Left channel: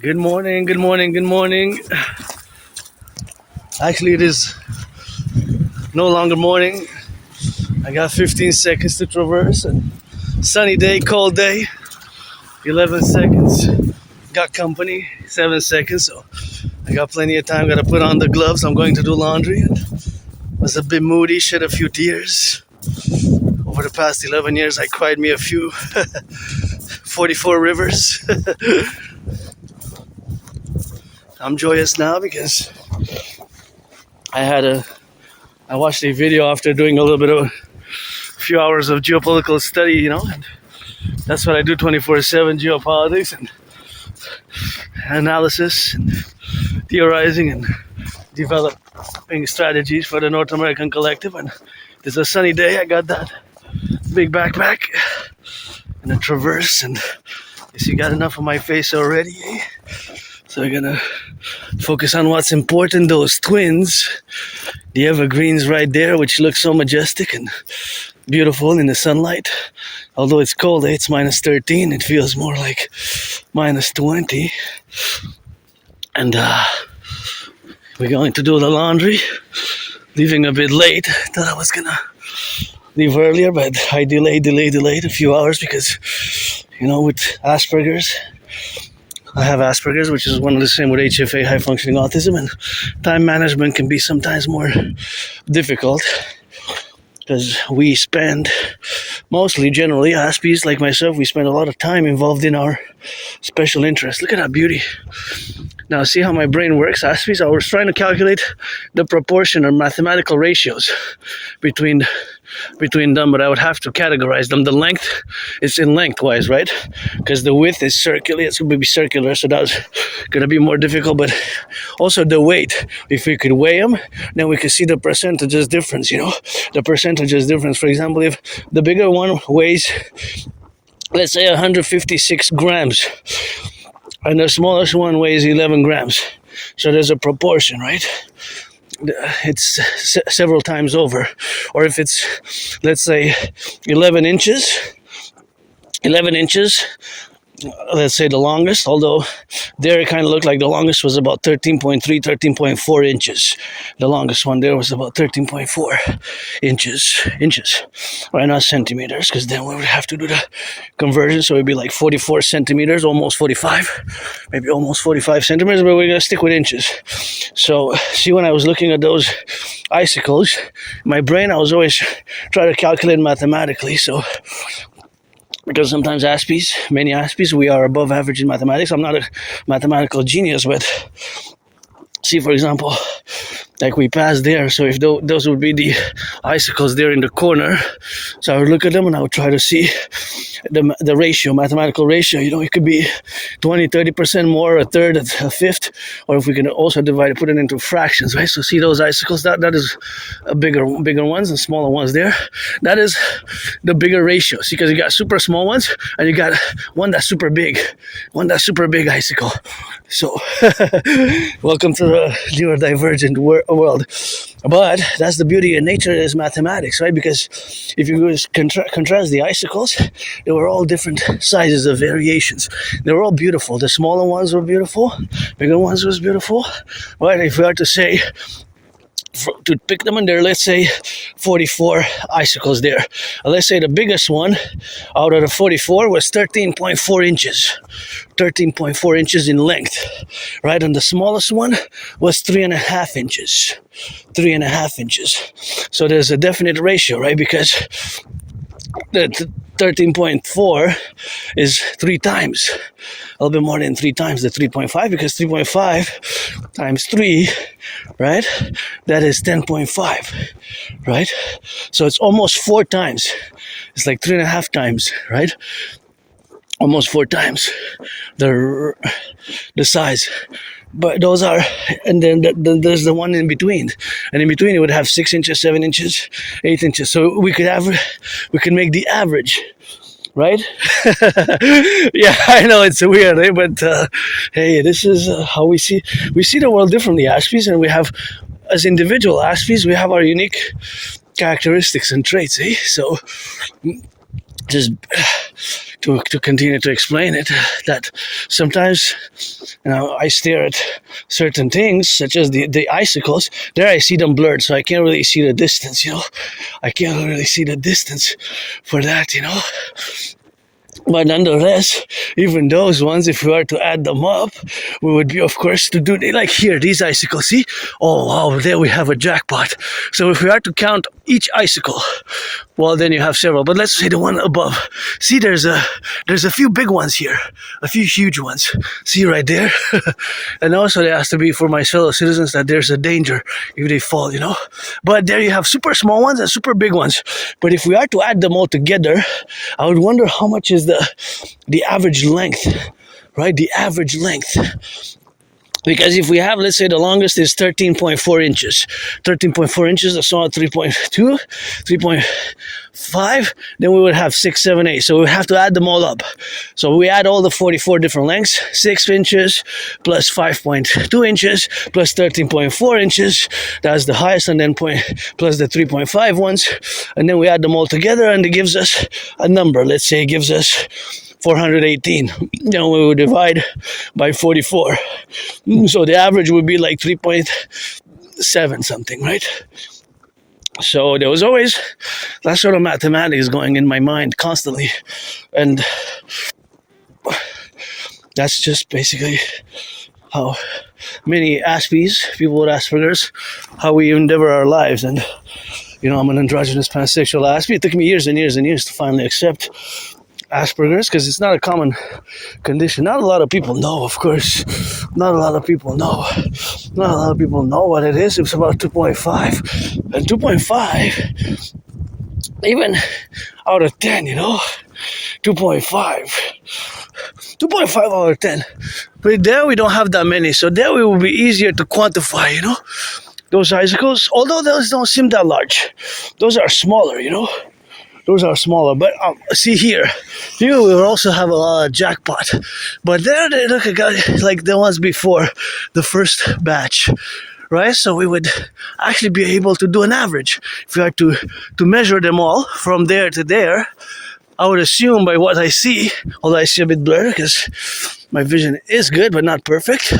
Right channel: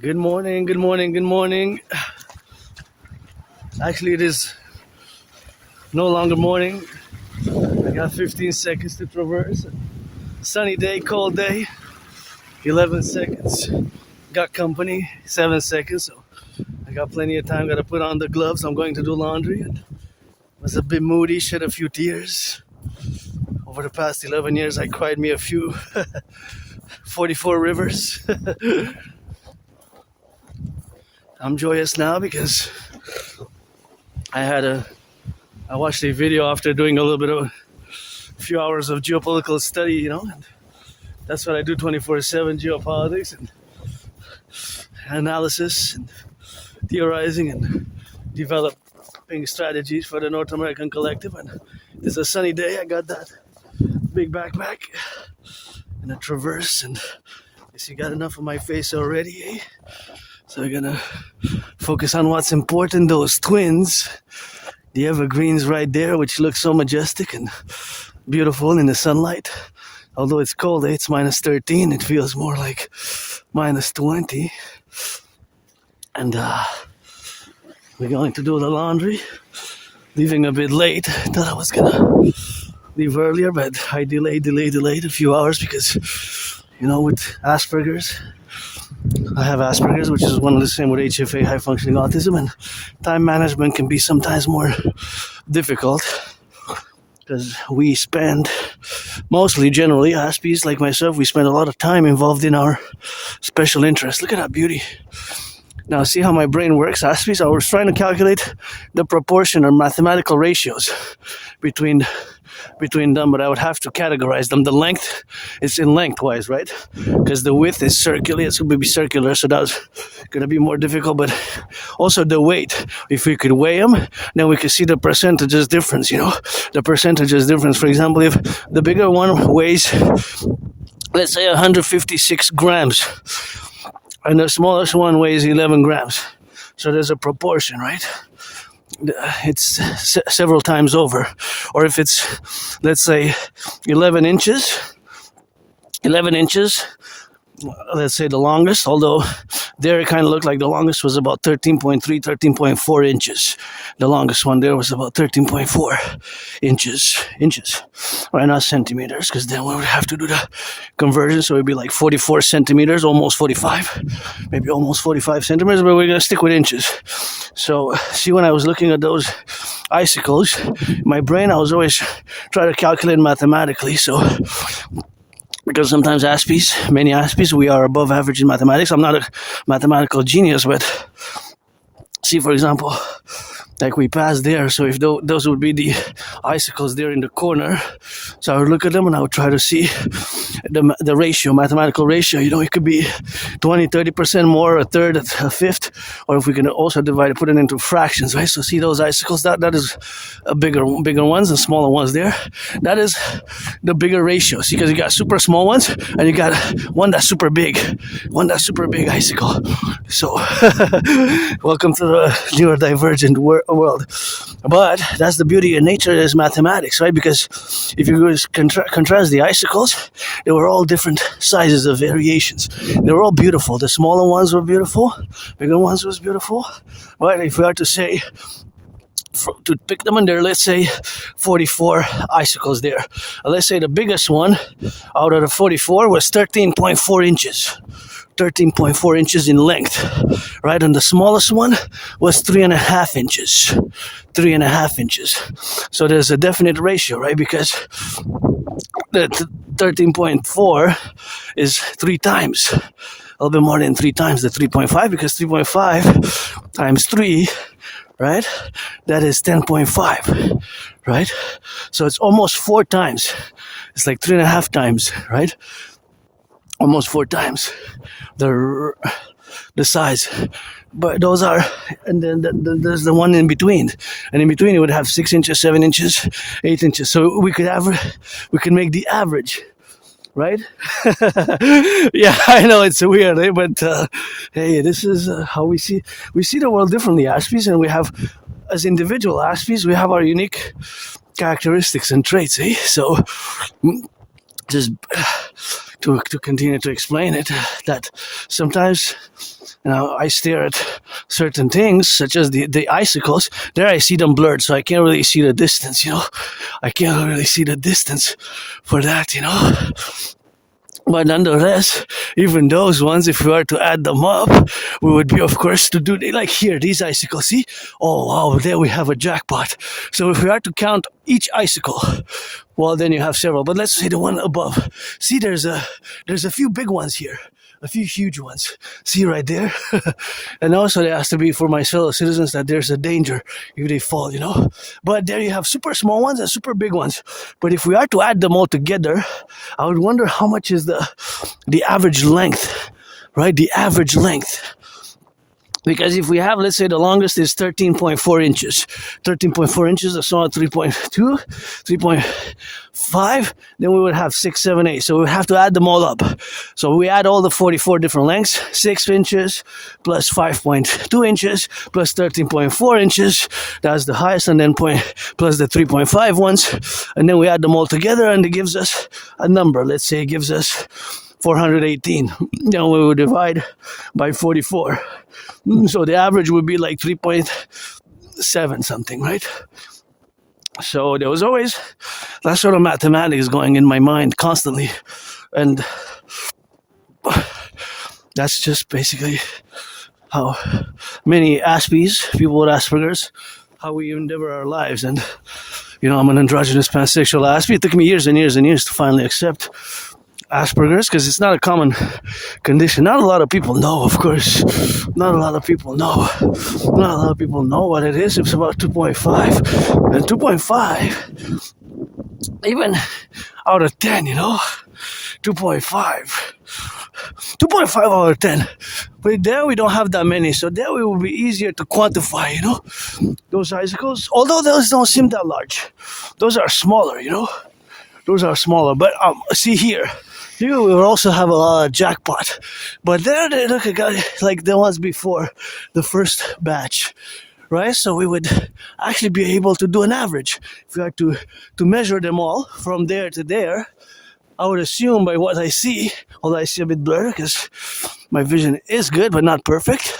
Good morning, good morning, good morning. Actually, it is no longer morning. I got 15 seconds to traverse and sunny day, cold day, 11 seconds. Got company, 7 seconds, so I got plenty of time. Gotta put on the gloves. I'm going to do laundry. Was a bit moody, shed a few tears. Over the past 11 years, I cried me a few 44 rivers. I'm joyous now because I watched a video after doing a little bit of a few hours of geopolitical study, and that's what I do 24/7, geopolitics and analysis and theorizing and developing strategies for the North American Collective. And it's a sunny day. I got that big backpack and a traverse, and you see, got enough of my face already, eh? So we're gonna focus on what's important, those twins, the evergreens right there, which look so majestic and beautiful in the sunlight. Although it's cold, it's minus 13, it feels more like minus 20. And we're going to do the laundry, leaving a bit late. Thought I was gonna leave earlier, but I delayed a few hours because, with Asperger's, I have Asperger's, which is one of the same with HFA, high functioning autism, and time management can be sometimes more difficult because we spend generally, Aspies like myself, we spend a lot of time involved in our special interests. Look at that beauty. Now, see how my brain works, Aspies? I was trying to calculate the proportion or mathematical ratios between them, but I would have to categorize them. The length is in lengthwise, right? Because the width is circular, it's going to be circular, so that's going to be more difficult. But also the weight, if we could weigh them, then we could see the percentages difference, the percentages difference. For example, if the bigger one weighs, let's say 156 grams, and the smallest one weighs 11 grams. So there's a proportion, right? It's several times over. Or if it's, let's say, 11 inches, let's say the longest, although there it kind of looked like the longest was about 13.3, 13.4 inches. The longest one there was about 13.4 inches. Right, not centimeters, because then we would have to do the conversion, so it would be like 44 centimeters, almost 45, maybe almost 45 centimeters, but we're going to stick with inches. So, see, when I was looking at those icicles, my brain, I was always trying to calculate mathematically, so because sometimes many Aspies, we are above average in mathematics. I'm not a mathematical genius, but see, for example, like we passed there, so if those would be the icicles there in the corner, so I would look at them and I would try to see the ratio, mathematical ratio, it could be 20, 30% more, a third, a fifth, or if we can also put it into fractions, right? So see those icicles, that is a bigger ones and smaller ones there. That is the bigger ratio, see, because you got super small ones and you got one that's super big icicle. So welcome to the neurodivergent world. But that's the beauty of nature is mathematics, right? Because if you contrast the icicles, they were all different sizes of variations. They were all beautiful. The smaller ones were beautiful, bigger ones was beautiful. But if we are to say, to pick them under, let's say 44 icicles there. Let's say the biggest one out of the 44 was 13.4 inches. 13.4 inches in length, right? And the smallest one was 3.5 inches. 3.5 inches. So there's a definite ratio, right? Because the 13.4 is 3 times. A little bit more than 3 times the 3.5, because 3.5 times 3, right? That is 10.5, right? So it's almost 4 times. It's like 3.5 times, right? Almost 4 times the size. But those are, and then there's the one in between. And in between it would have 6 inches, 7 inches, 8 inches. So we could make the average. Right? Yeah, I know it's weird, eh? But hey, this is how we see the world differently, Aspies, and we have, as individual Aspies, we have our unique characteristics and traits, eh? So just to continue to explain it, that sometimes, I stare at certain things, such as the icicles. There I see them blurred, so I can't really see the distance, I can't really see the distance for that, But nonetheless, even those ones, if we were to add them up, we would be, of course, to do like here, these icicles. See? Oh, wow, there we have a jackpot. So if we are to count each icicle, well, then you have several. But let's say the one above. See, there's a few big ones here, a few huge ones. See right there? And also there has to be for my fellow citizens that there's a danger if they fall, But there you have super small ones and super big ones. But if we are to add them all together, I would wonder how much is the average length, right? The average length. Because if we have, let's say the longest is 13.4 inches. 13.4 inches, I saw 3.2, 3.5, then we would have 6, 7, 8. So we have to add them all up. So we add all the 44 different lengths, 6 inches plus 5.2 inches plus 13.4 inches. That's the highest, and then plus the 3.5 ones. And then we add them all together and it gives us a number. Let's say it gives us 418. Then we would divide by 44. So the average would be like 3.7 something, right? So there was always that sort of mathematics going in my mind constantly. And that's just basically how many Aspies, people with Asperger's, how we endeavor our lives. And, I'm an androgynous pansexual Aspie. It took me years and years and years to finally accept Asperger's, because it's not a common condition. Not a lot of people know, of course. Not a lot of people know. Not a lot of people know what it is. It's about 2.5. And 2.5, even out of 10, 2.5. 2.5 out of 10. But there we don't have that many. So there it will be easier to quantify, those icicles. Although those don't seem that large. Those are smaller, Those are smaller, but see here we will also have a jackpot. But there they look like the ones before the first batch, right? So we would actually be able to do an average. If we are to measure them all from there to there, I would assume by what I see, although I see a bit blurred because my vision is good but not perfect,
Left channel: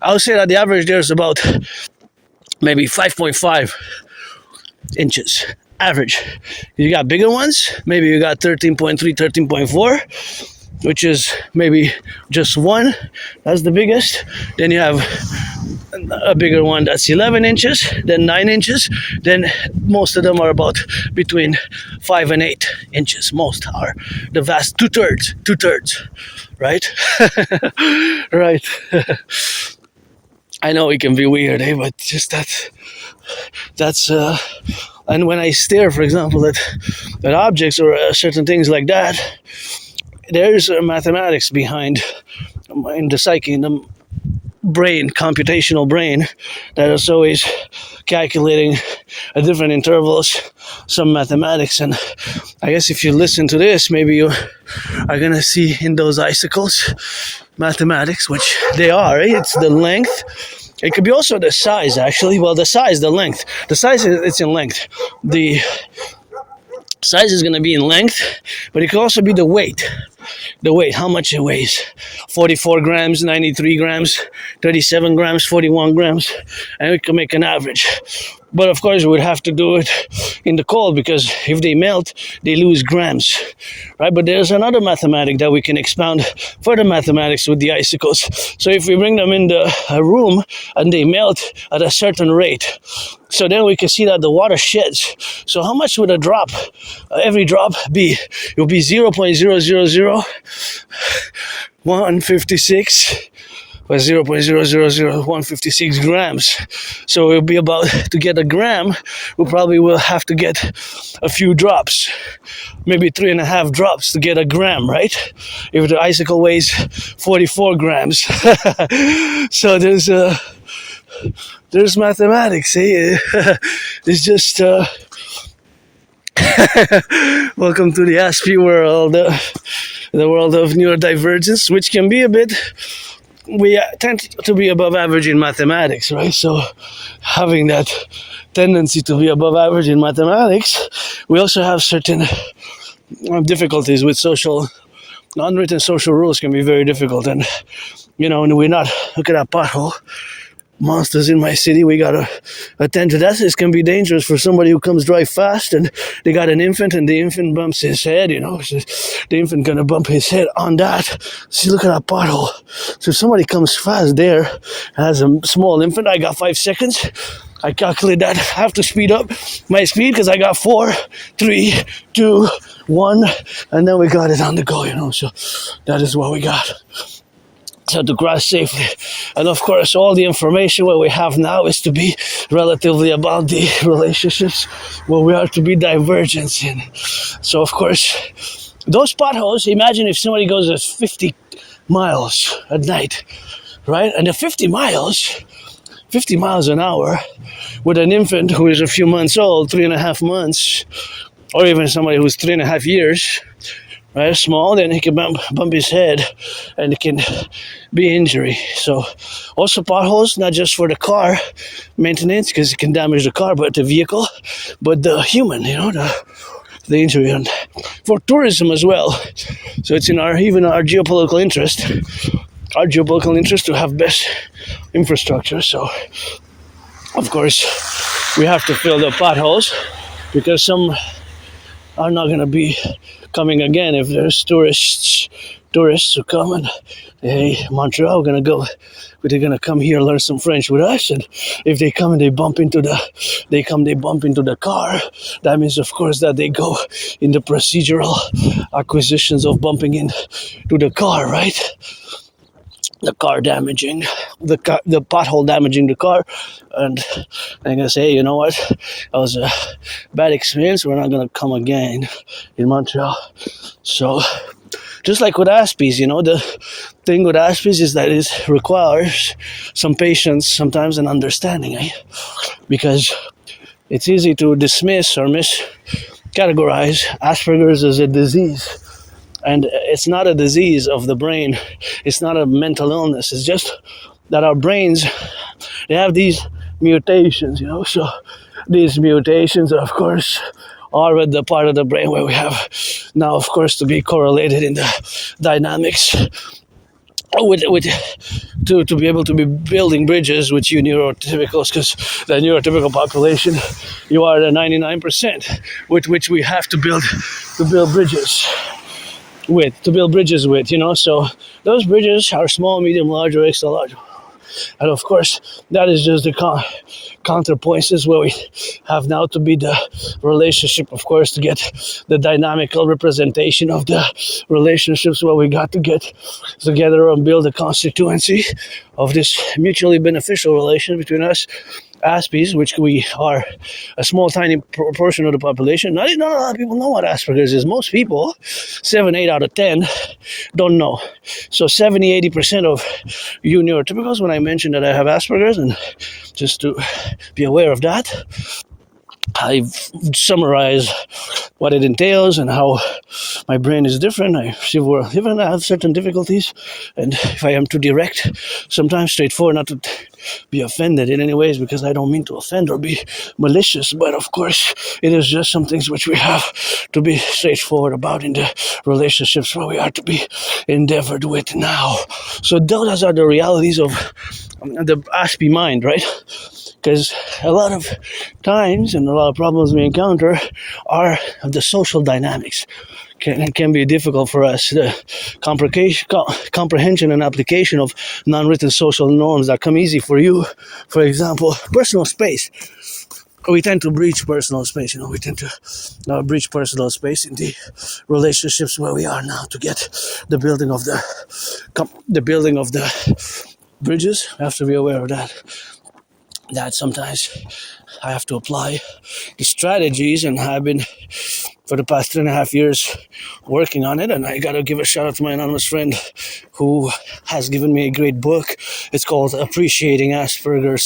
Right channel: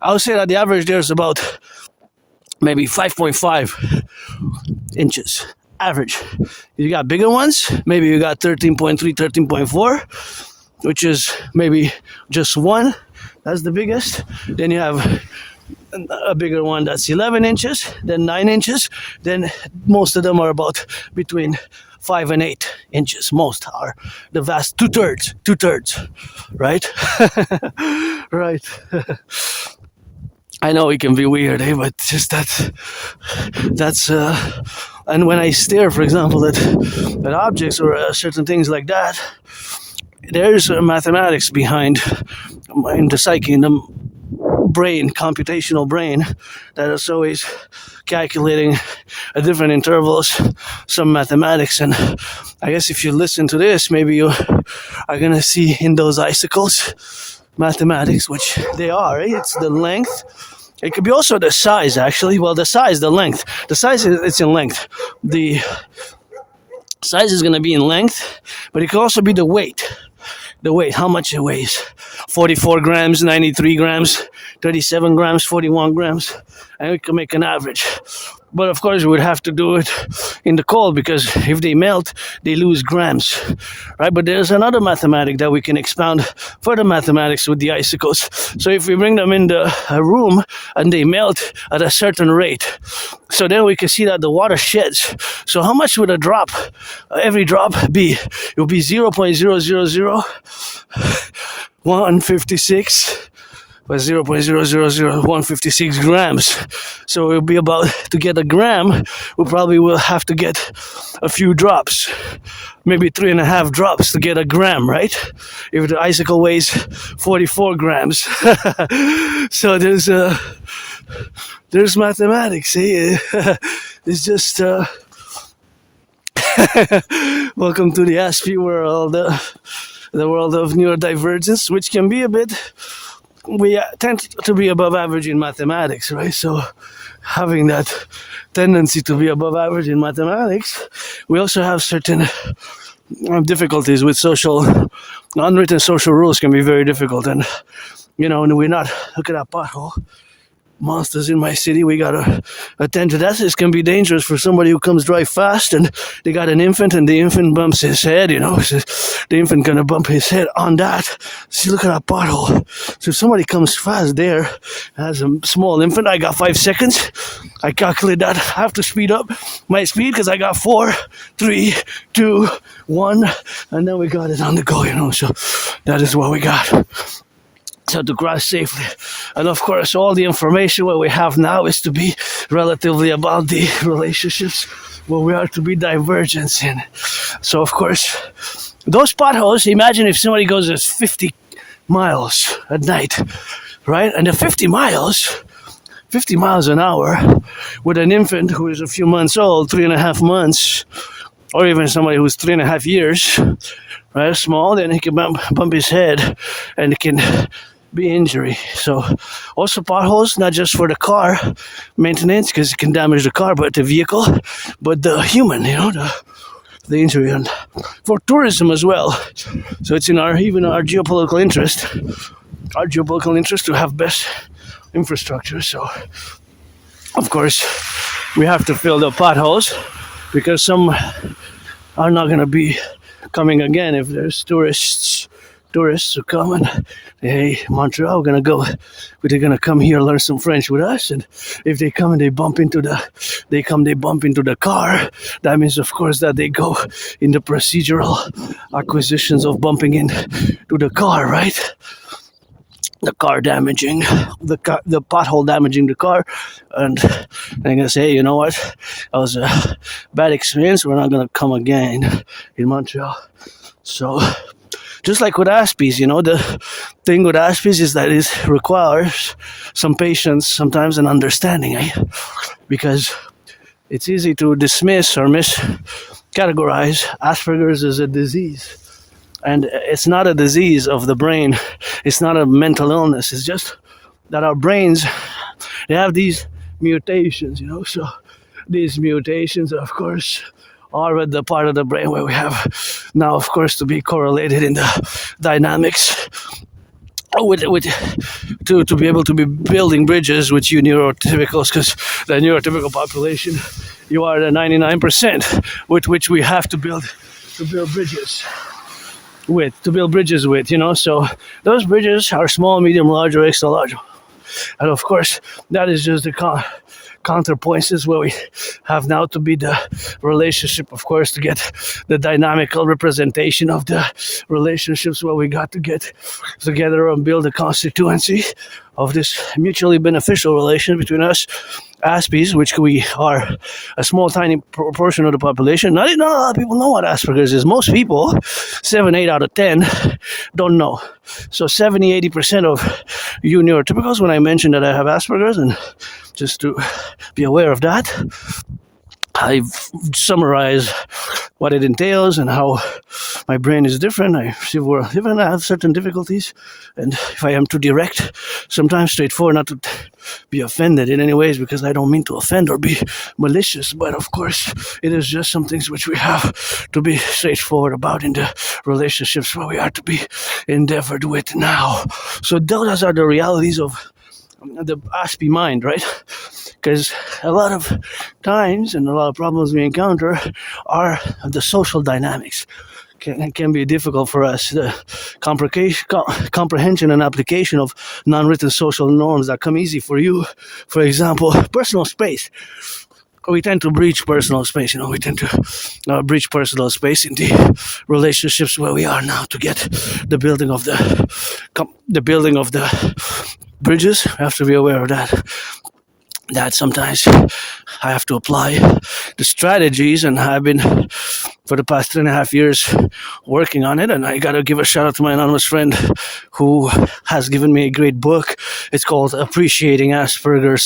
I would say that the average there is about maybe 5.5 inches. Average. You got bigger ones, maybe you got 13.3, 13.4, which is maybe just one. That's the biggest. Then you have a bigger one that's 11 inches, then 9 inches. Then most of them are about between 5 and 8 inches. Most are. The vast two-thirds, right? Right. I know it can be weird, but just that's and when I stare, for example, at objects or certain things like that, there's mathematics behind in the psyche, in the brain, computational brain, that is always calculating at different intervals some mathematics. And I guess if you listen to this, maybe you are going to see in those icicles mathematics, which they are, right? It's the length. It could be also the size, actually. Well, the size, the length. The size, it's in length. The size is going to be in length, but it can also be the weight. The weight, how much it weighs. 44 grams, 93 grams, 37 grams, 41 grams, and we can make an average. But of course, we would have to do it in the cold, because if they melt, they lose grams, right? But there's another mathematic that we can expound further mathematics with the icicles. So if we bring them in the room and they melt at a certain rate, so then we can see that the water sheds. So how much would a drop, every drop be? It would be 0.000156. By 0.000156 grams. So it'll be about, to get a gram, we probably will have to get a few drops, maybe 3.5 drops to get a gram, right? If the icicle weighs 44 grams. So there's mathematics, eh? It's just, welcome to the Aspie world, the world of neurodivergence, which can be a bit, we tend to be above average in mathematics, right? So having that tendency to be above average in mathematics, we also have certain difficulties with unwritten social rules can be very difficult. And, and we're not, look at that pothole. Monsters in my city, we gotta attend to that. This can be dangerous for somebody who comes drive fast and they got an infant and the infant bumps his head, so the infant gonna bump his head on that. See, look at that pothole. So if somebody comes fast there, has a small infant, I got 5 seconds. I calculate that. I have to speed up my speed because I got 4, 3, 2, 1, and then we got it on the go, so that is what we got. So to cross safely. And of course, all the information what we have now is to be relatively about the relationships where we are to be divergent in. So of course, those potholes, imagine if somebody goes at 50 miles at night, right? And the 50 miles an hour with an infant who is a few months old, 3.5 months, or even somebody who's 3.5 years, right, small, then he can bump his head and it can be injury. So also potholes, not just for the car maintenance because it can damage the car, but the vehicle, but the human, the injury, and for tourism as well. So it's in our geopolitical interest, to have best infrastructure. So of course we have to fill the potholes because some are not going to be coming again. If there's tourists who come and hey, Montreal, they're gonna come here learn some French with us, and if they come and they bump into the car, that means of course that they go in the procedural acquisitions of bumping into the car, right? The car damaging, the pothole damaging the car, and I'm gonna say, you know what, that was a bad experience. We're not gonna come again in Montreal. So, just like with Aspies, the thing with Aspies is that it requires some patience, sometimes, and understanding, because it's easy to dismiss or miscategorize Asperger's as a disease. And it's not a disease of the brain. It's not a mental illness. It's just that our brains, they have these mutations, So these mutations, of course, are with the part of the brain where we have now, of course, to be correlated in the dynamics to be able to be building bridges with you neurotypicals, because the neurotypical population, you are the 99% with which we have to build bridges with, So those bridges are small, medium, large, or extra large. And of course, that is just the counterpoints where we have now to be the relationship, of course, to get the dynamical representation of the relationships where we got to get together and build a constituency of this mutually beneficial relation between us Aspies, which we are a small, tiny proportion of the population. Not a lot of people know what Asperger's is. Most people, 7, 8 out of 10, don't know. So 70-80% of you neurotypicals, when I mention that I have Asperger's, and just to be aware of that, I summarize what it entails and how my brain is different. I have certain difficulties, and if I am too direct, sometimes straightforward, not to be offended in any ways, because I don't mean to offend or be malicious, but of course it is just some things which we have to be straightforward about in the relationships where we are to be endeavored with now. So those are the realities of the Aspie mind, right? Because a lot of times and a lot of problems we encounter are the social dynamics. It can be difficult for us. The comprehension and application of non-written social norms that come easy for you. For example, personal space. We tend to breach personal space. We tend to breach personal space in the relationships where we are now to get the building of the bridges. We have to be aware of that sometimes I have to apply the strategies, and I've been for the past 3.5 years working on it. And I gotta give a shout out to my anonymous friend who has given me a great book. It's called Appreciating Asperger's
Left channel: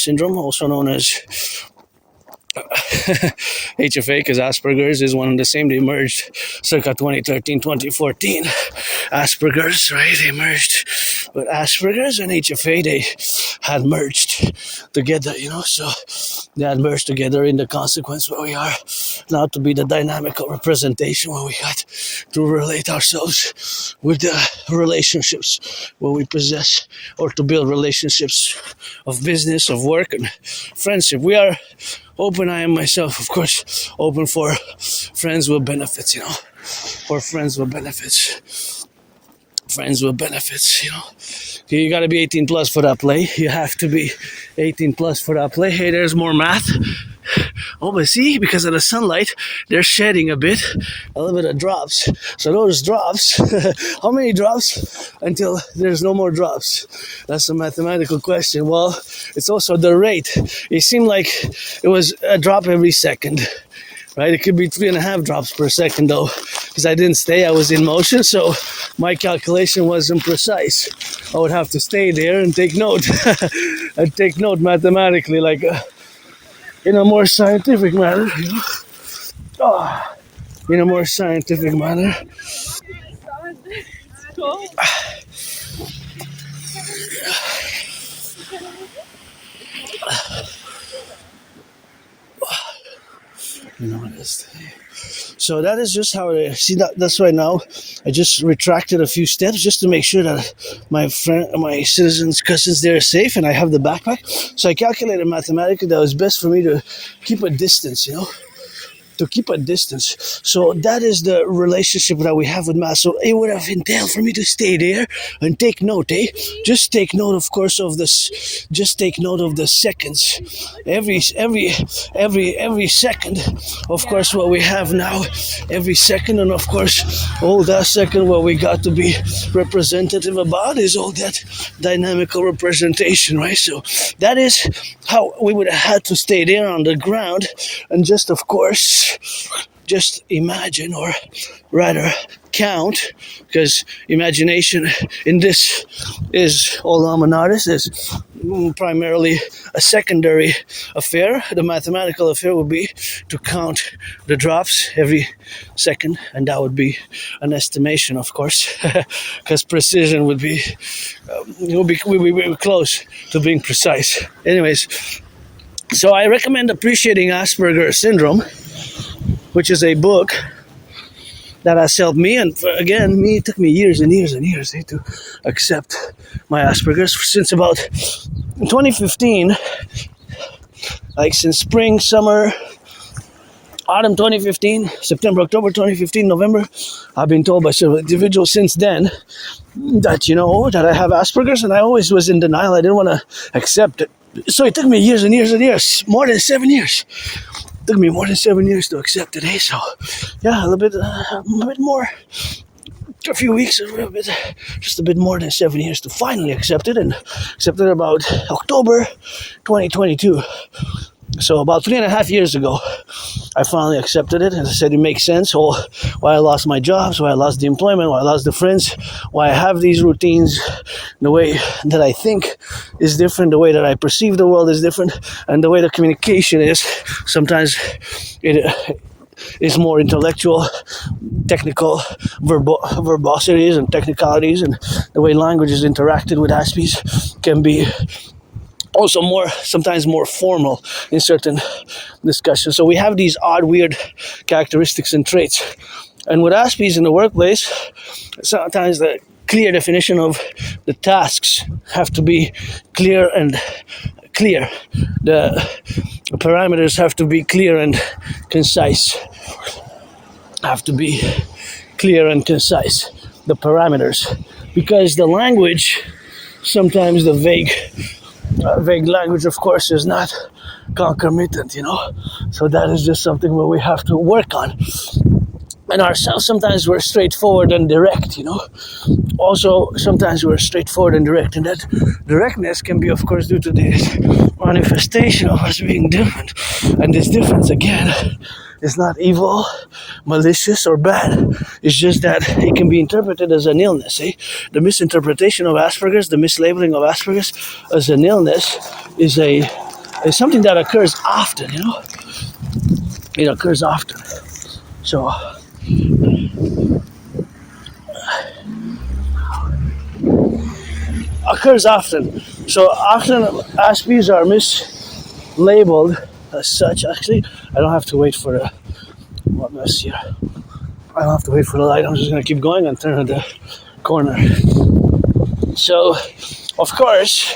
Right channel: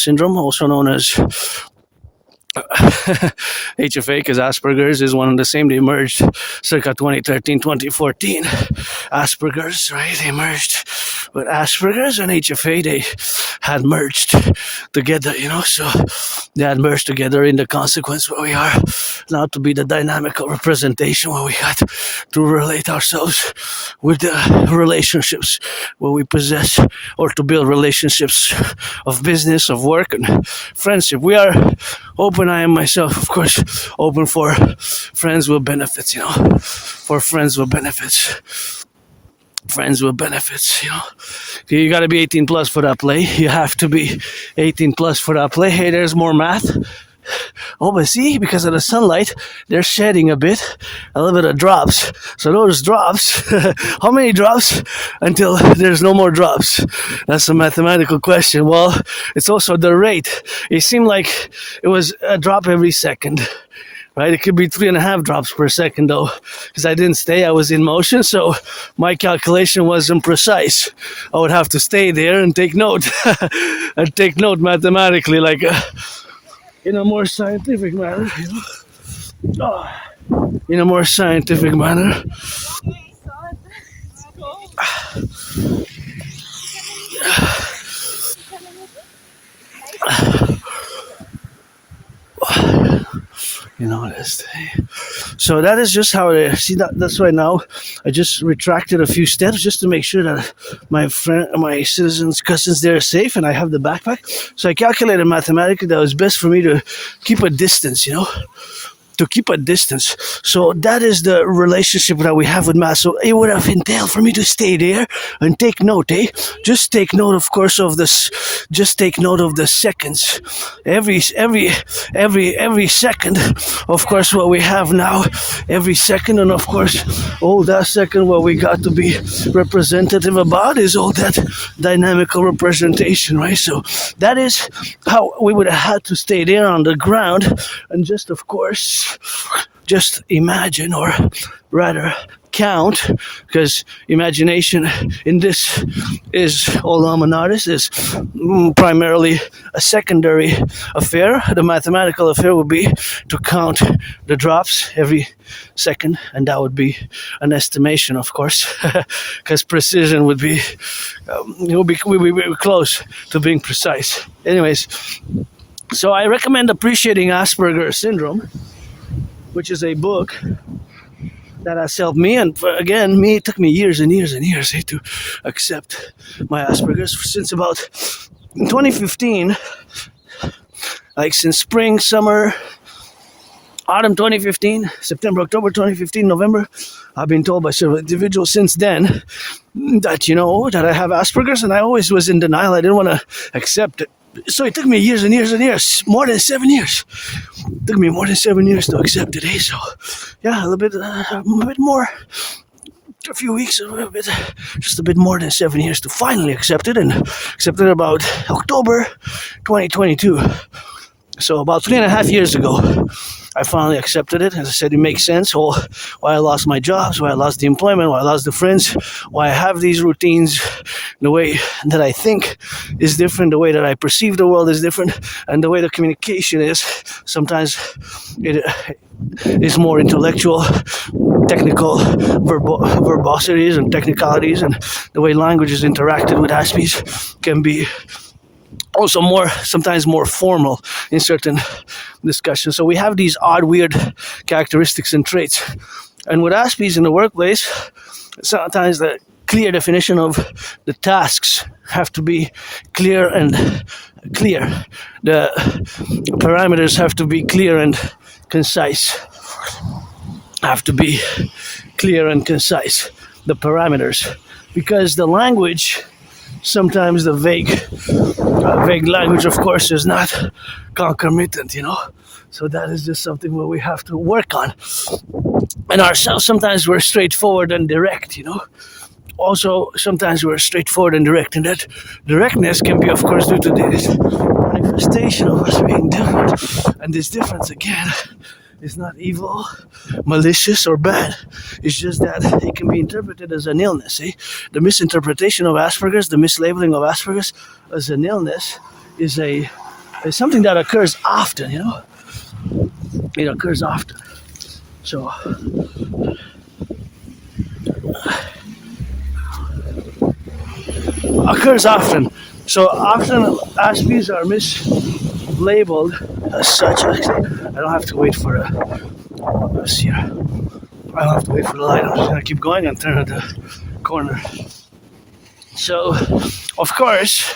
Syndrome, also known as HFA, because Asperger's is one of the same. They emerged circa 2013, 2014. Asperger's, right? They emerged But Asperger's and HFA, they had merged together, so they had merged together in the consequence where we are now to be the dynamical representation where we got to relate ourselves with the relationships where we possess, or to build relationships of business, of work, and friendship. We are open, I am myself, of course, open for friends with benefits, for friends with benefits. Friends with benefits, You gotta be 18 plus for that play. You have to be 18 plus for that play. Hey, there's more math. Oh, but see, because of the sunlight, they're shedding a little bit of drops. So those drops, how many drops until there's no more drops? That's a mathematical question. Well, it's also the rate. It seemed like it was a drop every second. Right, it could be 3.5 drops per second though, because I didn't stay, I was in motion, so my calculation wasn't precise. I would have to stay there and take note, and take note mathematically, like in a more scientific manner, in a more scientific manner. This thing. So that is just how I see that. That's why now I just retracted a few steps just to make sure that my citizens, cousins, they're safe, and I have the backpack. So I calculated mathematically that it was best for me to keep a distance, to keep a distance. So that is the relationship that we have with math. So it would have entailed for me to stay there and take note, Just take note, of course, of this. Just take note of the seconds. Every second, of course, what we have now, every second, and of course, all that second what we got to be representative about is all that dynamical representation, right? So that is how we would have had to stay there on the ground, and just, of course, just imagine, or rather count, because imagination in this is all hominaris, is primarily a secondary affair. The mathematical affair would be to count the drops every second, and that would be an estimation, of course, because precision would be, we would be close to being precise. Anyways, so I recommend Appreciating Asperger's Syndrome, which is a book that has helped me. And again, it took me years and years and years to accept my Asperger's. Since about 2015, like since spring, summer, autumn 2015, September, October 2015, November, I've been told by several individuals since then that, that I have Asperger's, and I always was in denial. I didn't want to accept it. So it took me years and years and years, more than 7 years. It took me more than 7 years to accept it, So, yeah, a bit more, a few weeks, just a bit more than 7 years to finally accept it, and accepted it about October 2022. So about 3.5 years ago, I finally accepted it. As I said, it makes sense. Why I lost my jobs, why I lost the employment, why I lost the friends, why I have these routines. The way that I think is different, the way that I perceive the world is different, and the way the communication is. Sometimes it is more intellectual, technical verbosities and technicalities, and the way language is interacted with Aspies can be also sometimes more formal in certain discussions. So we have these odd, weird characteristics and traits. And with Aspies in the workplace, sometimes the clear definition of the tasks have to be clear and clear. The parameters have to be clear and concise. Have to be clear and concise. The parameters. Because the language, sometimes the vague language, of course, is not concomitant, So that is just something where we have to work on. And ourselves, sometimes we're straightforward and direct, Also, sometimes we're straightforward and direct, and that directness can be, of course, due to this manifestation of us being different. And this difference, again, is not evil, malicious, or bad. It's just that it can be interpreted as an illness. The misinterpretation of Asperger's, the mislabeling of Asperger's as an illness is something that occurs often, It occurs often. So, occurs often. So often Aspies are mislabeled as such. Actually, I don't have to wait for this here. I don't have to wait for the light. I'm just gonna keep going and turn at the corner. So, of course,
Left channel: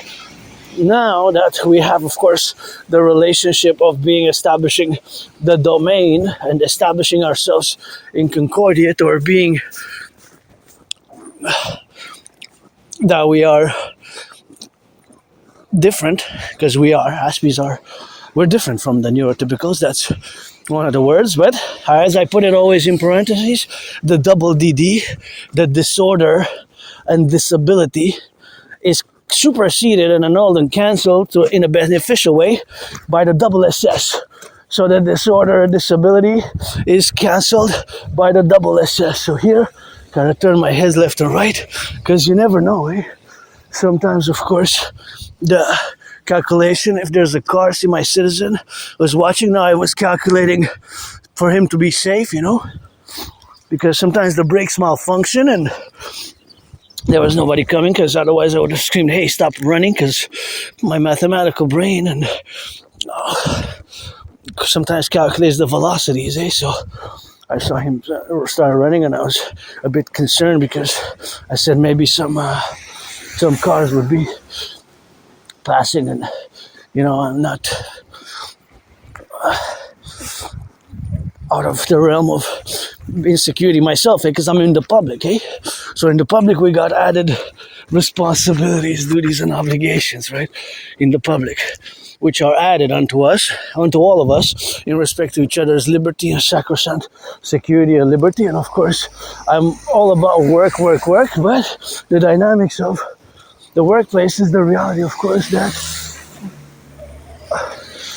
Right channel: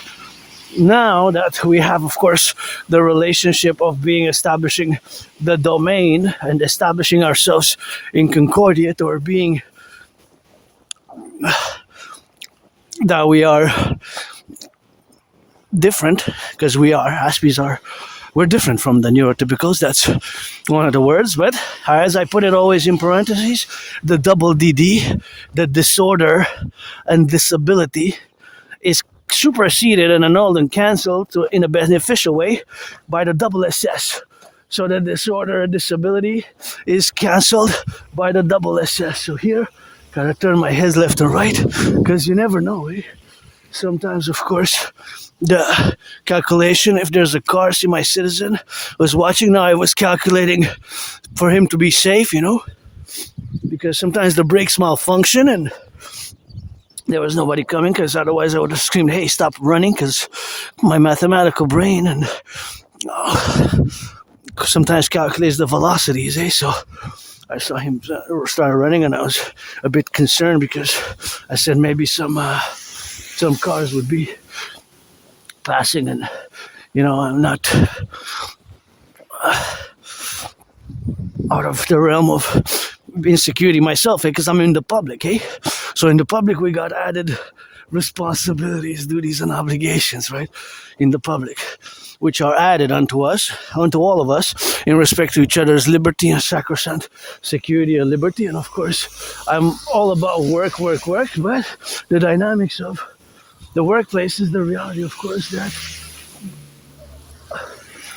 now that we have, of course, the relationship of establishing the domain and establishing ourselves in concordiate, or being that we are different, because we're different from the neurotypicals. That's one of the words. But as I put it always in parentheses, the double DD, the disorder and disability, is superseded and annulled and cancelled in a beneficial way by the double SS. So the disorder and disability is cancelled by the double SS. So here, gotta turn my head left and right, because you never know, eh? Sometimes, of course, the calculation, if there's a car, see my citizen was watching now, I was calculating for him to be safe, because sometimes the brakes malfunction and there was nobody coming, because otherwise I would have screamed, hey, stop running, because my mathematical brain and sometimes calculates the velocities, eh? So I saw him start running and I was a bit concerned, because I said maybe some cars would be passing, and I'm not out of the realm of insecurity myself, because I'm in the public, eh? So in the public we got added responsibilities, duties, and obligations, right? In the public, which are added unto all of us, in respect to each other's liberty and sacrosanct security and liberty. And of course, I'm all about work, but the dynamics of the workplace is the reality, of course, that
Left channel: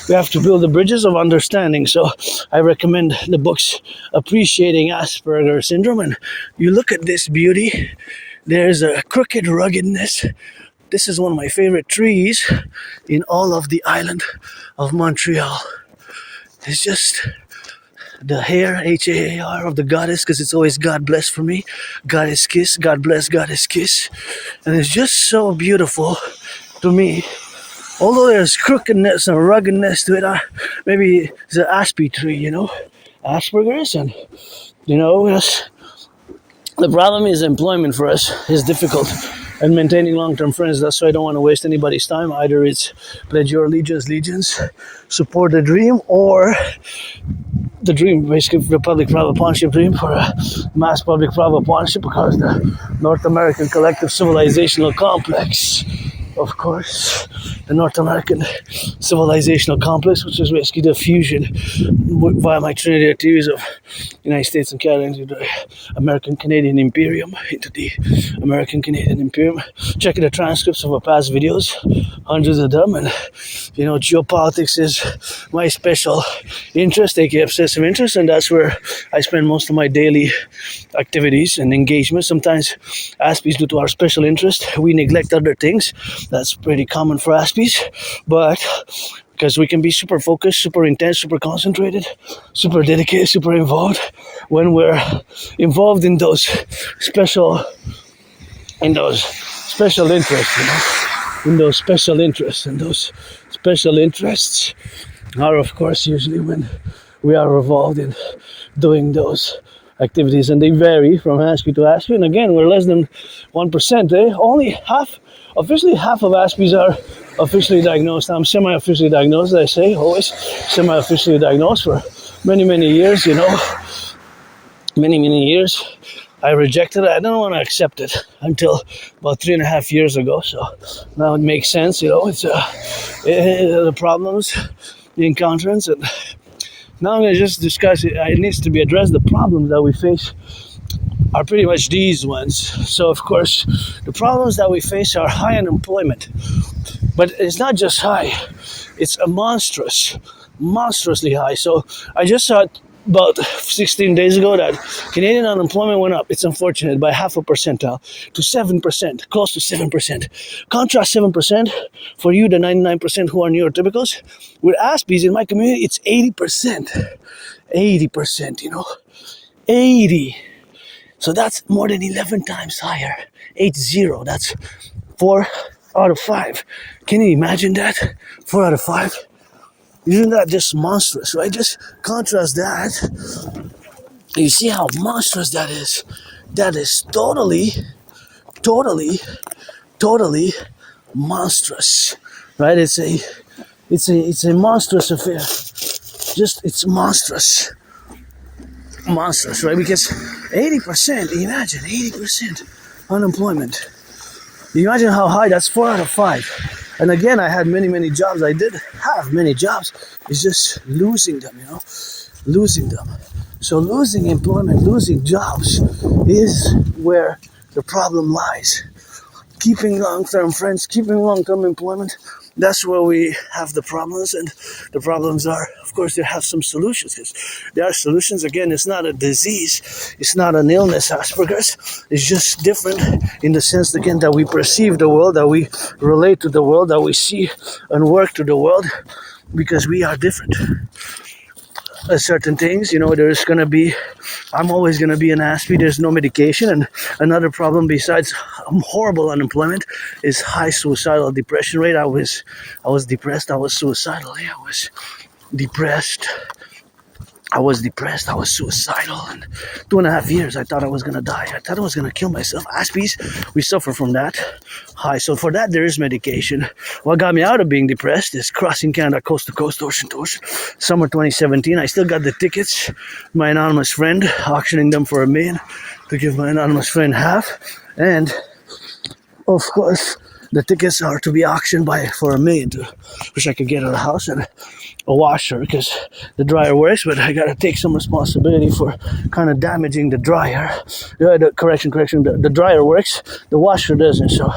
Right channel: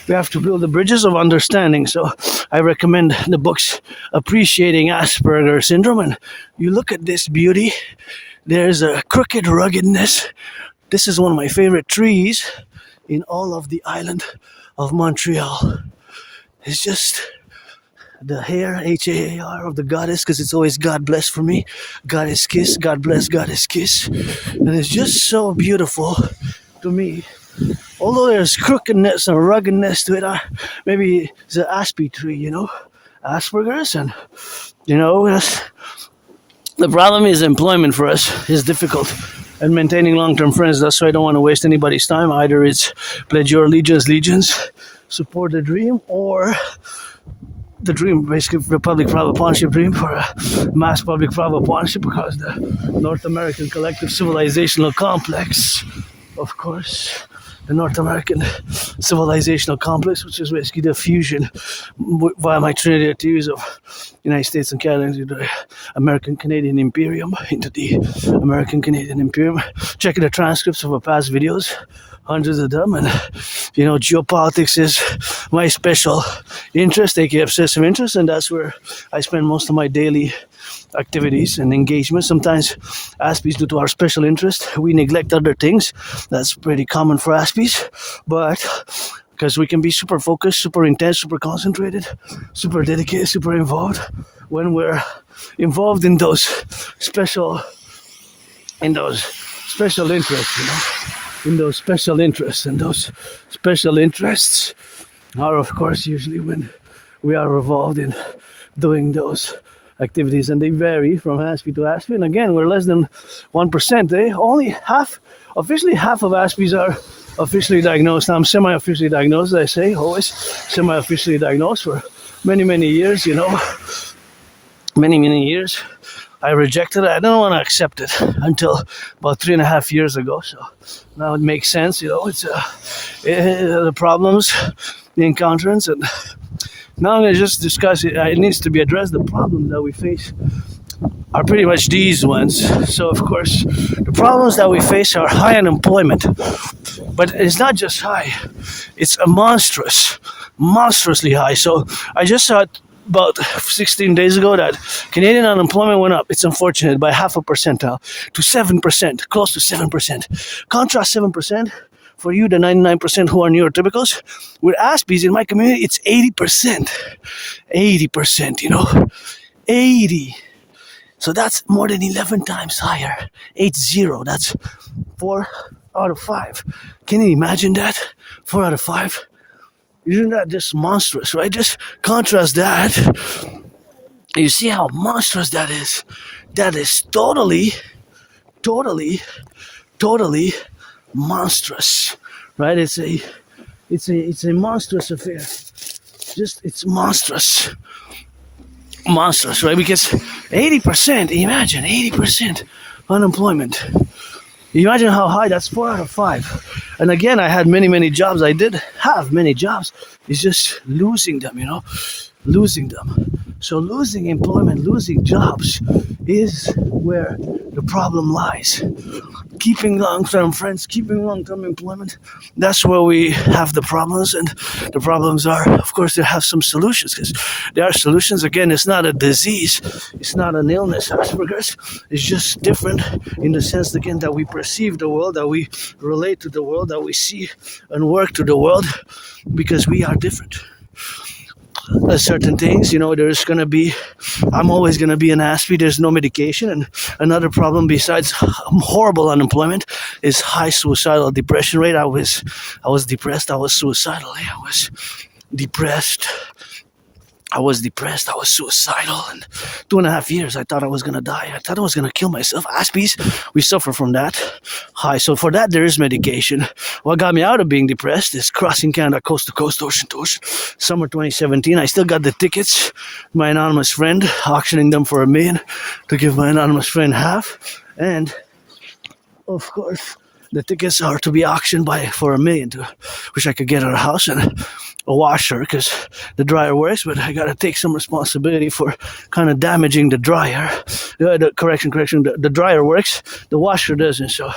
we have to build the bridges of understanding. So I recommend the books Appreciating Asperger Syndrome. And you look at this beauty, there's a crooked ruggedness. This is one of my favorite trees in all of the island of Montreal. It's just the hair, H-A-A-R, of the goddess, because it's always God bless for me. Goddess kiss, God bless, goddess kiss. And it's just so beautiful to me. Although there's crookedness and ruggedness to it, maybe it's an Aspie tree, Asperger's, and, yes. The problem is employment for us is difficult, and maintaining long-term friends. That's why I don't want to waste anybody's time. Either it's pledge your allegiance, support the dream, or the dream, basically the public-private partnership dream, for a mass public-private partnership, because the North American Collective Civilizational Complex, of course, the North American Civilizational Complex, which is basically the fusion via my trinity theories of United States and Canada into the American-Canadian Imperium, into the American-Canadian Imperium. Check the transcripts of our past videos, hundreds of them, and, geopolitics is my special interest, aka obsessive interest, and that's where I spend most of my daily activities and engagement. Sometimes Aspies, due to our special interest, we neglect other things. That's pretty common for Aspies, but because we can be super focused, super intense, super concentrated, super dedicated, super involved when we're involved in those special interests, in those special interests. And those special interests are, of course, usually when we are involved in doing those activities, and they vary from Aspie to Aspie. And again, we're less than 1%. Only officially half of Aspies are officially diagnosed. I'm semi-officially diagnosed, I say, always semi-officially diagnosed for many, many years, many years. I rejected it. I don't want to accept it until about 3.5 years ago. So now it makes sense, it's the problems, the encounters, and now I'm going to just discuss it. It needs to be addressed. The problems that we face are pretty much these ones. So, of course, the problems that we face are high unemployment. But it's not just high. It's a monstrously high. So I just saw about 16 days ago that Canadian unemployment went up. It's unfortunate, by 0.5 percentile to 7%, close to 7%. Contrast 7% for you, the 99% who are neurotypicals. With Aspies in my community, it's 80%. 80%, 80. So that's more than 11 times higher. 80, that's 4 out of 5. Can you imagine that? 4 out of 5? Isn't that just monstrous, right? Just contrast that. You see how monstrous that is? That is totally, totally, totally monstrous, right? It's a monstrous affair. It's monstrous, right? Because 80%, imagine 80% unemployment. Imagine how high. That's 4 out of 5. And again, I had many jobs. I did have many jobs. It's just losing them, losing them. So losing employment, losing jobs is where the problem lies. Keeping long-term friends, keeping long-term employment, that's where we have the problems. And the problems are, of course, they have some solutions, because there are solutions. Again, it's not a disease, it's not an illness, Asperger's. It's just different in the sense, again, that we perceive the world, that we relate to the world, that we see and work to the world, because we are different. Certain things, there's going to be, I'm always going to be an Aspie. There's no medication. And another problem besides horrible unemployment is high suicidal depression rate. I was depressed. I was suicidal. I was depressed. I was suicidal. And 2.5 years, I thought I was going to die. I thought I was going to kill myself. Aspies, we suffer from that. So for that, there is medication. What got me out of being depressed is crossing Canada coast to coast, ocean to ocean. Summer 2017, I still got the tickets. My anonymous friend, auctioning them for $1 million to give my anonymous friend half. And, of course, the tickets are to be auctioned for $1 million, which I could get at a house and a washer, because the dryer works, but I gotta take some responsibility for kind of damaging the dryer. Correction, the dryer works, the washer doesn't. So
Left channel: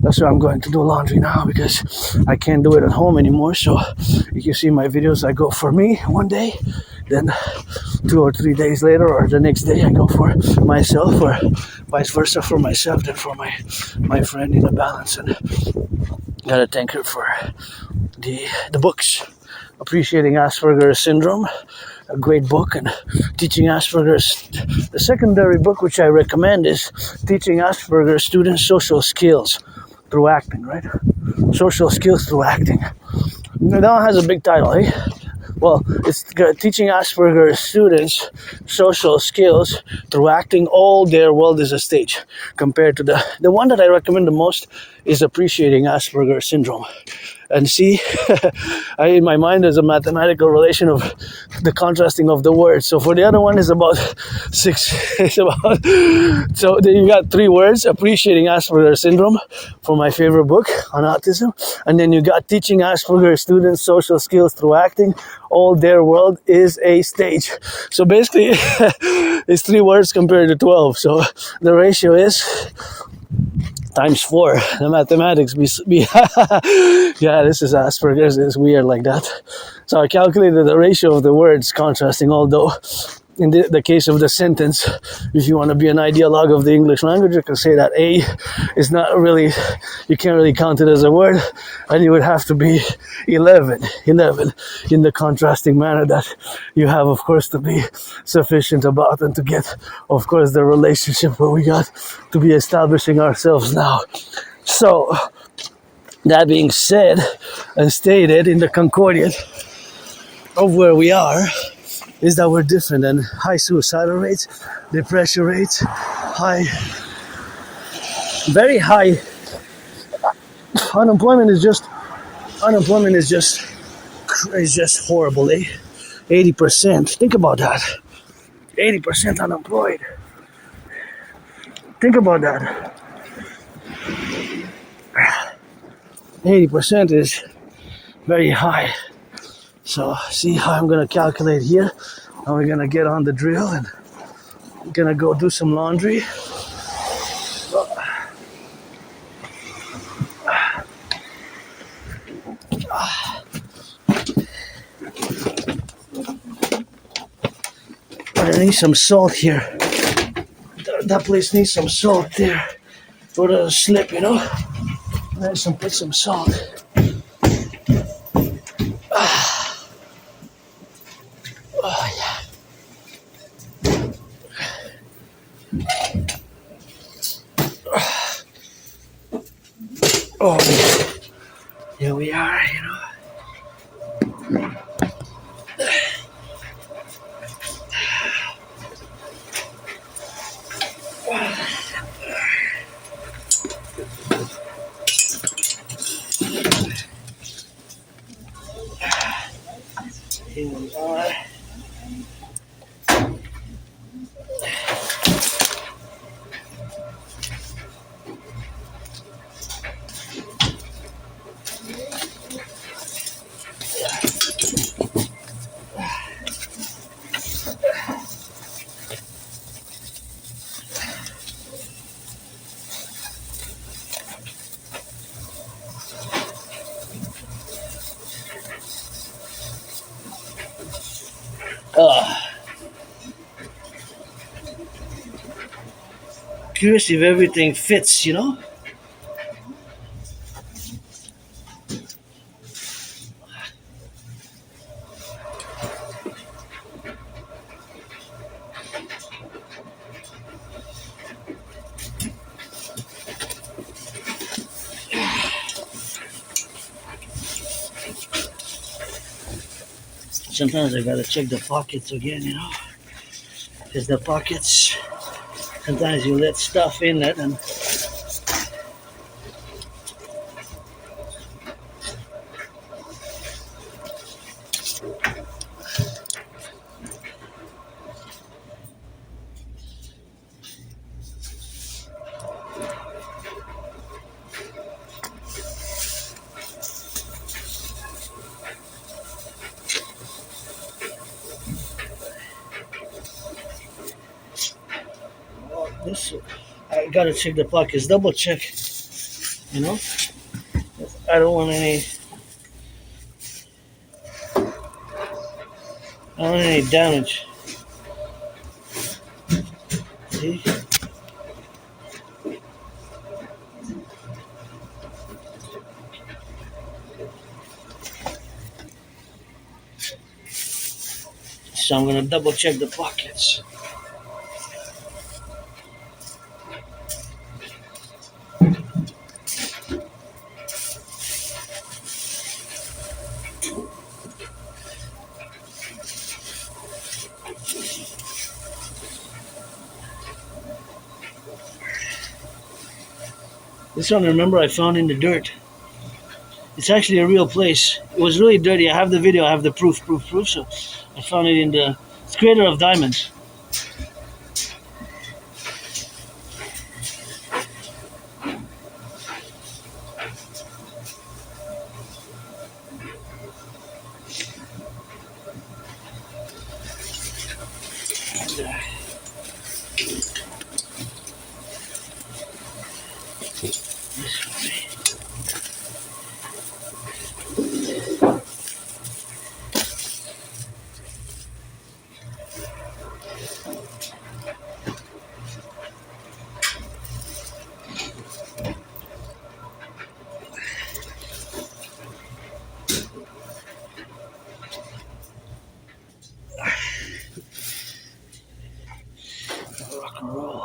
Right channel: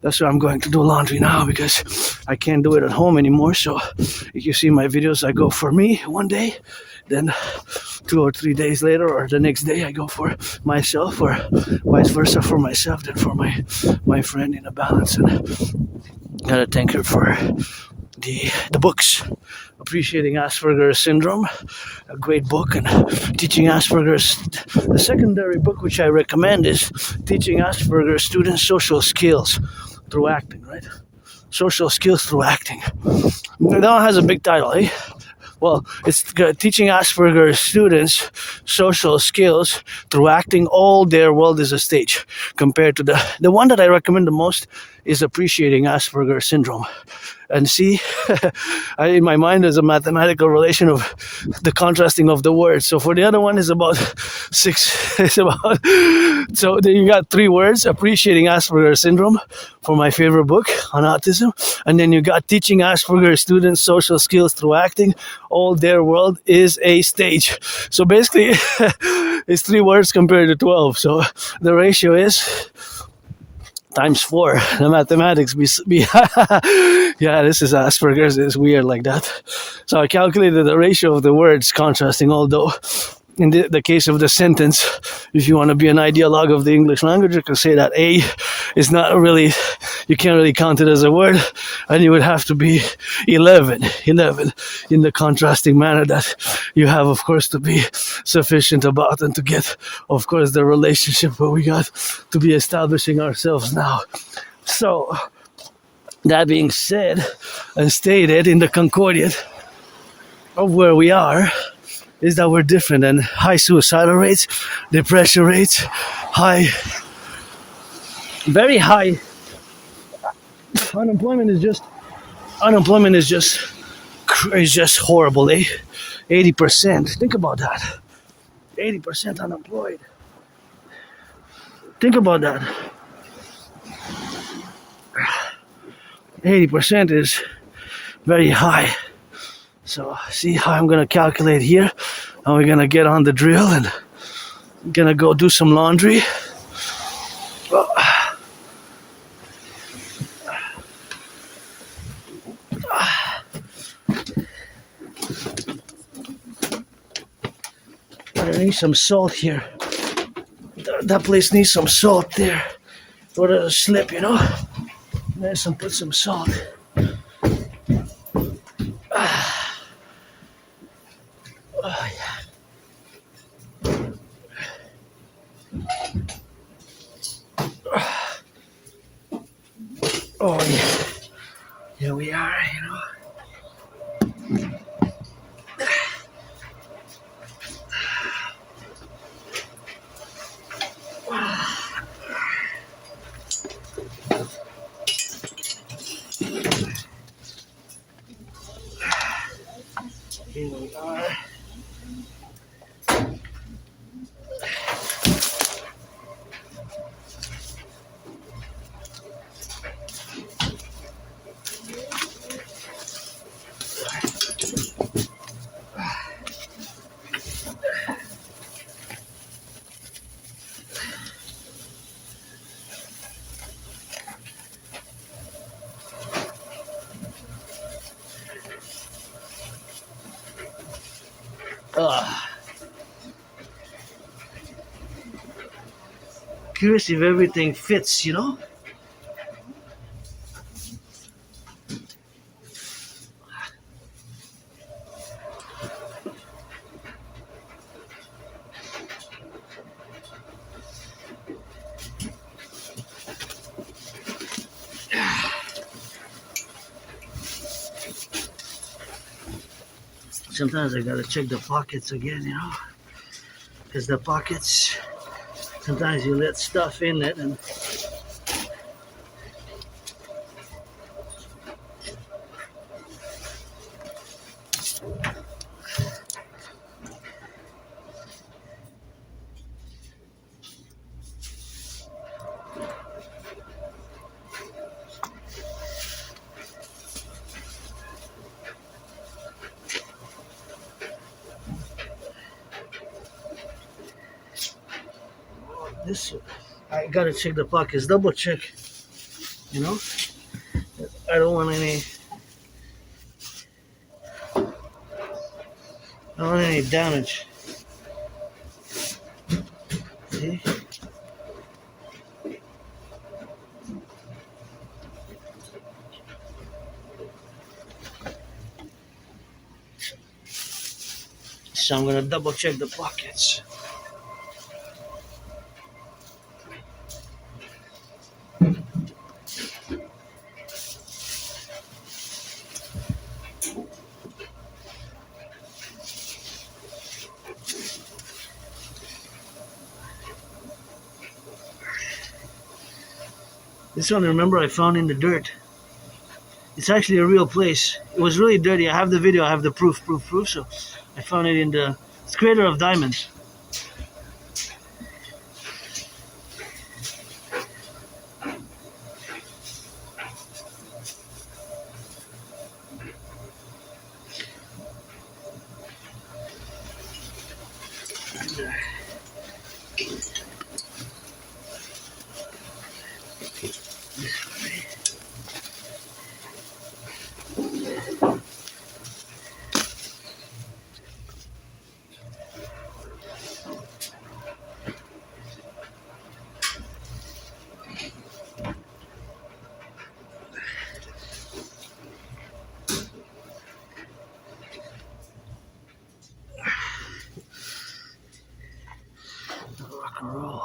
that's why I'm going to do laundry now, because I can't do it at home anymore. So if you see my videos, I go for me one day, then 2 or 3 days later, or the next day, I go for myself, or vice versa, for myself, then for my friend, in a balance. And gotta thank her for the books. Appreciating Asperger's Syndrome, a great book, and Teaching Asperger's. The secondary book which I recommend is Teaching Asperger's Students Social Skills Through Acting, right? Social Skills Through Acting. That one has a big title, eh? Well, it's Teaching Asperger's Students Social Skills Through Acting. All their world is a stage. Compared to the one that I recommend the most is Appreciating Asperger's Syndrome. And see, in my mind, there's a mathematical relation of the contrasting of the words. So for the other one, is about 6. So then you got 3 words: Appreciating Asperger's Syndrome, for my favorite book on autism. And then you got Teaching Asperger's Students Social Skills Through Acting. All their world is a stage. So basically, it's 3 words compared to 12. So the ratio is times 4. The mathematics yeah, this is Asperger's. It's weird like that. So I calculated the ratio of the words contrasting, although in the case of the sentence, if you want to be an ideologue of the English language, you can say that A is not really, you can't really count it as a word, and you would have to be 11 in the contrasting manner that you have, of course, to be sufficient about, and to get, of course, the relationship where we got to be establishing ourselves now. So, that being said and stated, in the concordiate of where we are, is that we're different, and high suicidal rates, depression rates, very high. Unemployment is just horrible, eh? 80%. Think about that. 80% unemployed. Think about that. 80% is very high. So see how I'm gonna calculate here. Now we're gonna get on the drill and gonna go do some laundry. I need some salt here. That place needs some salt there. Or a slip, Let's put some salt. Oh, here we are, you know. Here we are. Curious if everything fits, you know? Sometimes I gotta check the pockets again, you know? Because the pockets, sometimes you let stuff in it and this, I gotta check the pockets, double check, you know? I don't want any damage. See? So I'm gonna double check the pockets. This one, remember, I found in the dirt. It's actually a real place. It was really dirty. I have the video, I have the proof. So I found it in the, it's creator of diamonds. Rock&Roll.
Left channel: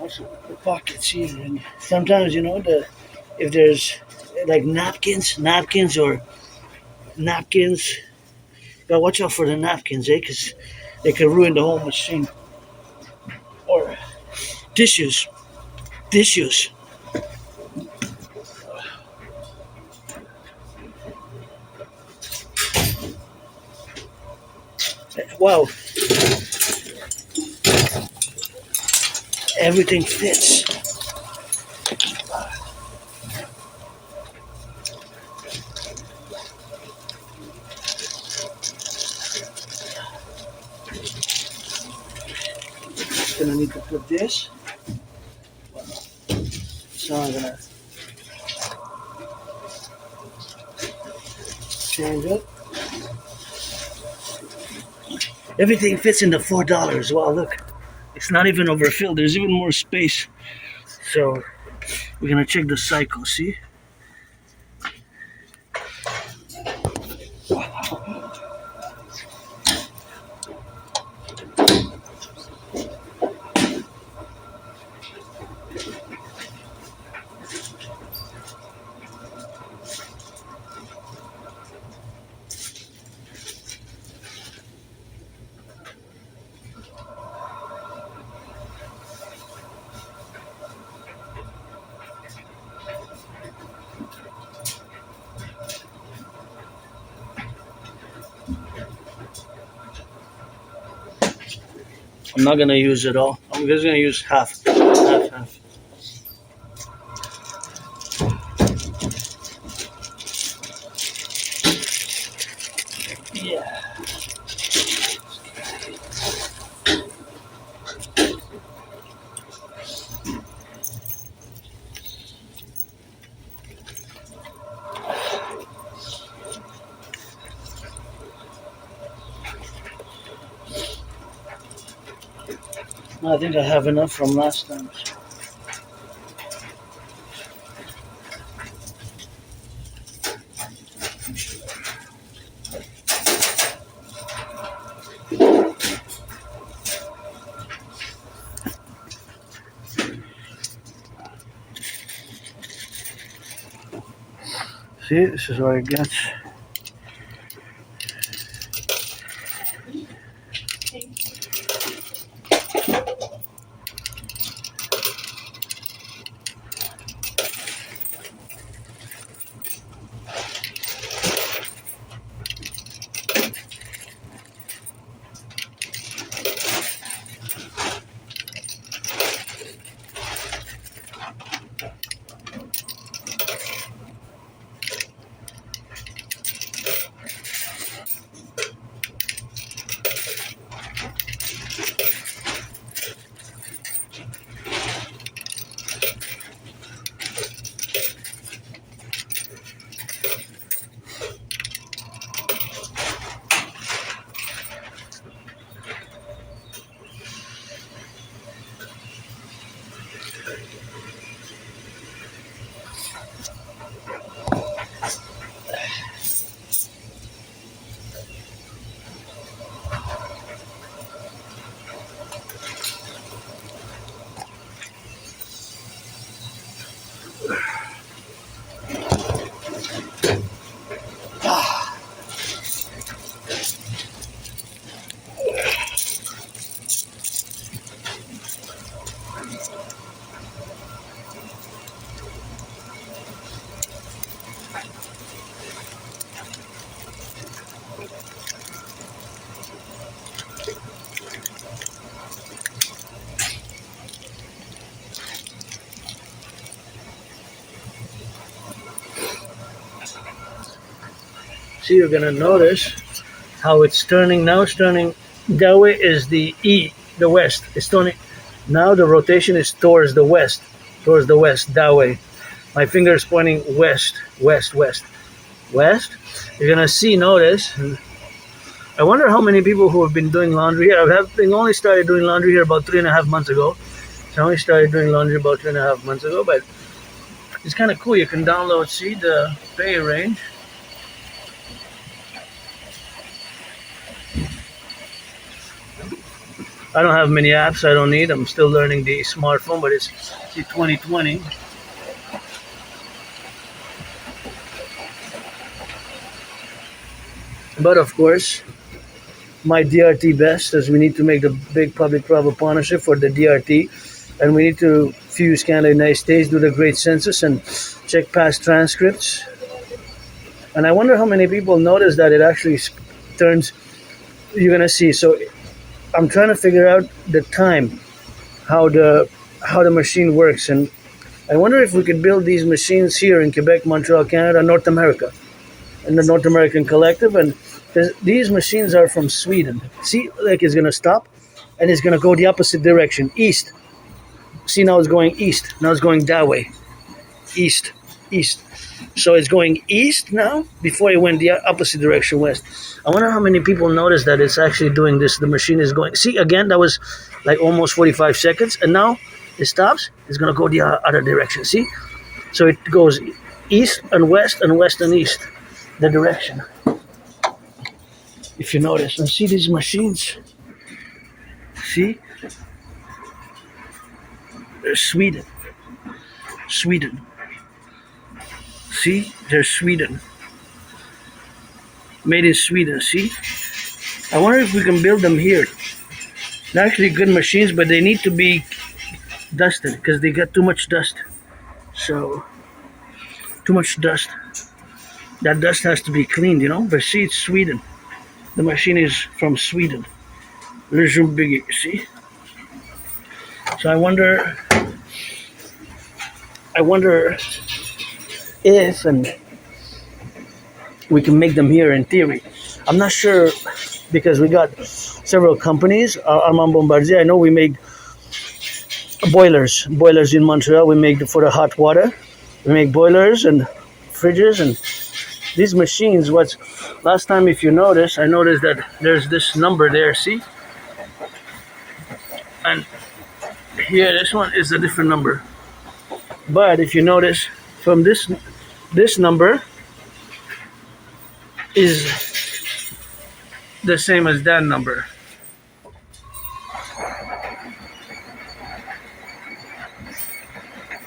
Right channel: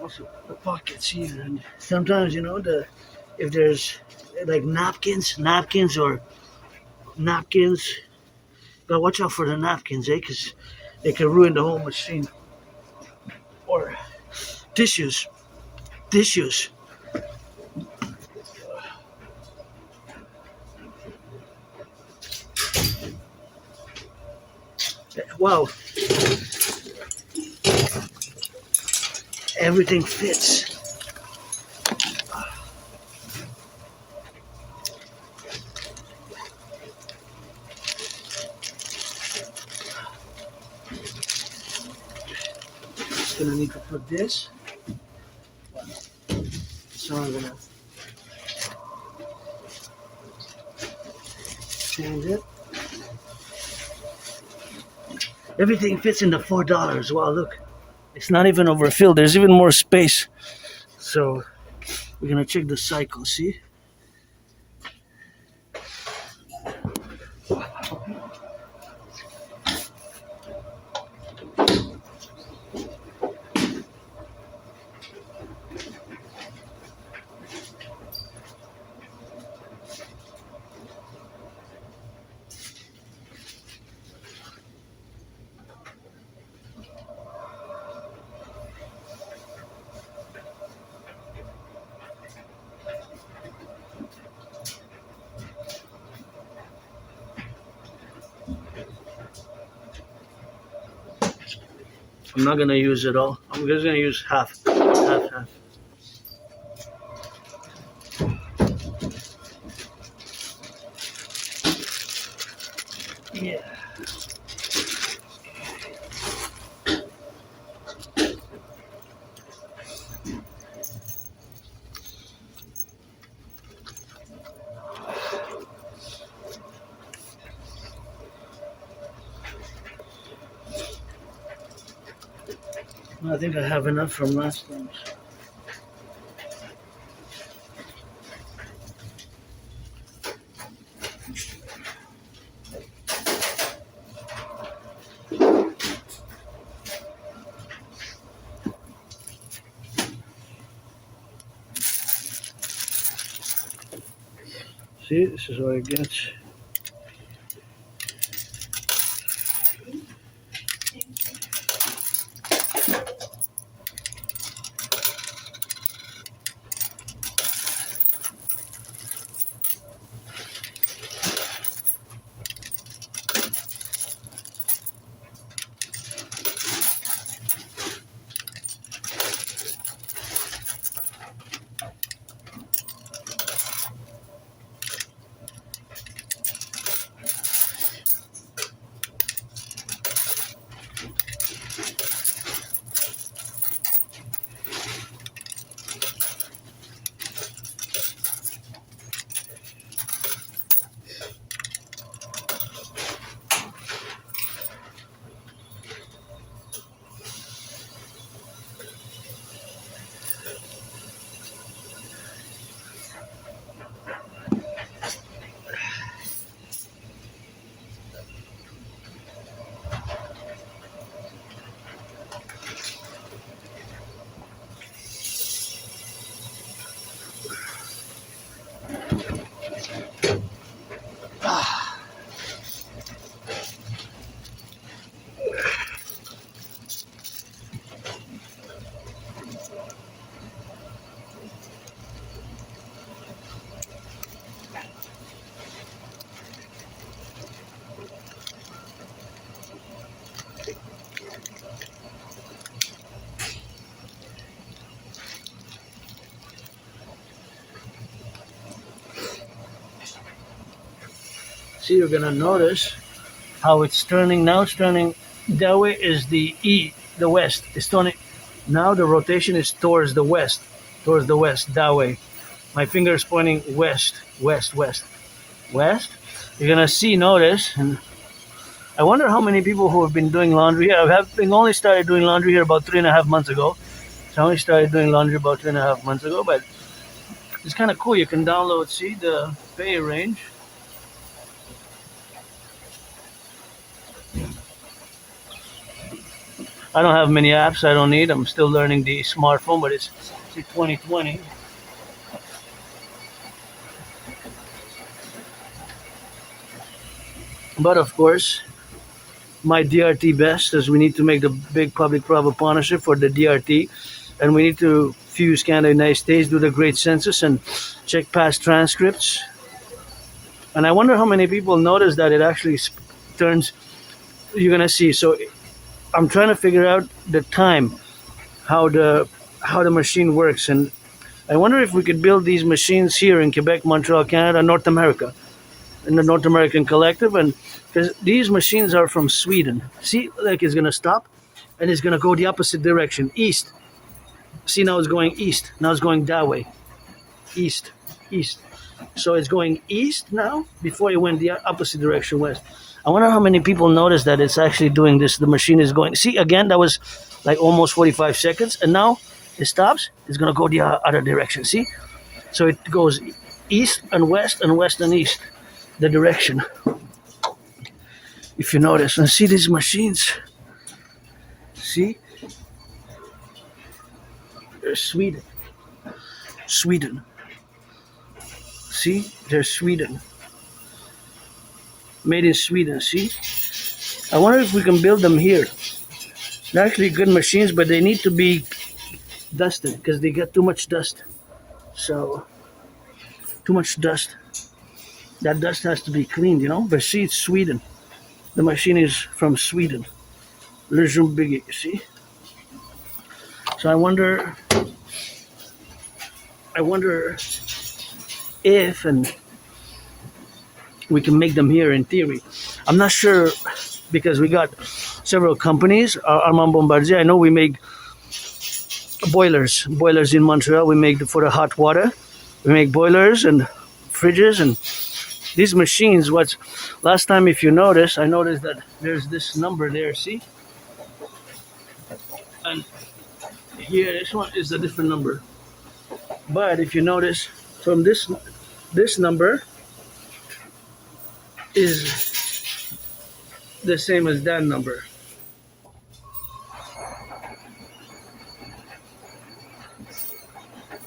Also the pockets here, and sometimes, you know, if there's like napkins, but watch out for the napkins, because they can ruin the whole machine. Or tissues. Wow. Everything fits. Gonna need to put this. So I'm gonna change it. Everything fits in the $4. Wow, look. It's not even overfilled. There's even more space. So we're gonna check the cycle, see? I'm not gonna use it all. I'm just gonna use half. Half. Yeah. I think I have enough from last time. See, this is where it gets. See, you're gonna notice how it's turning now. It's turning that way is the E, the west. It's turning now. The rotation is towards the west, that way. My finger is pointing west. You're gonna see, notice, and I wonder how many people who have been doing laundry here. I've only started doing laundry here about 3.5 months ago. So I only started doing laundry about 3.5 months ago, but it's kind of cool. You can download, see the pay range. I don't have many apps. I don't need. I'm still learning the smartphone, but it's 2020. But of course, my DRT best is we need to make the big public-private partnership for the DRT, and we need to fuse Canada and United States, do the great census, and check past transcripts. And I wonder how many people notice that it actually turns. You're gonna see. So I'm trying to figure out the time, how the machine works, and I wonder if we could build these machines here in Quebec, Montreal, Canada, North America, in the North American Collective, and because these machines are from Sweden. See, like it's gonna stop, and it's gonna go the opposite direction, east. See, now it's going east. Now it's going that way, east. So it's going east now before it went the opposite direction, west. I wonder how many people notice that it's actually doing this. The machine is going. See, again, that was like almost 45 seconds, and now it stops. It's gonna go the other direction. See, so it goes east and west and east, the direction. If you notice, and see these machines. See, they're Sweden. See, they're Sweden. Made in Sweden, see? I wonder if we can build them here. They're actually good machines, but they need to be dusted because they got too much dust. So, too much dust. That dust has to be cleaned, you know? But see, it's Sweden. The machine is from Sweden. Biggie, see? So I wonder if and we can make them here in theory. I'm not sure because we got several companies. Armand Bombardier, I know we make boilers in Montreal. We make for the hot water. We make boilers and fridges and these machines. What's last time, if you notice, I noticed that there's this number there. See, and here this one is a different number. But if you notice, from this number is the same as that number.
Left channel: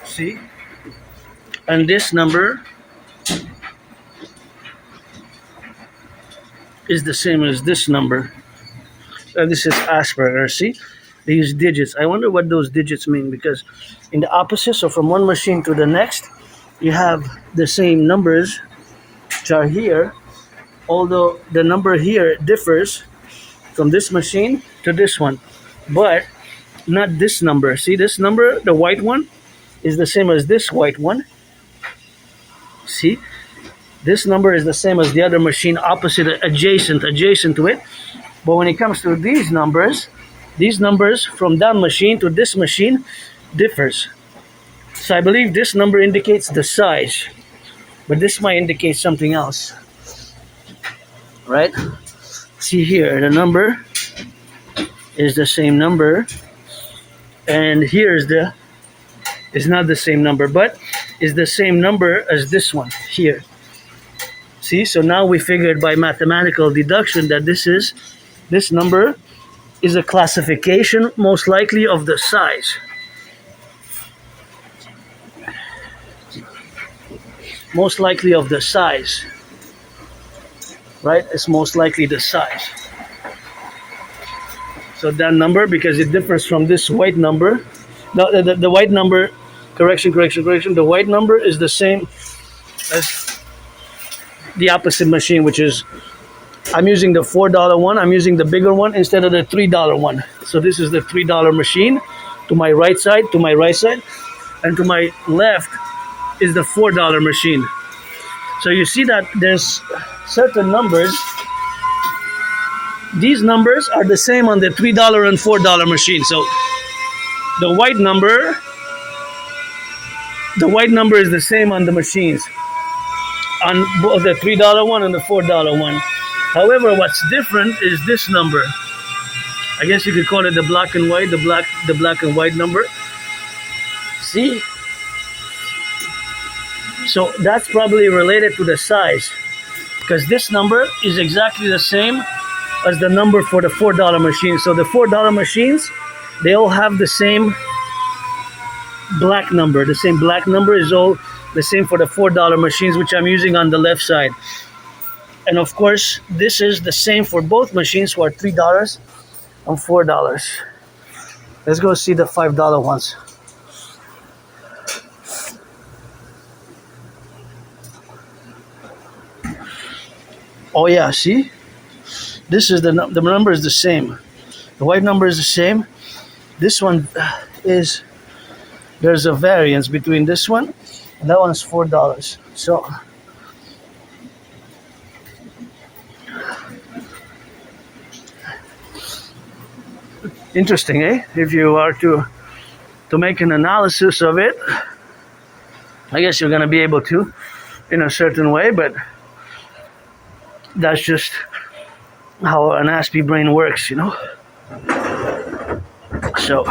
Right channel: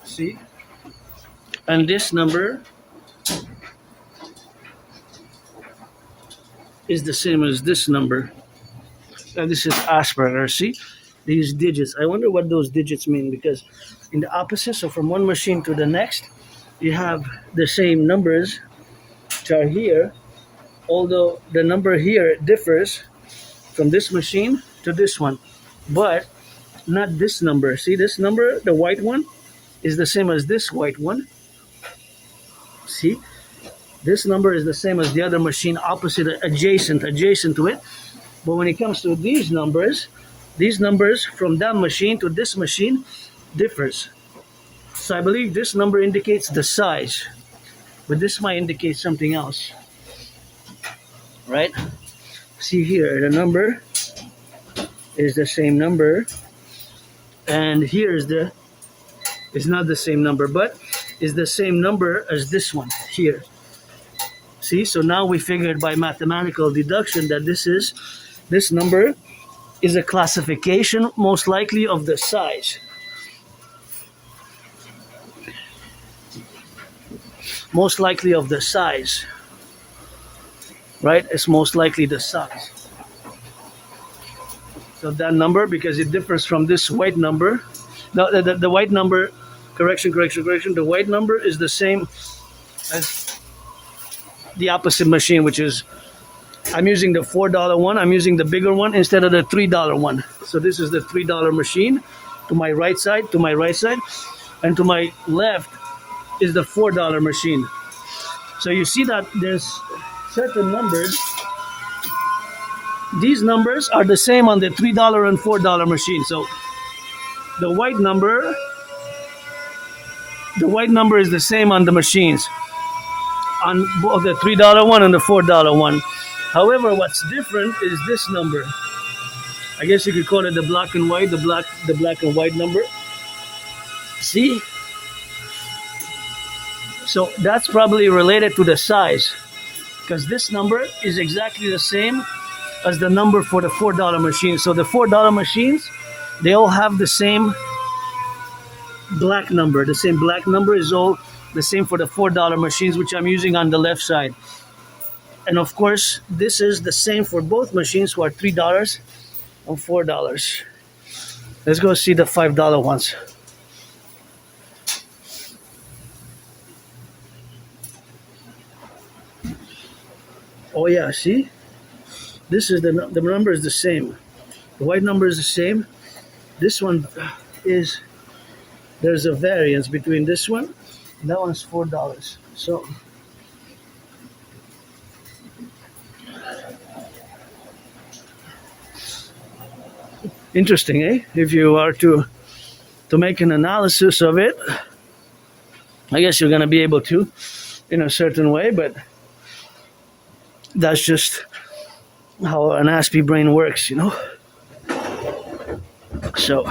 See? And this number is the same as this number. And this is Asperger, see? They use digits. I wonder what those digits mean because in the opposite, so from one machine to the next, you have the same numbers which are here, although the number here differs from this machine to this one, but not this number. See this number, the white one, is the same as this white one. See? This number is the same as the other machine, opposite, adjacent to it. But when it comes to these numbers from that machine to this machine differs. So I believe this number indicates the size, but this might indicate something else. Right? See here, the number is the same number, and here is not the same number, but is the same number as this one here. See, so now we figured by mathematical deduction that this number is a classification, most likely of the size. Most likely of the size. Right? It's most likely the size. So that number, because it differs from this white number. Now, the white number, correction. The white number is the same as the opposite machine, which is, I'm using the $4 one. I'm using the bigger one instead of the $3 one. So this is the $3 machine to my right side, and to my left is the $4 machine. So you see that there's certain numbers. These numbers are the same on the $3 and $4 machine. So the white number is the same on the machines, on both the $3 one and the $4 one. However, what's different is this number. I guess you could call it the black and white, the black and white number. See? So that's probably related to the size, because this number is exactly the same as the number for the $4 machine. So the $4 machines, they all have the same black number. The same black number is all the same for the $4 machines, which I'm using on the left side. And of course, this is the same for both machines, who are $3 and $4. Let's go see the $5 ones. Oh yeah, see? This is the number is the same. The white number is the same. This one is, there's a variance between this one and that one's $4. So interesting, eh? If you are to make an analysis of it, I guess you're gonna be able to in a certain way, but that's just how an Aspie brain works, you know? So,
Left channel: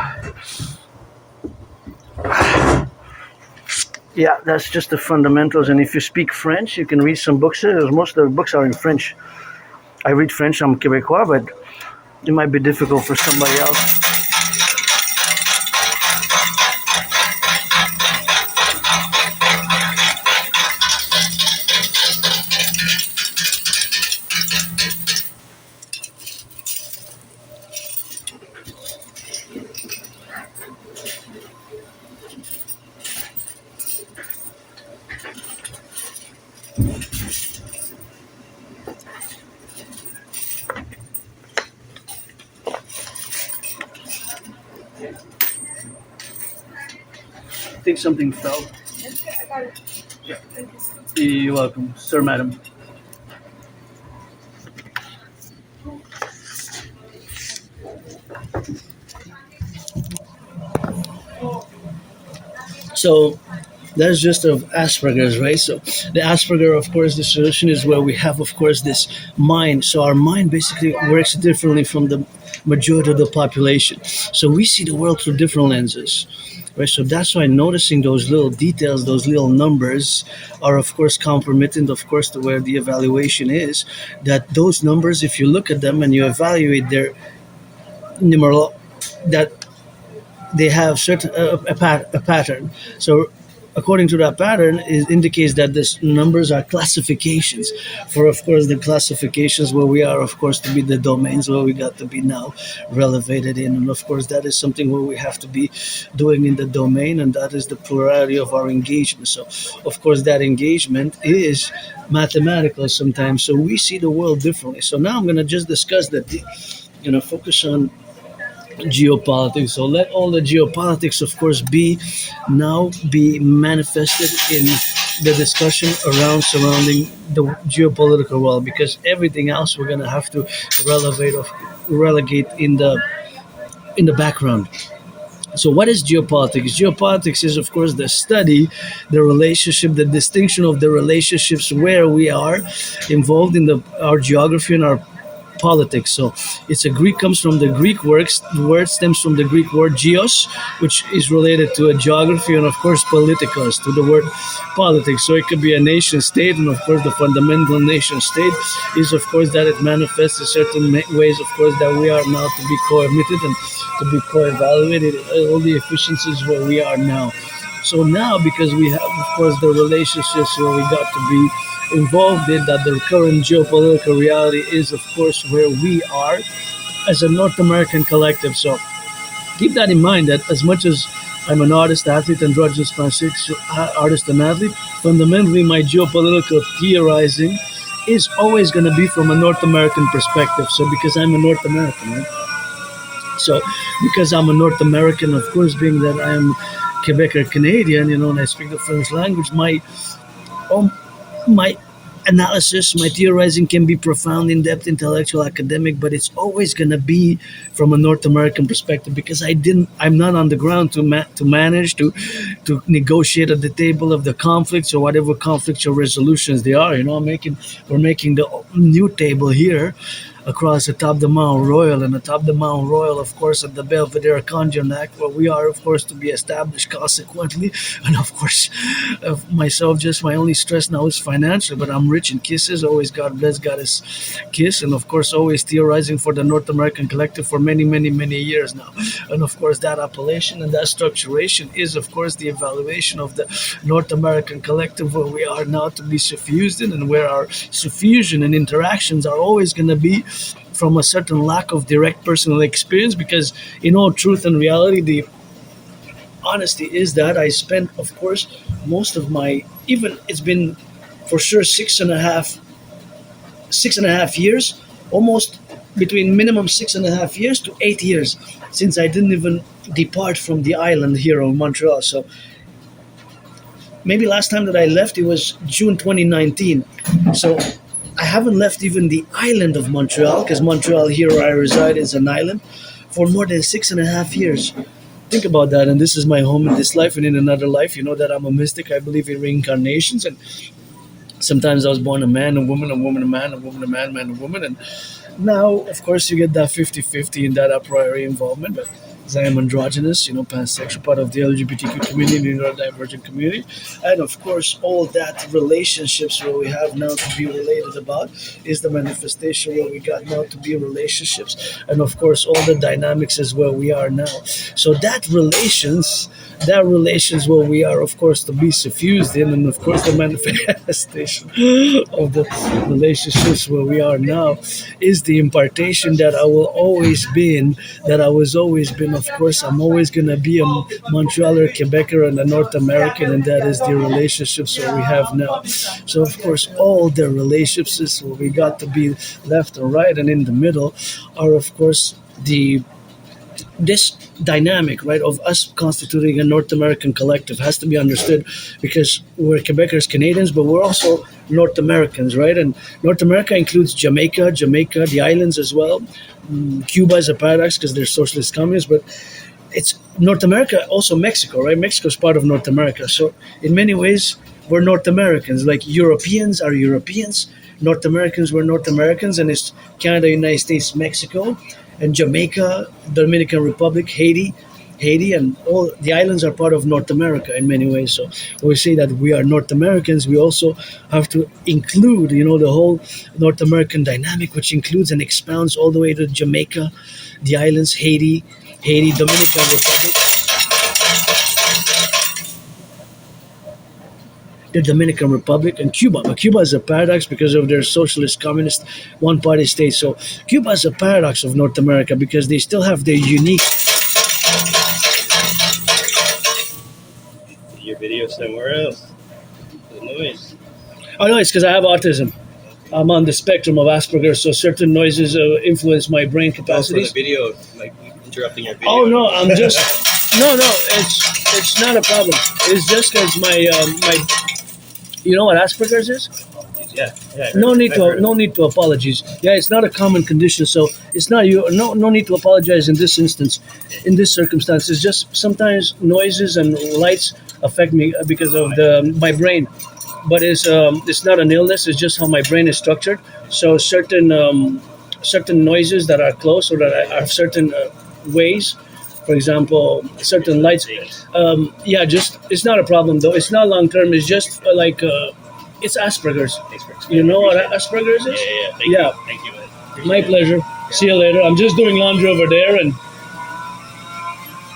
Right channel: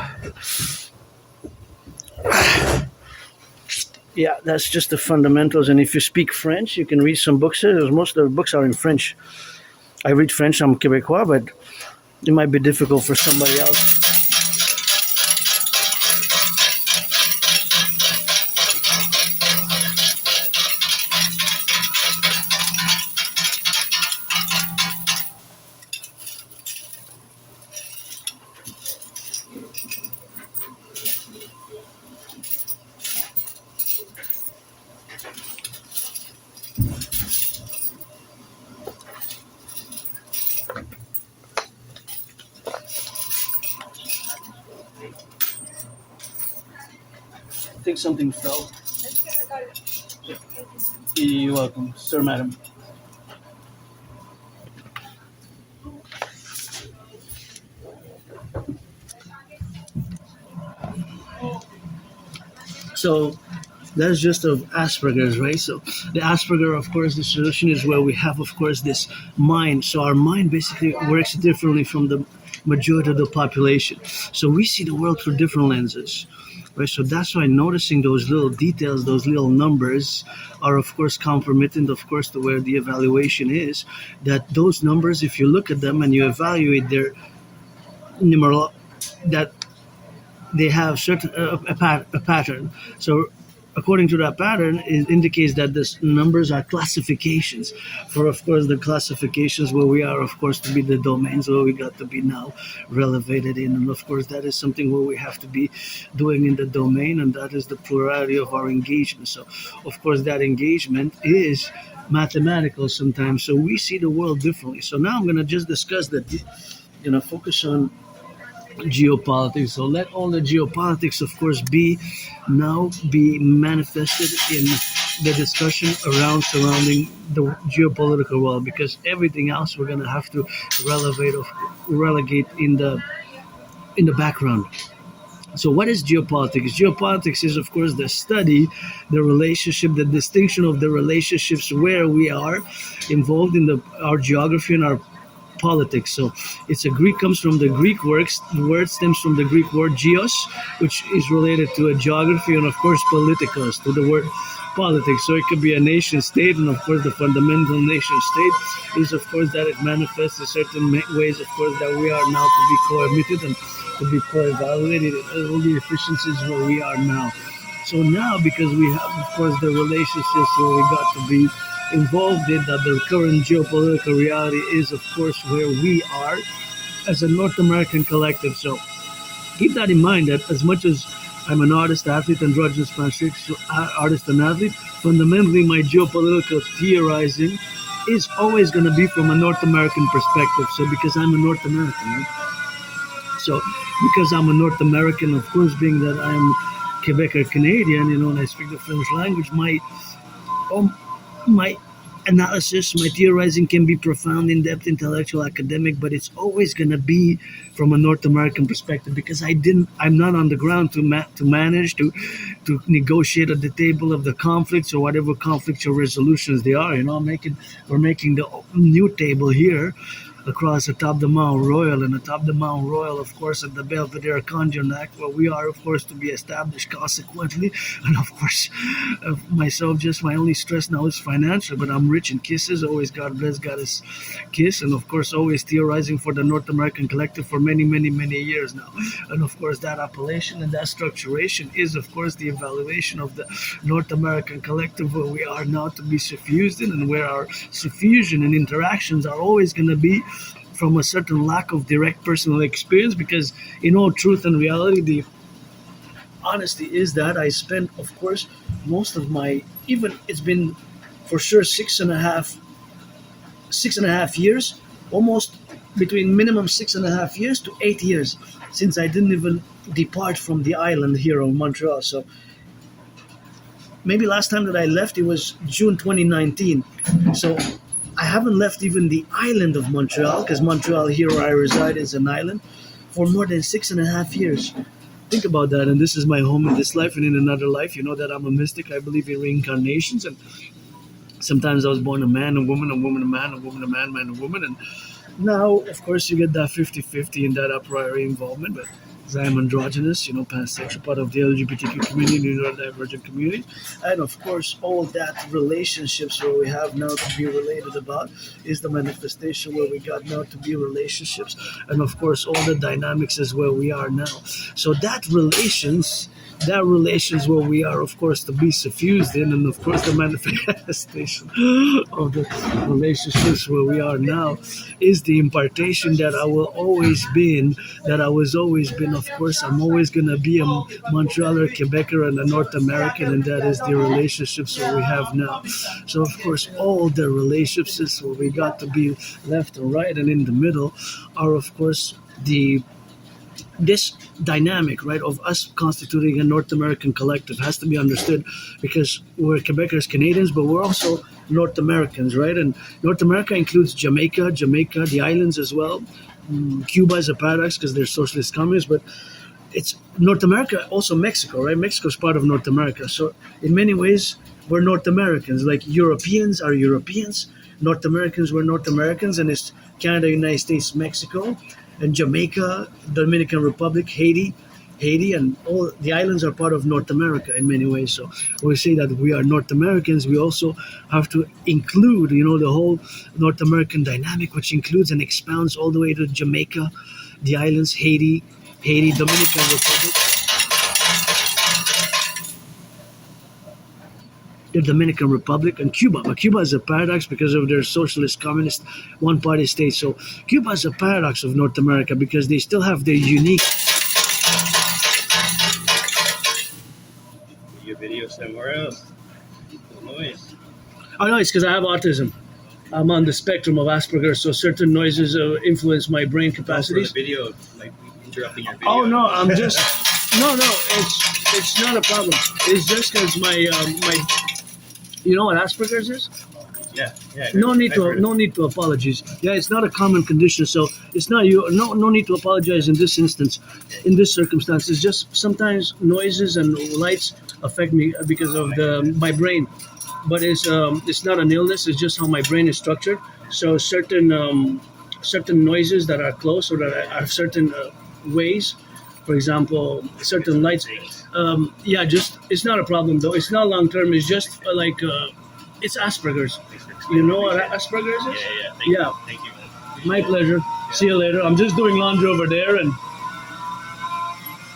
yeah, that's just the fundamentals. And if you speak French, you can read some books. Most of the books are in French. I read French, I'm Québécois, but it might be difficult for somebody else. think something fell. You're welcome, sir, madam. So that's just of Asperger's, right? So the Asperger, of course, the solution is where we have, of course, this mind. So our mind basically works differently from the majority of the population. So we see the world through different lenses, right? So that's why noticing those little details, those little numbers, are of course compromitting, of course, to where the evaluation is. That those numbers, if you look at them and you evaluate their numeral, that they have certain a pattern. So according to that pattern, it indicates that this numbers are classifications for, of course, the classifications where we are, of course, to be the domains where we got to be now relevated in. And of course that is something where we have to be doing in the domain, and that is the plurality of our engagement. So of course that engagement is mathematical sometimes, so we see the world differently. So now I'm going to just discuss the focus on geopolitics. So let all the geopolitics, of course, be manifested in the discussion around surrounding the geopolitical world, because everything else we're gonna have to relegate in the background. So what is geopolitics? Geopolitics is, of course, the study, the relationship, the distinction of the relationships where we are involved in our geography and our politics. So it's a Greek, comes from the Greek words. The word stems from the Greek word geos, which is related to a geography, and of course politikos, to the word politics. So it could be a nation state, and of course the fundamental nation state is, of course, that it manifests in certain ways, of course, that we are now to be co-emitted and to be co-evaluated, all the efficiencies where we are now. So now, because we have, of course, the relationships where we got to be involved in, that the current geopolitical reality is, of course, where we are as a North American collective. So keep that in mind, that as much as I'm an artist, athlete, androgynous pansexual artist and athlete, fundamentally my geopolitical theorizing is always going to be from a North American perspective. So because I'm a North American, right? So because I'm a North American, of course, being that I'm Quebec or Canadian, and I speak the French language, um, my analysis, my theorizing can be profound, in-depth, intellectual, academic, but it's always going to be from a North American perspective, because I'm not on the ground to manage to negotiate at the table of the conflicts or whatever conflicts or resolutions they are. We're making the new table here across atop the Mount Royal, and atop the Mount Royal, of course, at the Belvedere Conjon Act, where we are, of course, to be established consequently. And of course, myself, just my only stress now is financial, but I'm rich in kisses. Always God bless, God is kiss. And of course, always theorizing for the North American collective for many, many, many years now. And of course, that appellation and that structuration is, of course, the evaluation of the North American collective where we are now to be suffused in, and where our suffusion and interactions are always going to be from a certain lack of direct personal experience, because in all truth and reality, the honesty is that I spent, of course, most of my, even it's been for sure 6.5 years, almost between minimum 6.5 years to 8 years since I didn't even depart from the island here in Montreal. So maybe last time that I left, it was June 2019. So I haven't left even the island of Montreal, because Montreal, here where I reside, is an island, for more than 6.5 years. Think about that. And this is my home in this life and in another life. You know that I'm a mystic. I believe in reincarnations. And sometimes I was born a man, a woman, a woman, a man, a woman, a man, man, a woman. And now, of course, you get that 50-50 in that a priori involvement. But as I am androgynous, pansexual, part of the LGBTQ community, neurodivergent community. And of course, all that relationships where we have now to be related about is the manifestation where we got now to be relationships. And of course, all the dynamics is where we are now. So that relations where we are, of course, to be suffused in, and of course the manifestation of the relationships where we are now is the impartation that I will always be in, that I was always been. Of course, I'm always going to be a Montrealer, Quebecer, and a North American, and that is the relationships that we have now. So of course, all the relationships where we got to be left and right and in the middle are, of course, the this dynamic, right, of us constituting a North American collective has to be understood because we're Quebecers, Canadians, but we're also North Americans, right? And North America includes Jamaica, the islands as well. Cuba is a paradox because they're socialist communists, but it's North America, also Mexico, right? Mexico is part of North America. So in many ways, we're North Americans. Like Europeans are Europeans, North Americans were North Americans, and it's Canada, United States, Mexico, and Jamaica, Dominican Republic, Haiti, and all the islands are part of North America in many ways. So when we say that we are North Americans, we also have to include, the whole North American dynamic, which includes and expounds all the way to Jamaica, the islands, Haiti, Dominican Republic, the Dominican Republic, and Cuba. But Cuba is a paradox because of their socialist, communist, one-party state. So Cuba is a paradox of North America because they still have their unique. Your video somewhere else. The noise. Oh no, it's because I have autism. I'm on the spectrum of Asperger's, so certain noises influence my brain For the capacities. video, like interrupting your video. Oh no, I'm just no. It's not a problem. It's just because my. You know what Asperger's is? Yeah. No need to apologies. Yeah, it's not a common condition, so it's not you. No need to apologize in this instance, in this circumstance. It's just sometimes noises and lights affect me because of my brain, but it's not an illness. It's just how my brain is structured. So certain noises that are close or that are certain ways. For example, certain lights. Just it's not a problem though. It's not long term. It's just it's Asperger's. Thanks for explaining. You know what Appreciate Asperger's is? it. Thank Yeah. you. Thank you, man. Appreciate My it. pleasure. See you later. I'm just doing laundry over there, and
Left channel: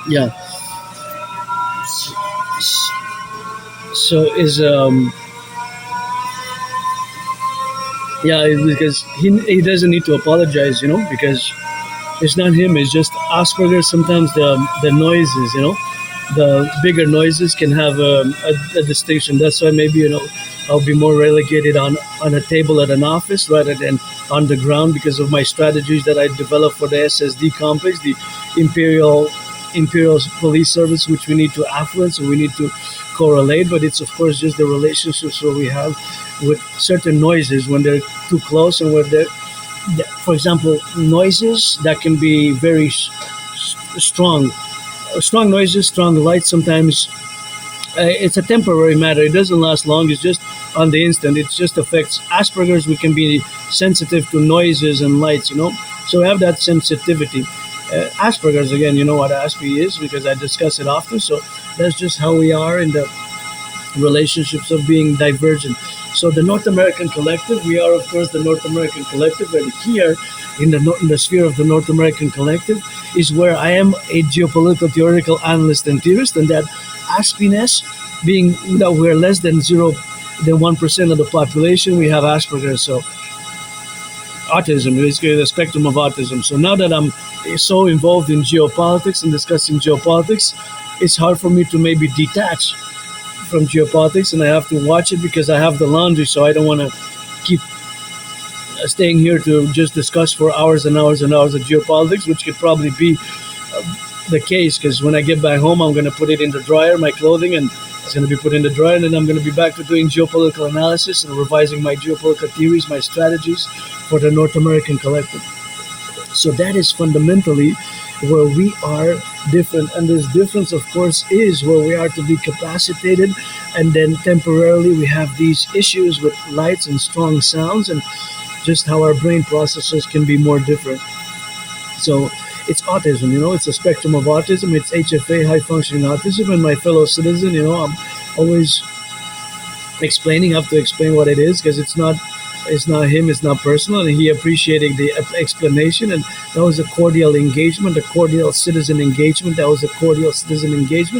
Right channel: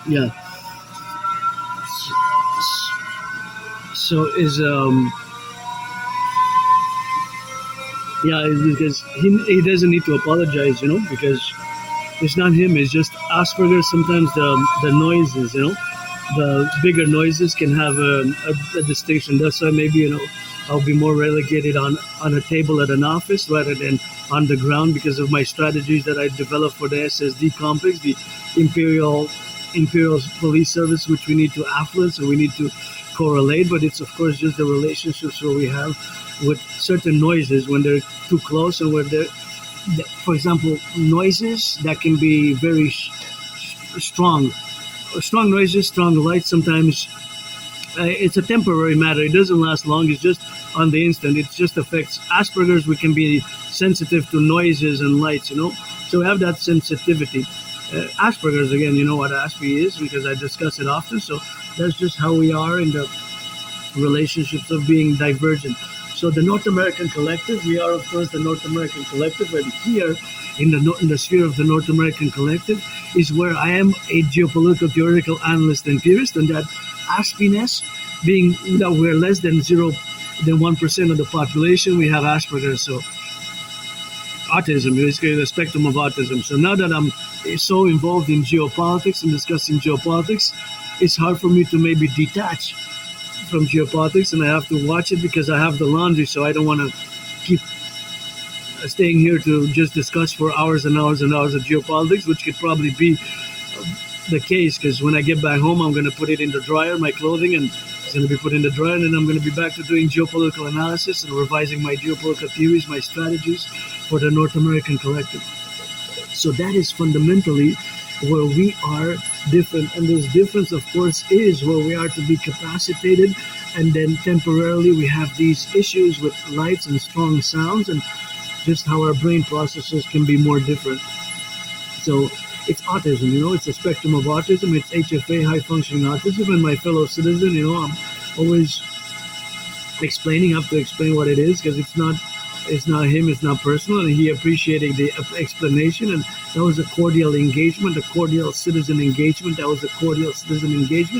yeah. So is because he doesn't need to apologize, because it's not him. It's just Asperger's. Sometimes the noises, the bigger noises can have a distinction. That's why maybe I'll be more relegated on a table at an office rather than on the ground because of my strategies that I developed for the SSD complex, the Imperial Police Service, which we need to affluence or we need to correlate. But it's of course just the relationships where we have with certain noises when they're too close and where they're, for example, noises that can be very strong noises, strong lights. Sometimes it's a temporary matter. It doesn't last long. It's just on the instant. It just affects Asperger's. We can be sensitive to noises and lights, so we have that sensitivity. Asperger's, again, you know what Aspie is because I discuss it often. So that's just how we are in the relationships of being divergent. So the North American collective, we are of course the North American collective, but here in the sphere of the North American collective is where I am a geopolitical theoretical analyst and theorist, and that Aspieness, being that we're less than 1% of the population, we have Asperger's. So autism, basically the spectrum of autism. So now that I'm so involved in geopolitics and discussing geopolitics, it's hard for me to maybe detach from geopolitics, and I have to watch it because I have the laundry, so I don't want to keep staying here to just discuss for hours and hours and hours of geopolitics, which could probably be the case because when I get back home, I'm going to put it in the dryer, my clothing, and it's going to be put in the dryer, and then I'm going to be back to doing geopolitical analysis and revising my geopolitical theories, my strategies for the North American collective. So that is fundamentally where we are different, and this difference of course is where we are to be capacitated, and then temporarily we have these issues with lights and strong sounds and just how our brain processes can be more different. So it's autism, it's a spectrum of autism. It's HFA, high functioning autism, and my fellow citizen, I'm always have to explain what it is because it's not him, it's not personal, and he appreciated the explanation, and that was a cordial engagement, a cordial citizen engagement.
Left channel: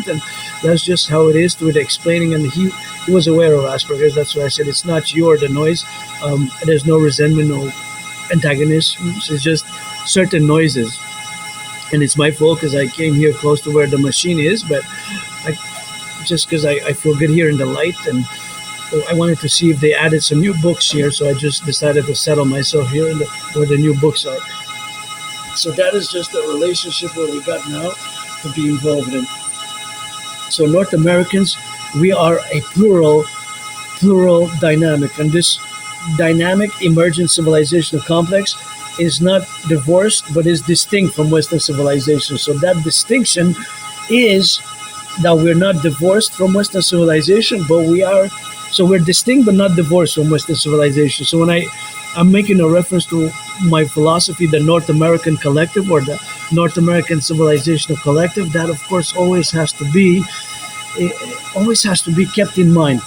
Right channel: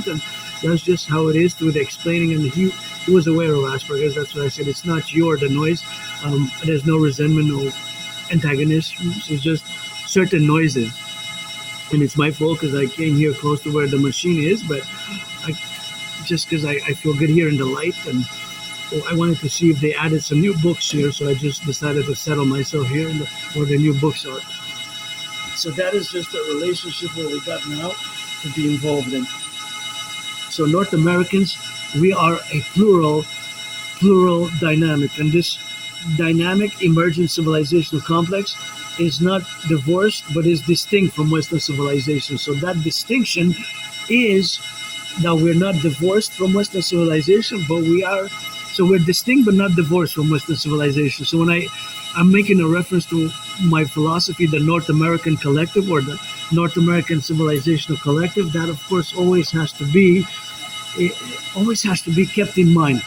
And that's just how it is with explaining. And he was aware of Asperger's. That's what I said. It's not you or the noise. There's no resentment, no antagonism. It's just certain noises, and it's my fault because I came here close to where the machine is, but because I feel good here in the light, and I wanted to see if they added some new books here, so I just decided to settle myself here where the new books are. So that is just a relationship where we got now to be involved in. So North Americans, we are a plural dynamic, and this dynamic emergent civilizational complex is not divorced but is distinct from Western civilization. So that distinction is that we're not divorced from Western civilization, but we are. So we're distinct but not divorced from Western civilization. So when I'm making a reference to my philosophy, the North American Collective or the North American Civilizational Collective, that of course it always has to be kept in mind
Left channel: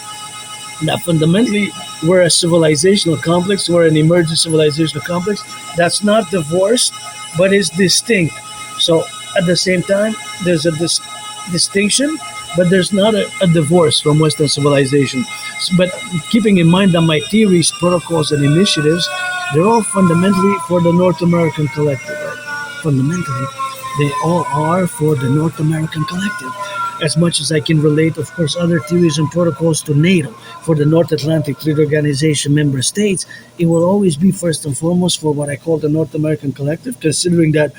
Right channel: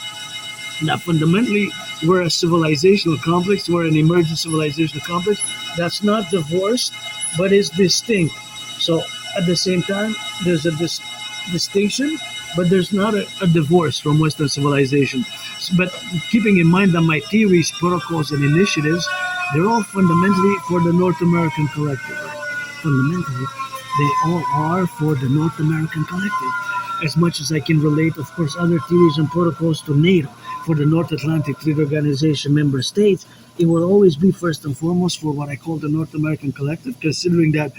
that fundamentally we're a civilizational complex, we're an emergent civilizational complex that's not divorced but is distinct. So at the same time, there's a distinction, but there's not a divorce from Western civilization. But keeping in mind that my theories, protocols, and initiatives, they're all fundamentally for the North American collective, right? Fundamentally, they all are for the North American collective. As much as I can relate, of course, other theories and protocols to NATO for the North Atlantic Treaty Organization member states, it will always be first and foremost for what I call the North American collective, considering that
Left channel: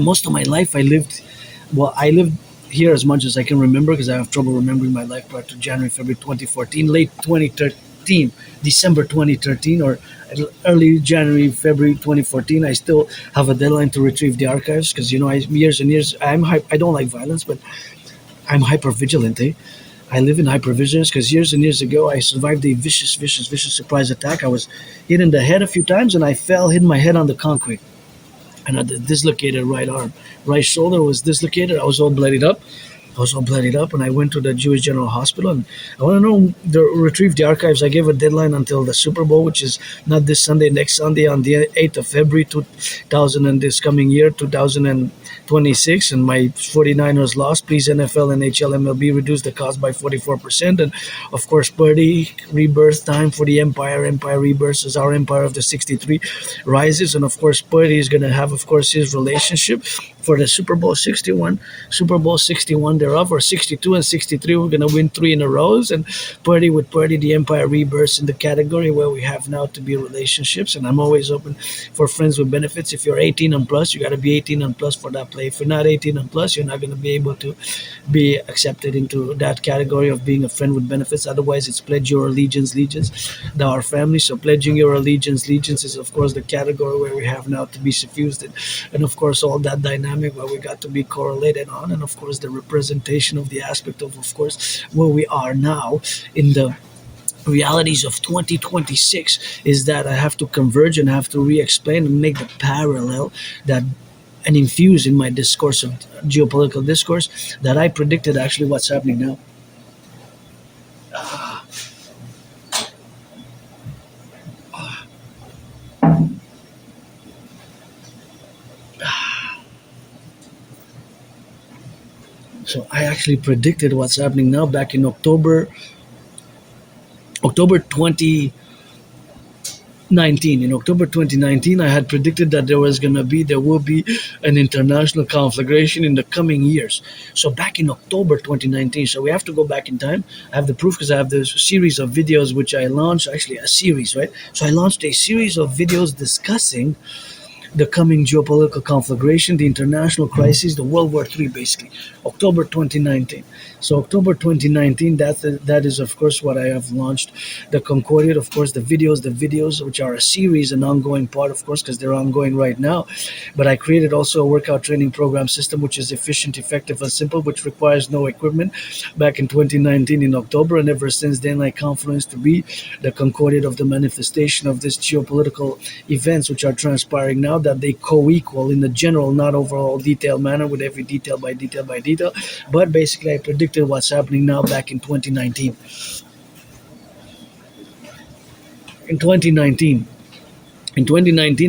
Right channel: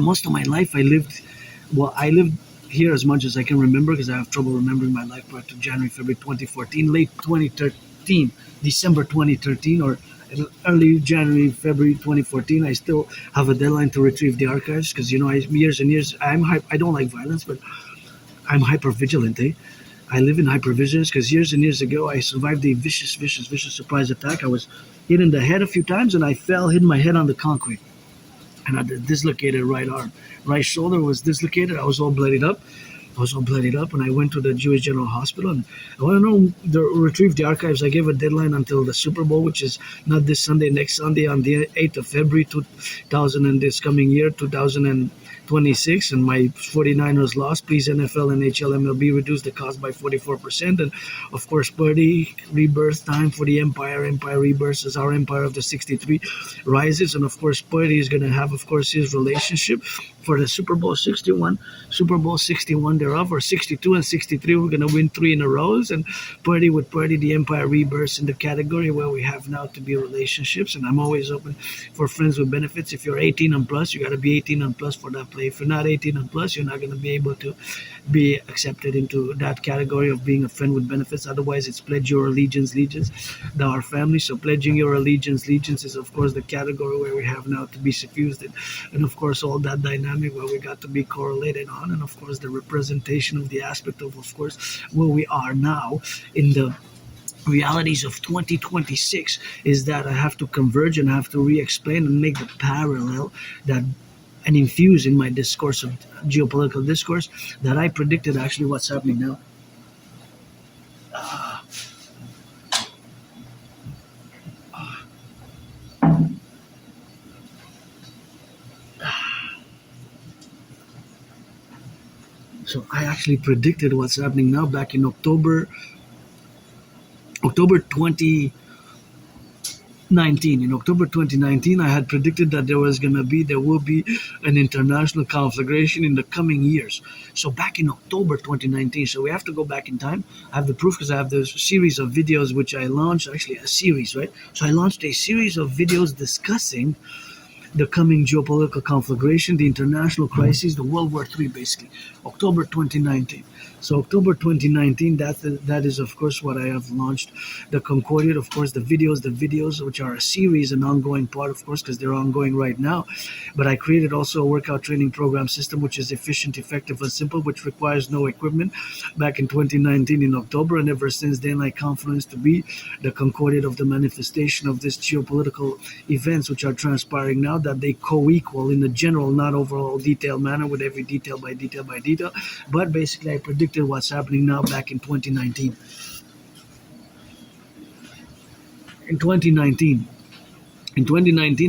most of my life I lived here as much as I can remember because I have trouble remembering my life prior to January, February 2014, late 2013, December 2013, or early January, February 2014. I still have a deadline to retrieve the archives because, years and years, I don't like violence, but I'm hyper vigilant. I live in hypervigilance because years and years ago, I survived a vicious surprise attack. I was hit in the head a few times and I fell, hit my head on the concrete. And I had a dislocated right arm. Right shoulder was dislocated. I was all bloodied up. And I went to the Jewish General Hospital. And I want to know, retrieve the archives. I gave a deadline until the Super Bowl, which is not this Sunday, next Sunday, on the 8th of February 2000 and this coming year, 2026. And my 49ers lost. Please, NFL, NHL, MLB, reduce the cost by 44%. And of course, Birdie, rebirth time for the Empire. Empire rebirth as our Empire of the 63 rises. And of course, Birdie is going to have, of course, his relationship for the Super Bowl 61 thereof, or 62 and 63. We're going to win 3 in a row. And Purdy, the Empire rebirths in the category where we have now to be relationships. And I'm always open for friends with benefits. If you're 18 and plus, you got to be 18 and plus for that play. If you're not 18 and plus, you're not going to be able to be accepted into that category of being a friend with benefits. Otherwise, it's pledge your allegiance, our family. So pledging your allegiance is, of course, the category where we have now to be suffused. And of course, all that dynamic where we got to be correlated on, and of course the representation of the aspect of course where we are now in the realities of 2026 is that I have to converge and have to re-explain and make the parallel that and infuse in my discourse of geopolitical discourse that I predicted actually what's happening now. So I actually predicted what's happening now back in October 2019. In October 2019, I had predicted that there will be an international conflagration in the coming years. So back in October 2019, so we have to go back in time. I have the proof because I have this series of videos which I launched, actually a series, right? So I launched a series of videos discussing the coming geopolitical conflagration, the international crisis, the World War III, basically, October 2019. So October 2019, that is, of course, what I have launched. The Concordiate, of course, the videos, which are a series, an ongoing part, of course, because they're ongoing right now. But I created also a workout training program system, which is efficient, effective, and simple, which requires no equipment back in 2019 in October. And ever since then, I confluenced to be the Concordiate of the manifestation of these geopolitical events, which are transpiring now, that they co-equal in the general, not overall detailed manner with every detail by detail. But basically, I predicted what's happening now back in 2019. In 2019,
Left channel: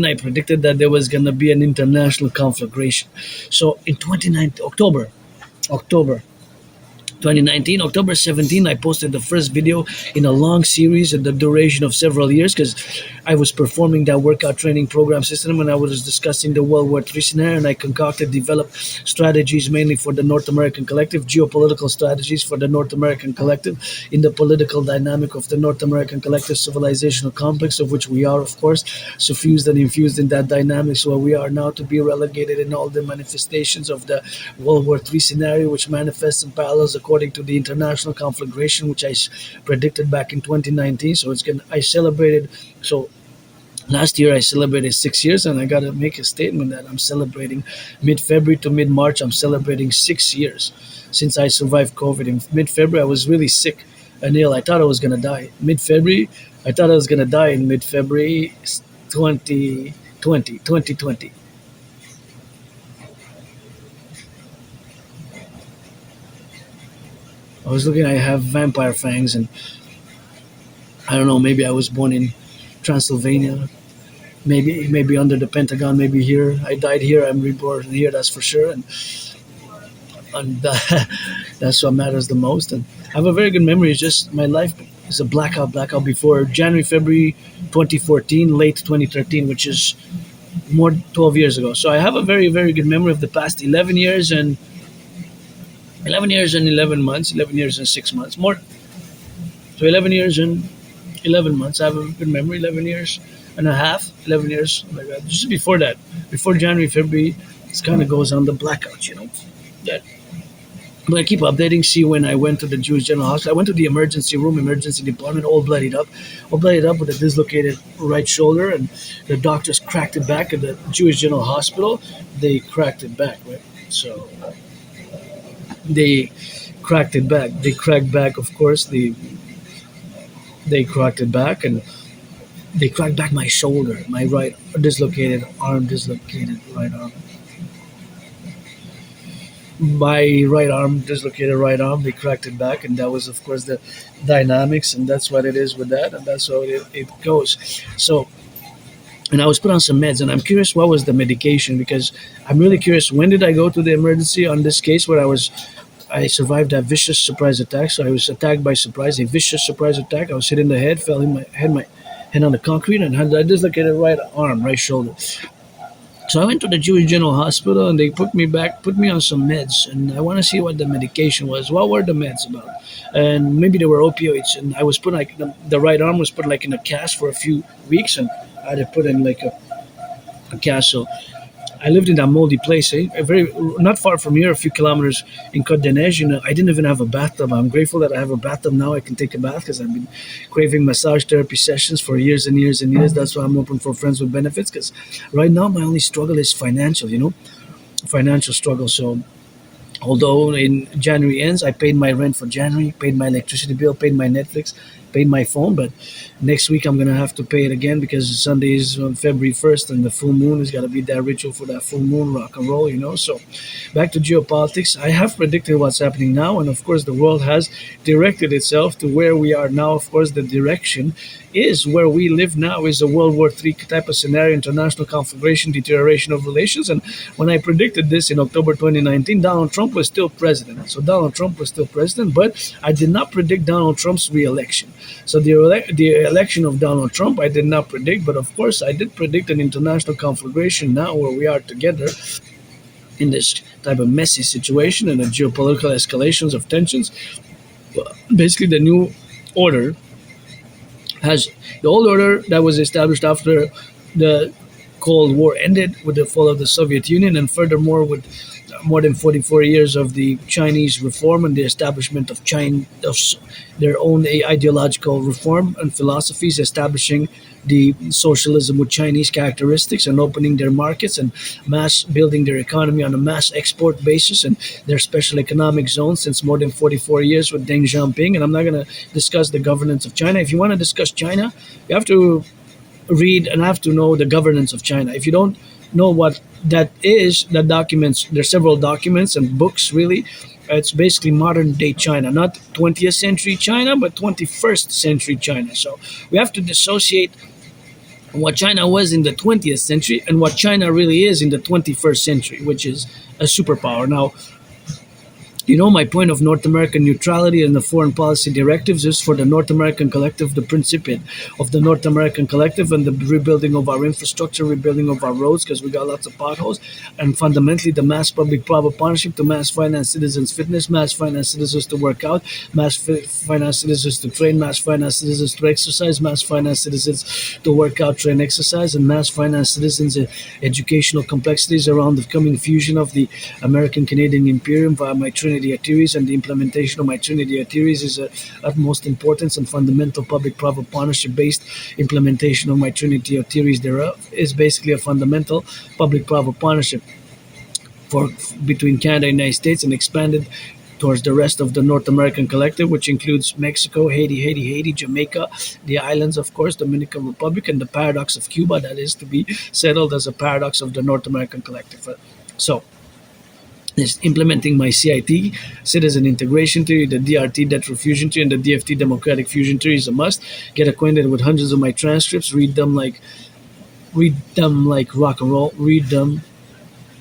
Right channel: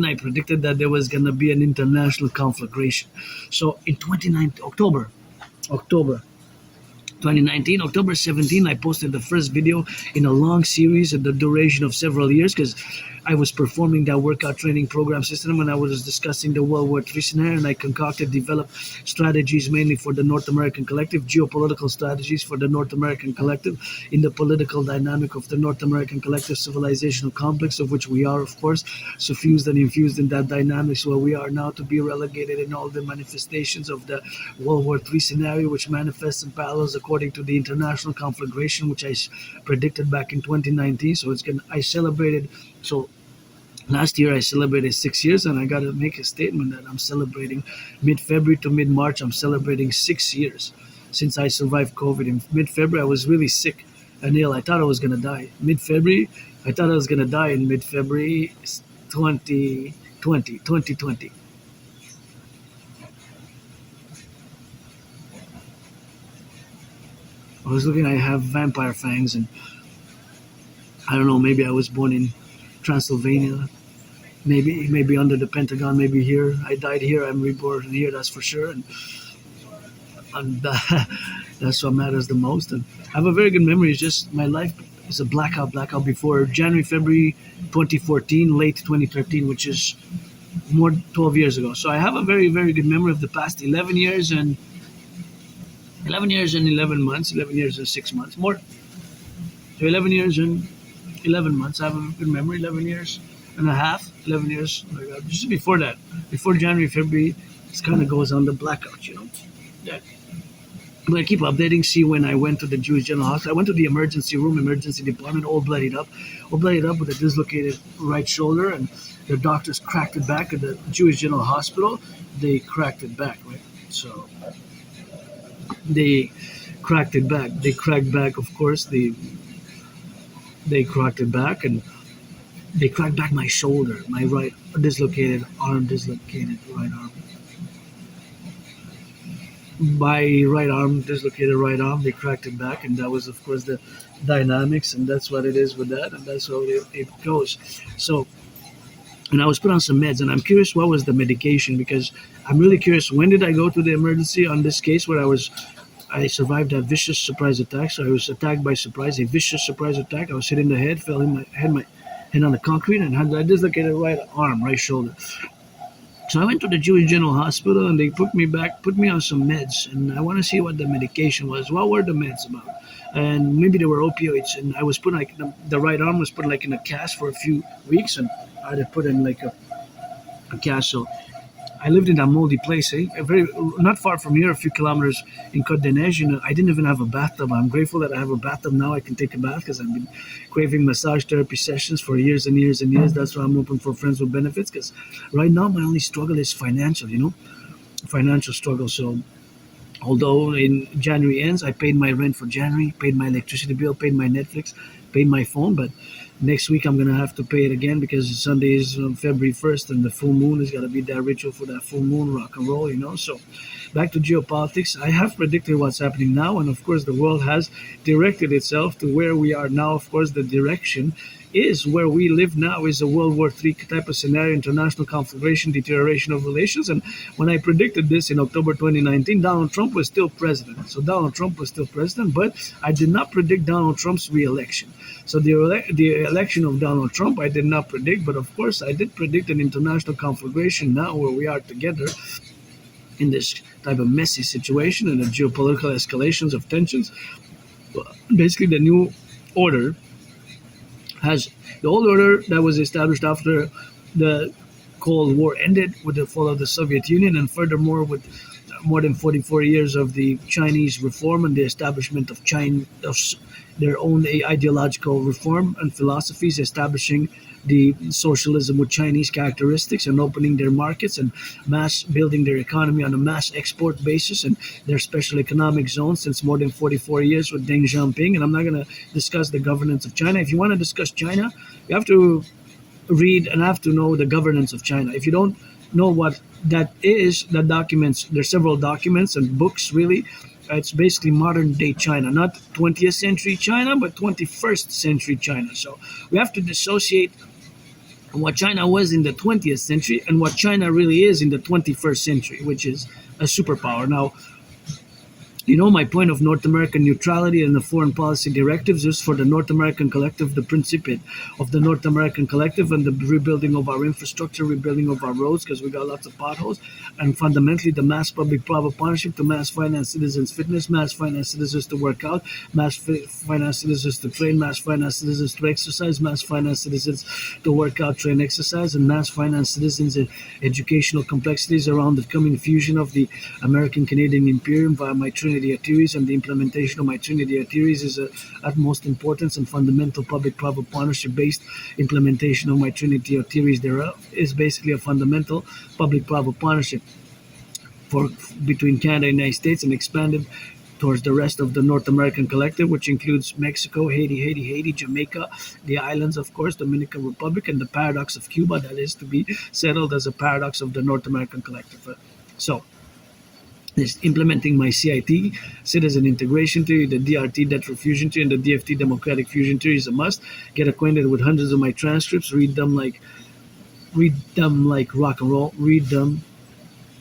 I predicted that there was going to be an international conflagration. So in October 2019, October 17, I posted the first video in a long series at the duration of several years because I was performing that workout training program system, and I was discussing the World War III scenario, and I concocted, developed strategies mainly for the North American Collective, geopolitical strategies for the North American Collective, in the political dynamic of the North American Collective civilizational complex, of which we are, of course, suffused and infused in that dynamics where we are now to be relegated in all the manifestations of the World War III scenario, which manifests in parallels according to the international conflagration, which I predicted back in 2019. So I celebrated. So last year I celebrated 6 years, and I got to make a statement that I'm celebrating mid-February to mid-March. I'm celebrating 6 years since I survived COVID. In mid-February, I was really sick and ill. I thought I was going to die. Mid-February, I thought I was going to die in mid-February 2020. I was looking, I have vampire fangs, and I don't know, maybe I was born in Transylvania, maybe under the Pentagon, maybe here. I died here, I'm reborn here, that's for sure. And that's what matters the most. And I have a very good memory. It's just my life is a blackout before January, February 2014, late 2013, which is more 12 years ago. So I have a very, very good memory of the past 11 years and 11 years and 11 months, 11 years and 6 months, more. So 11 years and 11 months. I have a good memory, 11 years and a half, 11 years, like that. Just before that, before January, February, it kind of goes on the blackout, That. But I keep updating, see when I went to the Jewish General Hospital. I went to the emergency room, emergency department, all bloodied up with a dislocated right shoulder, and the doctors cracked it back at the Jewish General Hospital. They cracked it back, right? So they cracked it back. They cracked back, of course, they cracked it back, and they cracked back my shoulder, my right dislocated right arm. My right arm, dislocated right arm, they cracked it back, and that was, of course, the dynamics, and that's what it is with that, and that's how it goes. So, and I was put on some meds, and I'm curious what was the medication, because I'm really curious, when did I go to the emergency on this case where I survived that vicious surprise attack. So I was attacked by surprise, a vicious surprise attack. I was hit in the head, fell in my head on the concrete, and had a dislocated right arm, right shoulder. So I went to the Jewish General Hospital, and they put me on some meds, and I want to see what the medication was. What were the meds about? And maybe they were opioids, and I was put like the right arm was put like in a cast for a few weeks, and I had to put in like a cast. So I lived in that moldy place, very not far from here, a few kilometers in Côte d'Ivoire. I didn't even have a bathtub. I'm grateful that I have a bathtub now. I can take a bath because I've been craving massage therapy sessions for years and years and years. That's why I'm open for friends with benefits, because right now my only struggle is financial, financial struggle. So although in January ends, I paid my rent for January, paid my electricity bill, paid my Netflix, paid my phone, but next week I'm gonna have to pay it again because Sunday is on February 1st, and the full moon is gonna be that ritual for that full moon rock and roll, So back to geopolitics. I have predicted what's happening now, and of course the world has directed itself to where we are now. Of course, the direction is where we live now is a World War III type of scenario, international conflagration, deterioration of relations. And when I predicted this in October 2019, Donald Trump was still president. So Donald Trump was still president, but I did not predict Donald Trump's re-election. So the election of Donald Trump, I did not predict, but of course I did predict an international conflagration now where we are together in this type of messy situation and the geopolitical escalations of tensions. Basically, the new order has the old order that was established after the Cold War ended with the fall of the Soviet Union, and furthermore with more than 44 years of the Chinese reform and the establishment of their own ideological reform and philosophies, establishing the socialism with Chinese characteristics and opening their markets and mass building their economy on a mass export basis and their special economic zone since more than 44 years with Deng Xiaoping. And I'm not going to discuss the governance of China. If you want to discuss China, you have to read and have to know the governance of China. If you don't know what that is, the documents, there's several documents and books really. It's basically modern day China, not 20th century China, but 21st century China. So we have to dissociate what China was in the 20th century and what China really is in the 21st century, which is a superpower. Now, My point of North American neutrality and the foreign policy directives is for the North American collective, the principle of the North American collective and the rebuilding of our infrastructure, rebuilding of our roads, because we got lots of potholes, and fundamentally the mass public-private partnership to mass finance citizens fitness, mass finance citizens to work out, finance citizens to train, mass finance citizens to exercise, mass finance citizens to work out, train, exercise, and mass finance citizens educational complexities around the coming fusion of the American Canadian Imperium via my Trinity theories, and the implementation of my Trinity theories is of utmost importance, and fundamental public-private partnership-based implementation of my Trinity theories thereof is basically a fundamental public-private partnership for between Canada and the United States, and expanded towards the rest of the North American collective, which includes Mexico, Haiti, Jamaica, the islands, of course, Dominican Republic, and the paradox of Cuba that is to be settled as a paradox of the North American collective. So, is implementing my CIT, citizen integration theory, the DRT, debt fusion theory, and the DFT, democratic fusion theory is a must. Get acquainted with hundreds of my transcripts, read them like rock and roll, read them,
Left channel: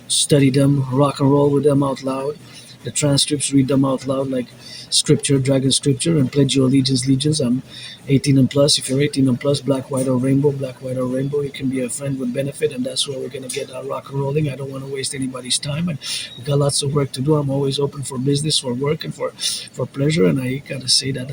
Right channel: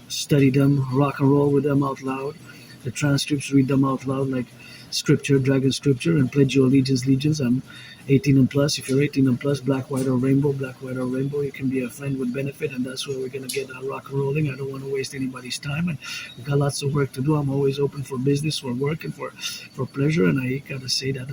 study them, rock and roll with them out loud. The transcripts, read them out loud like scripture, dragon scripture, and pledge your legions. I'm 18 and plus. If you're 18 and plus, black, white, or rainbow, you can be a friend with benefit, and that's where we're going to get our rock and rolling. I don't want to waste anybody's time, and we got lots of work to do. I'm always open for business, for work, and for pleasure, and I got to say that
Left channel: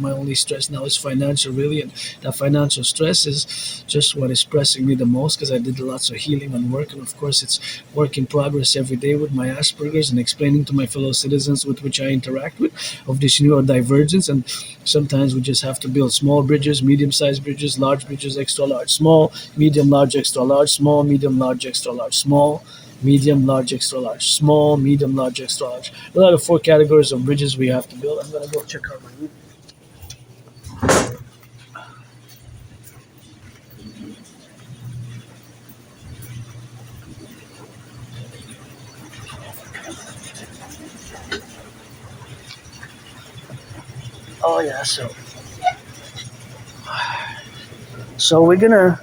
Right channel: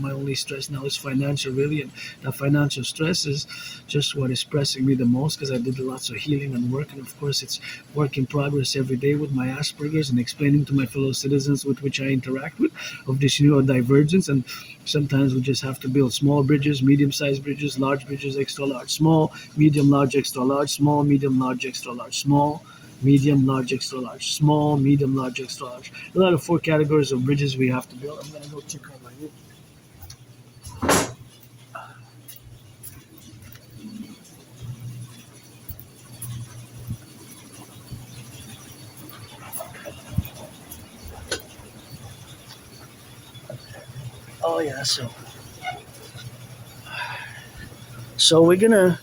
my only stress now is financial, really, and that financial stress is just what is pressing me the most, because I did lots of healing and work, and of course it's work in progress every day with my Asperger's, and explaining to my fellow citizens with which I interact with of this neurodivergence. And sometimes we just have to build small bridges, medium-sized bridges, large bridges, extra large, small, medium, large, extra large, small, medium, large, extra large, small, medium, large, extra large, small, medium, large, extra large. Those are the 4 categories of bridges we have to build. I'm gonna go check out my room. Oh yeah, so we're gonna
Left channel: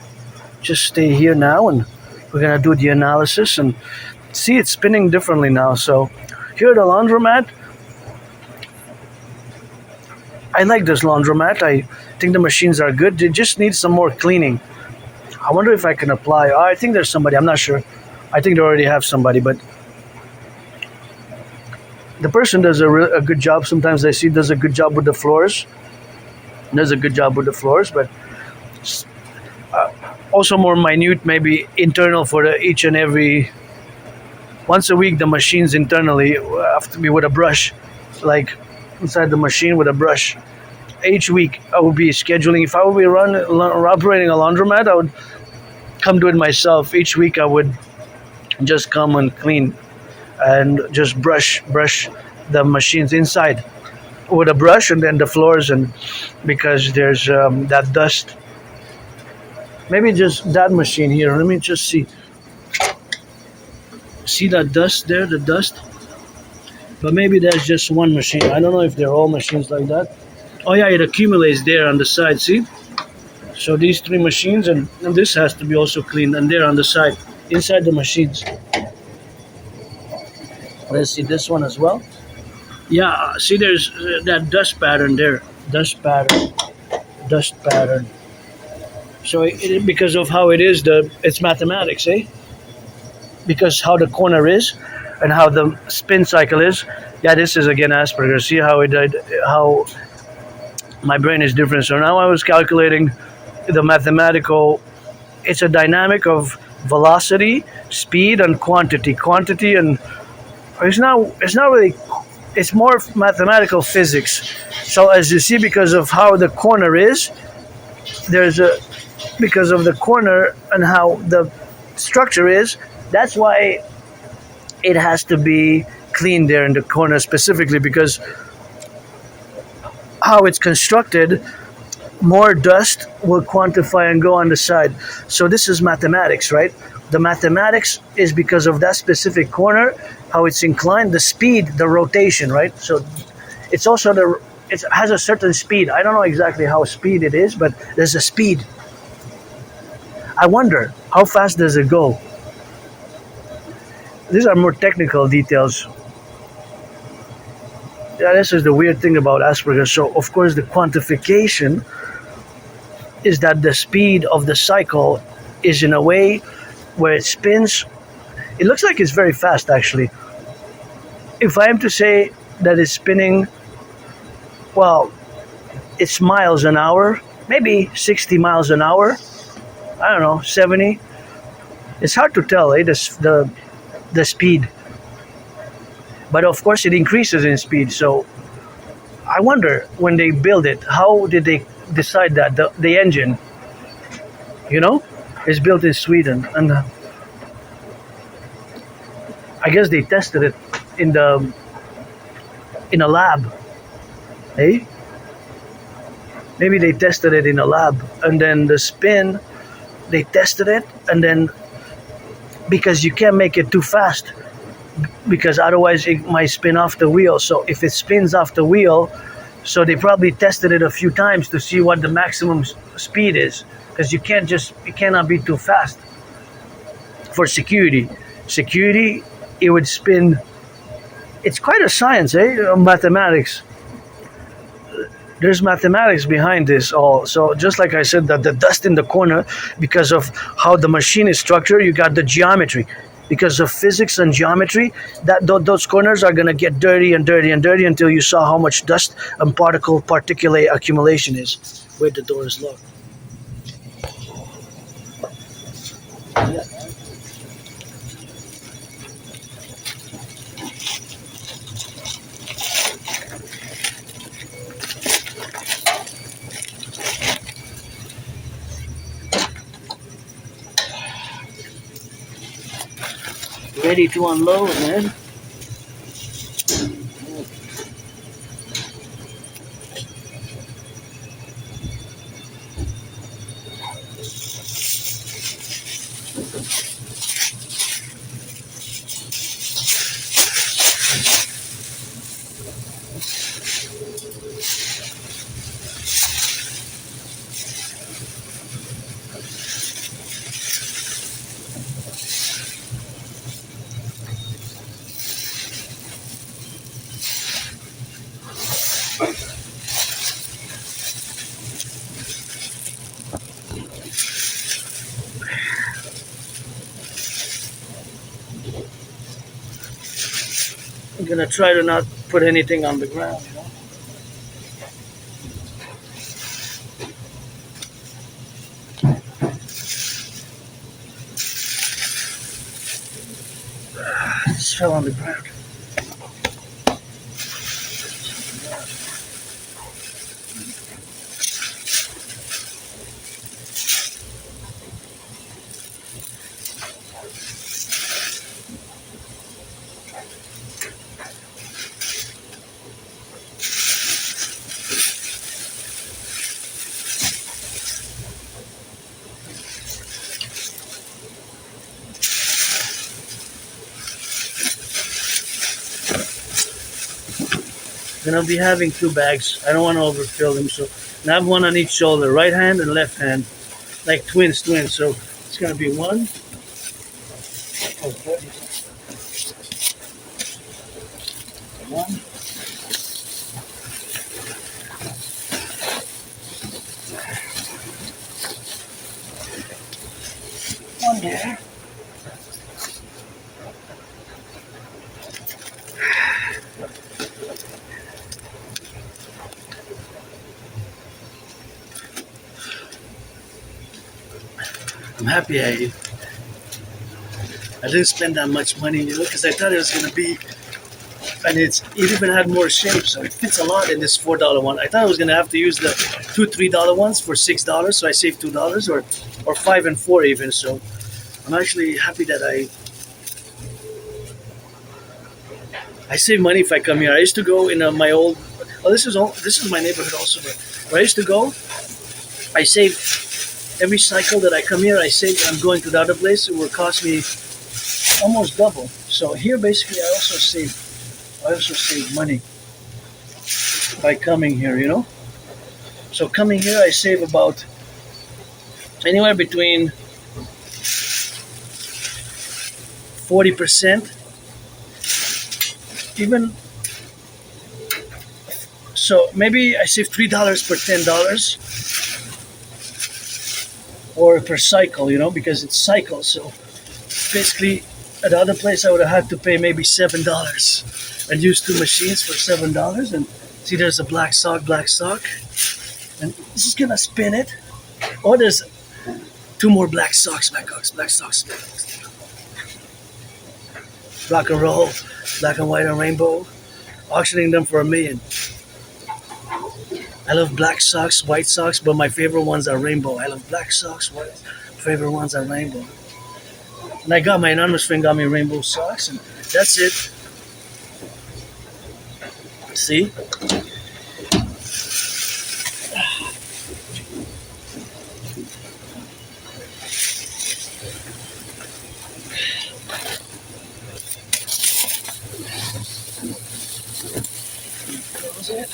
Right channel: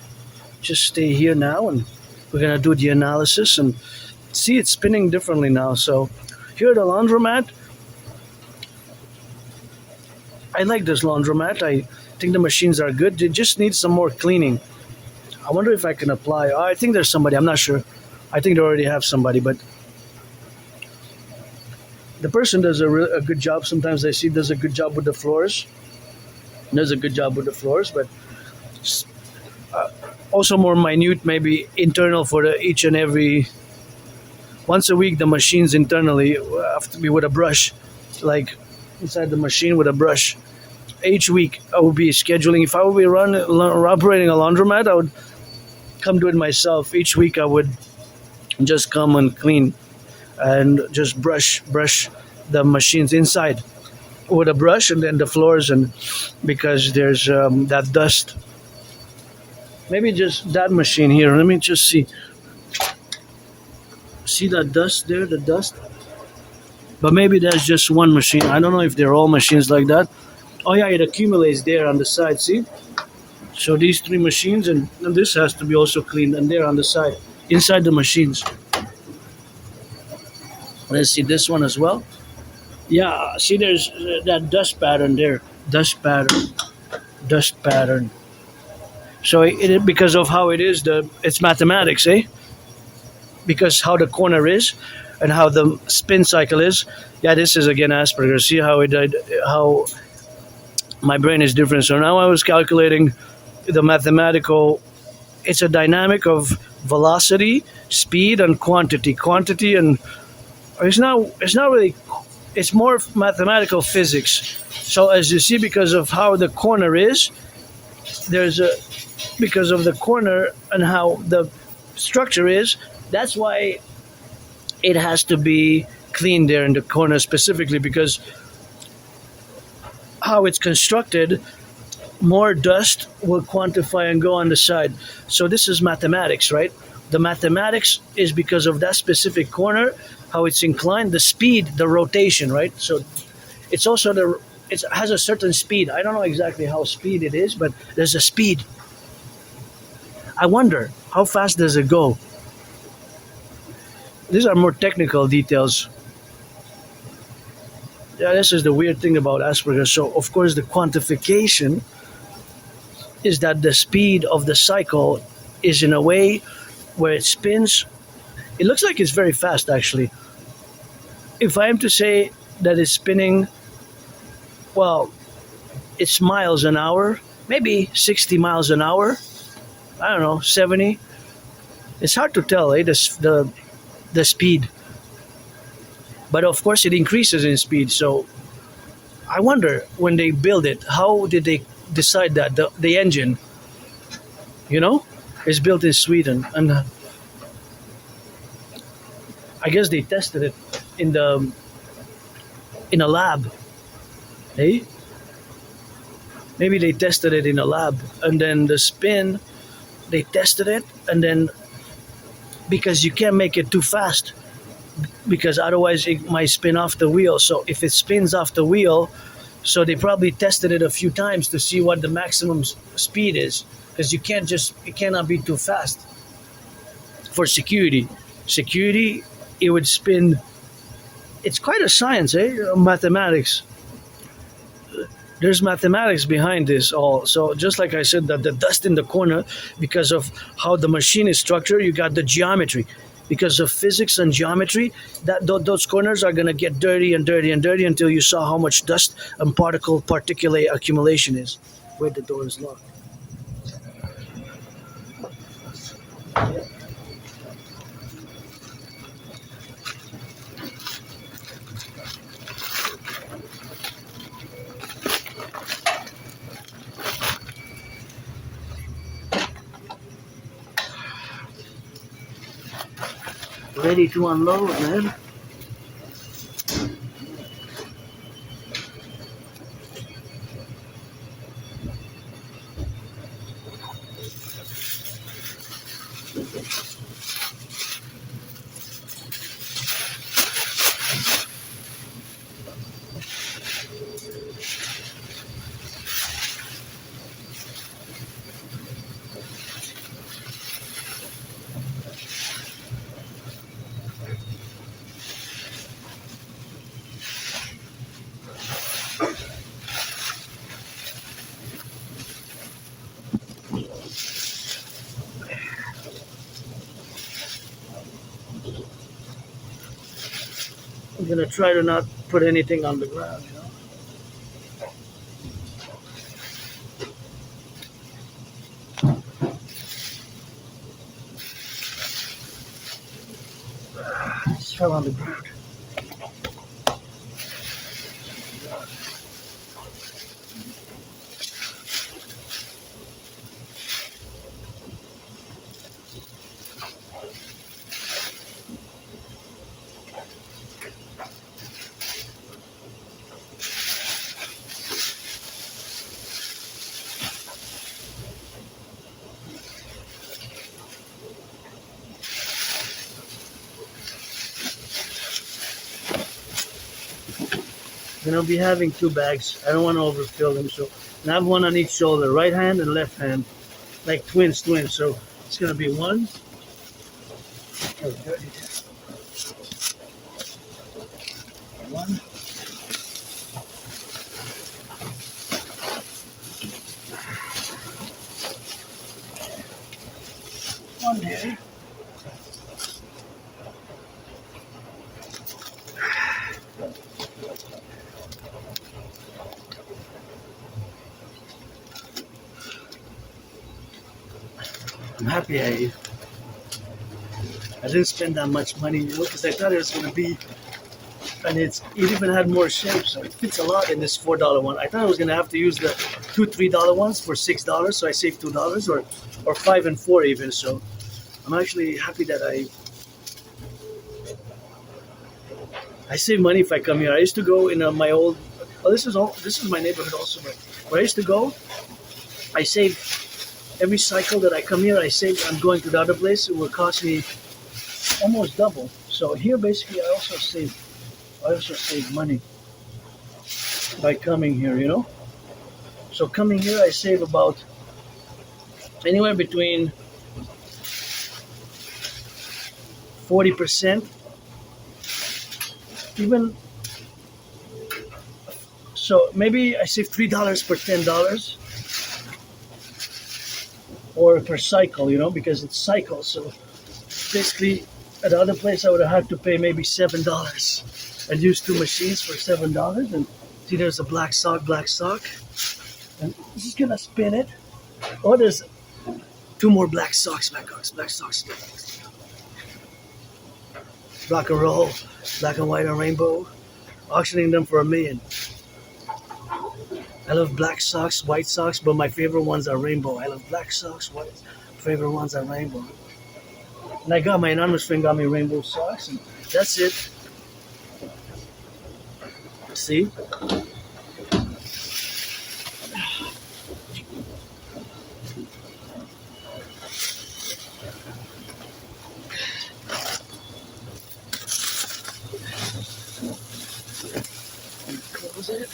just stay here now, and we're gonna do the analysis and see it's spinning differently now. So here at the laundromat, I like this laundromat. I think the machines are good. They just need some more cleaning. I wonder if I can apply. I think there's somebody. I'm not sure. I think they already have somebody, but the person does a good job. Sometimes I see does a good job with the floors. But also more minute, maybe internal for each and every. Once a week, the machines internally have to be with a brush, like inside the machine with a brush. Each week, I would be scheduling. If I would be operating a laundromat, I would come do it myself. Each week, I would just come and clean and just brush the machines inside with a brush, and then the floors, and because there's that dust. Maybe just that machine here. Let me just see. See that dust there, the dust? But maybe that's just one machine. I don't know if they're all machines like that. Oh yeah, it accumulates there on the side, see? So these 3 machines, and this has to be also cleaned, and there on the side, inside the machines. Let's see this one as well. Yeah, see there's that dust pattern there. Dust pattern. So because of how it is, it's mathematics, eh? Because how the corner is and how the spin cycle is. Yeah, this is again Asperger's. See how my brain is different. So now I was calculating the mathematical. It's a dynamic of velocity, speed, and quantity. Quantity, and it's not really. It's more mathematical physics. So as you see, because of how the corner is, because of the corner and how the structure is, that's why it has to be cleaned there in the corner specifically, because how it's constructed, more dust will quantify and go on the side. So this is mathematics, right? The mathematics is because of that specific corner, how it's inclined, the speed, the rotation, right? So it's also it has a certain speed. I don't know exactly how speed it is, but there's a speed. I wonder, how fast does it go? These are more technical details. Yeah, this is the weird thing about Asperger's. So, of course, the quantification is that the speed of the cycle is in a way where it spins. It looks like it's very fast, actually. If I am to say that it's spinning, well, it's miles an hour, maybe 60 miles an hour. I don't know, 70. It's hard to tell, eh? The speed. But of course, it increases in speed. So I wonder when they build it, how did they decide that the engine, you know, is built in Sweden, and I guess they tested it in the in a lab, eh? Maybe they tested it in a lab, and then the spin, they tested it, and then because you can't make it too fast, because otherwise it might spin off the wheel. So if it spins off the wheel, so they probably tested it a few times to see what the maximum speed is, because you cannot be too fast for security. Security, it would spin. It's quite a science, eh? Mathematics. There's mathematics behind this all. So just like I said, that the dust in the corner, because of how the machine is structured, you got the geometry. Because of physics and geometry, those corners are gonna get dirty and dirty and dirty until you saw how much dust and particulate accumulation is. Where the door is locked. Ready to unload, man. I'm gonna try to not put anything on the ground, you know. Just fell on the ground. Then I'll be having two bags. I don't want to overfill them, so I have one on each shoulder, right hand and left hand, like twins. So it's gonna be one. Oh, dirty. One. One there. I'm happy I didn't spend that much money, you know, because I thought it was gonna be, and it even had more shape, so it fits a lot in this $4 one. I thought I was gonna have to use the $2, $3 ones for $6, so I saved $2, or 5 and 4 even. So I'm actually happy that I save money if I come here. I used to go in my old. Well, this is my neighborhood also, but where I used to go, I save every cycle that I come here. I save. I'm going to the other place. It will cost me almost double. So here, basically, I also save money by coming here. You know. So coming here, I save about anywhere between 40%, even So maybe I save $3 per $10 or per cycle, because it's cycle. So basically, at the other place I would have had to pay maybe $7 and use two machines for $7. And see, there's a black sock, and this is gonna spin it. Oh, there's two more black socks, black socks. Rock&Roll, black and white and rainbow, auctioning them for $1 million. I love black socks, white socks, but my favorite ones are rainbow. I love black socks, white. Favorite ones are rainbow. And I got my anonymous friend got me rainbow socks, and that's it. See? Close it.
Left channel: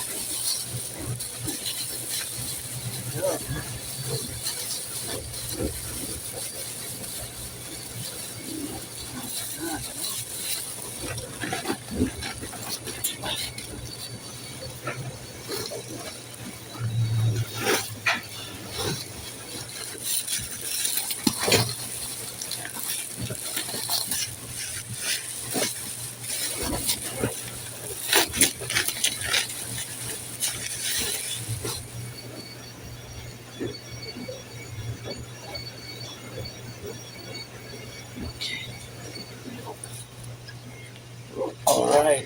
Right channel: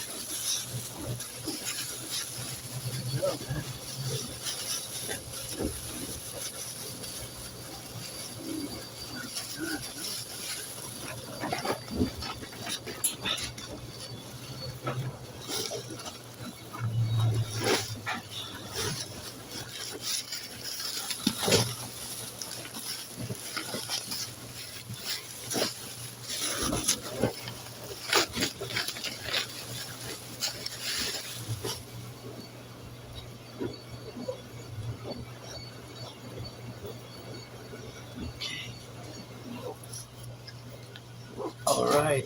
All right.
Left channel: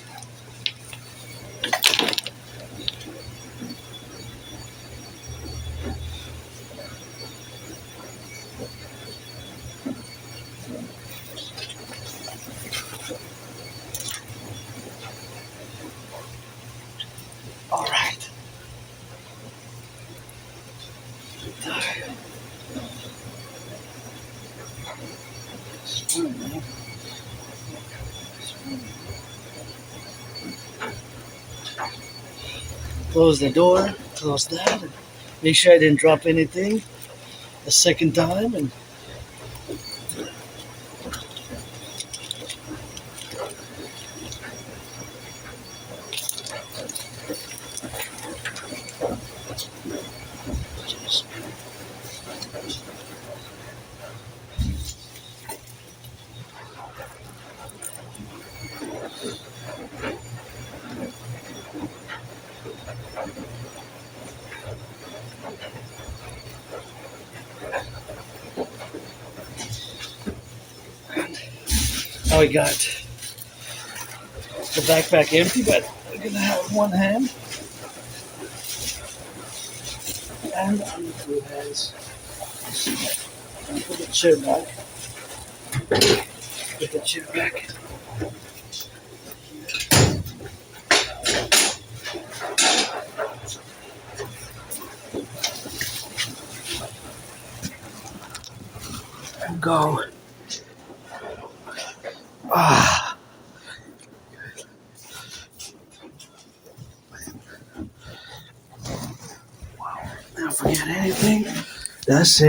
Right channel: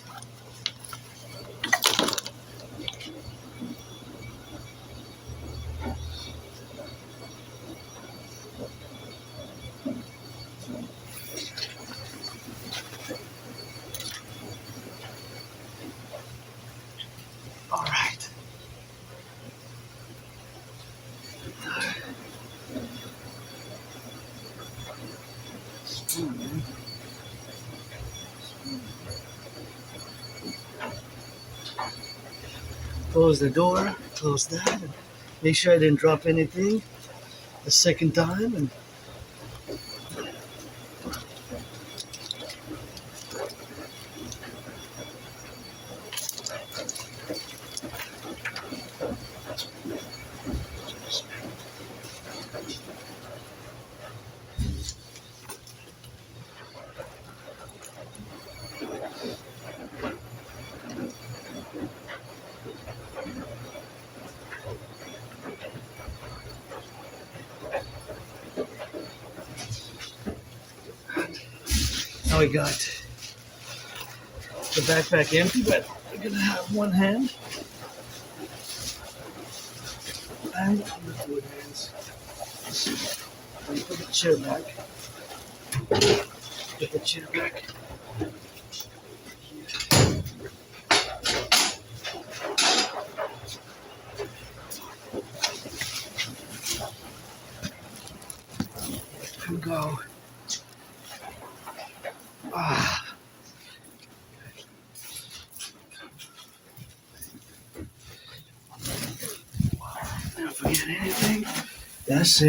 All right. Close the door, close that, and make sure I didn't drop anything a second time. And now we got the backpack empty, but we're gonna have one hand and on the two hands. Put the chair back. Put the chair back. And go. Ah. Don't forget anything. That's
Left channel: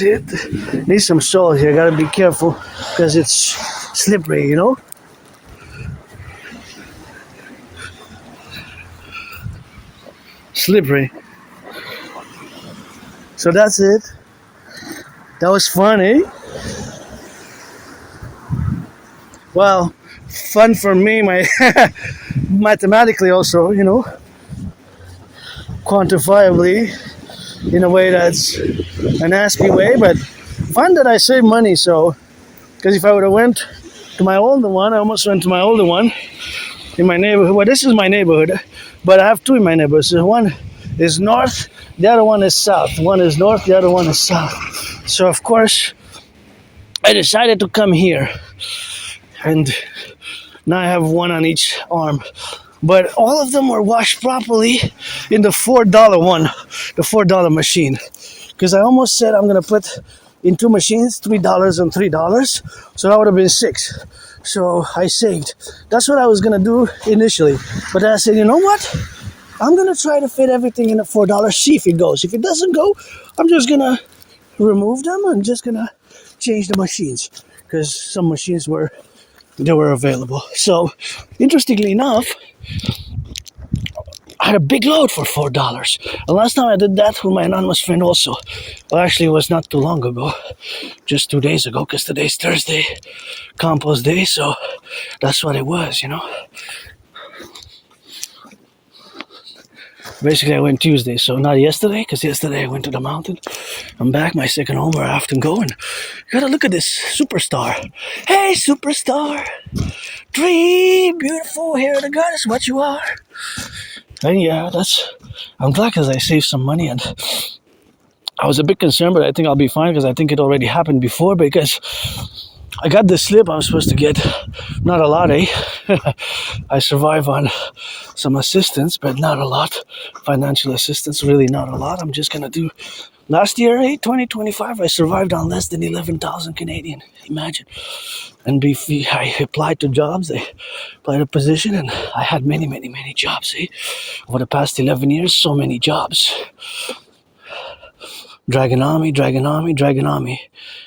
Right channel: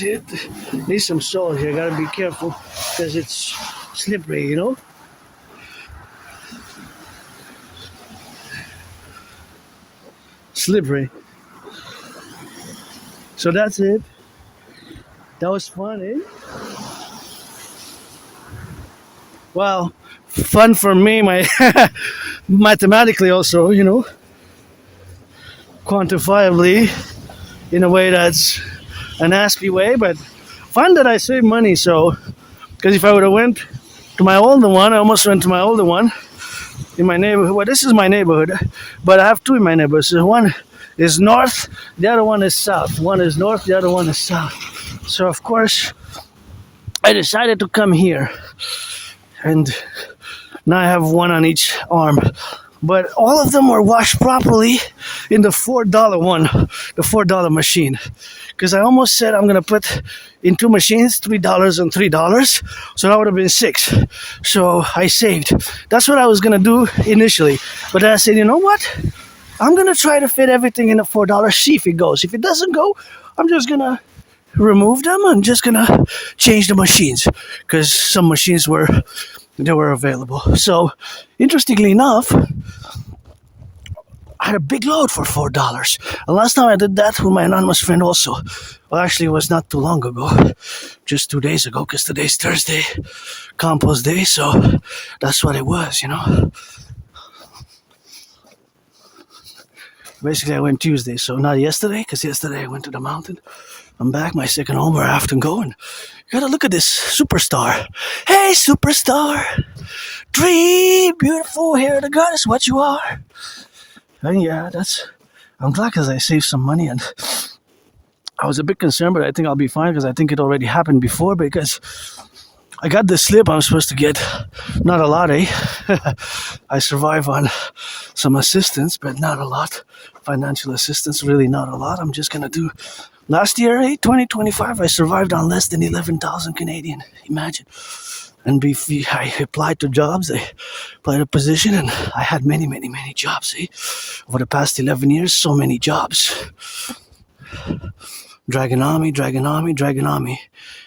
it. Need some salt here. Gotta be careful because it's slippery, Slippery. So that's it. That was fun, eh? Well, fun for me, my mathematically also, quantifiably, in a way that's an Aspie way, but fun that I save money. So, because if I would have went to my older one, I almost went to my older one in my neighborhood. Well, this is my neighborhood, but I have two in my neighborhood. So one is north, the other one is south. One is north, the other one is south. So of course, I decided to come here, and now I have one on each arm. But all of them were washed properly in the $4 one, the $4 machine. Because I almost said I'm going to put in two machines, $3 and $3. So that would have been $6. So I saved. That's what I was going to do initially. But then I said, you know what? I'm going to try to fit everything in the $4, see if it goes. If it doesn't go, I'm just going to remove them. I'm just going to change the machines. Because some machines were available. So, interestingly enough, had a big load for $4. And last time I did that with my anonymous friend also. Well, actually, it was not too long ago, just 2 days ago, because today's Thursday, compost day, so that's what it was, you know. Basically, I went Tuesday, so not yesterday, because yesterday I went to the mountain. I'm back, my second home where I often go, and you gotta look at this superstar. Hey, superstar! Dream, beautiful, hair of the goddess, what you are. And yeah, I'm glad because I saved some money, and I was a bit concerned, but I think I'll be fine because I think it already happened before, because I got this slip I'm supposed to get. Not a lot, eh? I survive on some assistance, but not a lot. Financial assistance, really not a lot. I'm just gonna do... Last year, 2025, I survived on less than 11,000 Canadian. Imagine. And I applied to jobs, I applied to position, and I had many, many, many jobs, eh? Over the past 11 years, so many jobs. Dragon Army.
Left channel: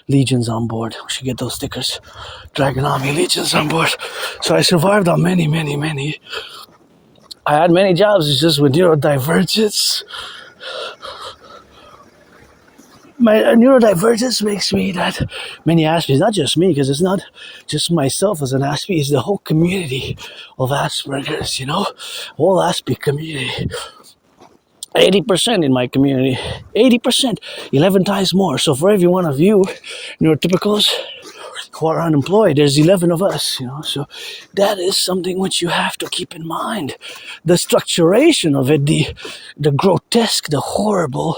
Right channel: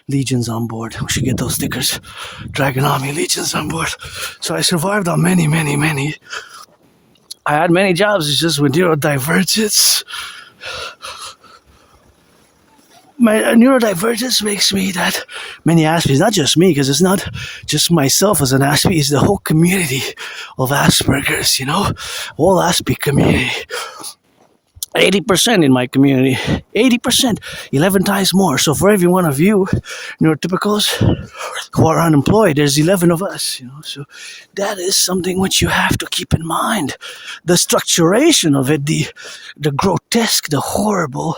Legions on board. We should get those stickers. Dragon Army, Legions on board. So I survived on many, many, many. I had many jobs, it's just with neurodivergence. My neurodivergence makes me that many Aspies, not just me, because it's not just myself as an Aspie, it's the whole community of Asperger's, you know? Whole Aspie community. 80% in my community. 80%. 11 times more. So for every one of you neurotypicals who are unemployed, there's 11 of us, you know? So that is something which you have to keep in mind. The structuration of it, the grotesque, the horrible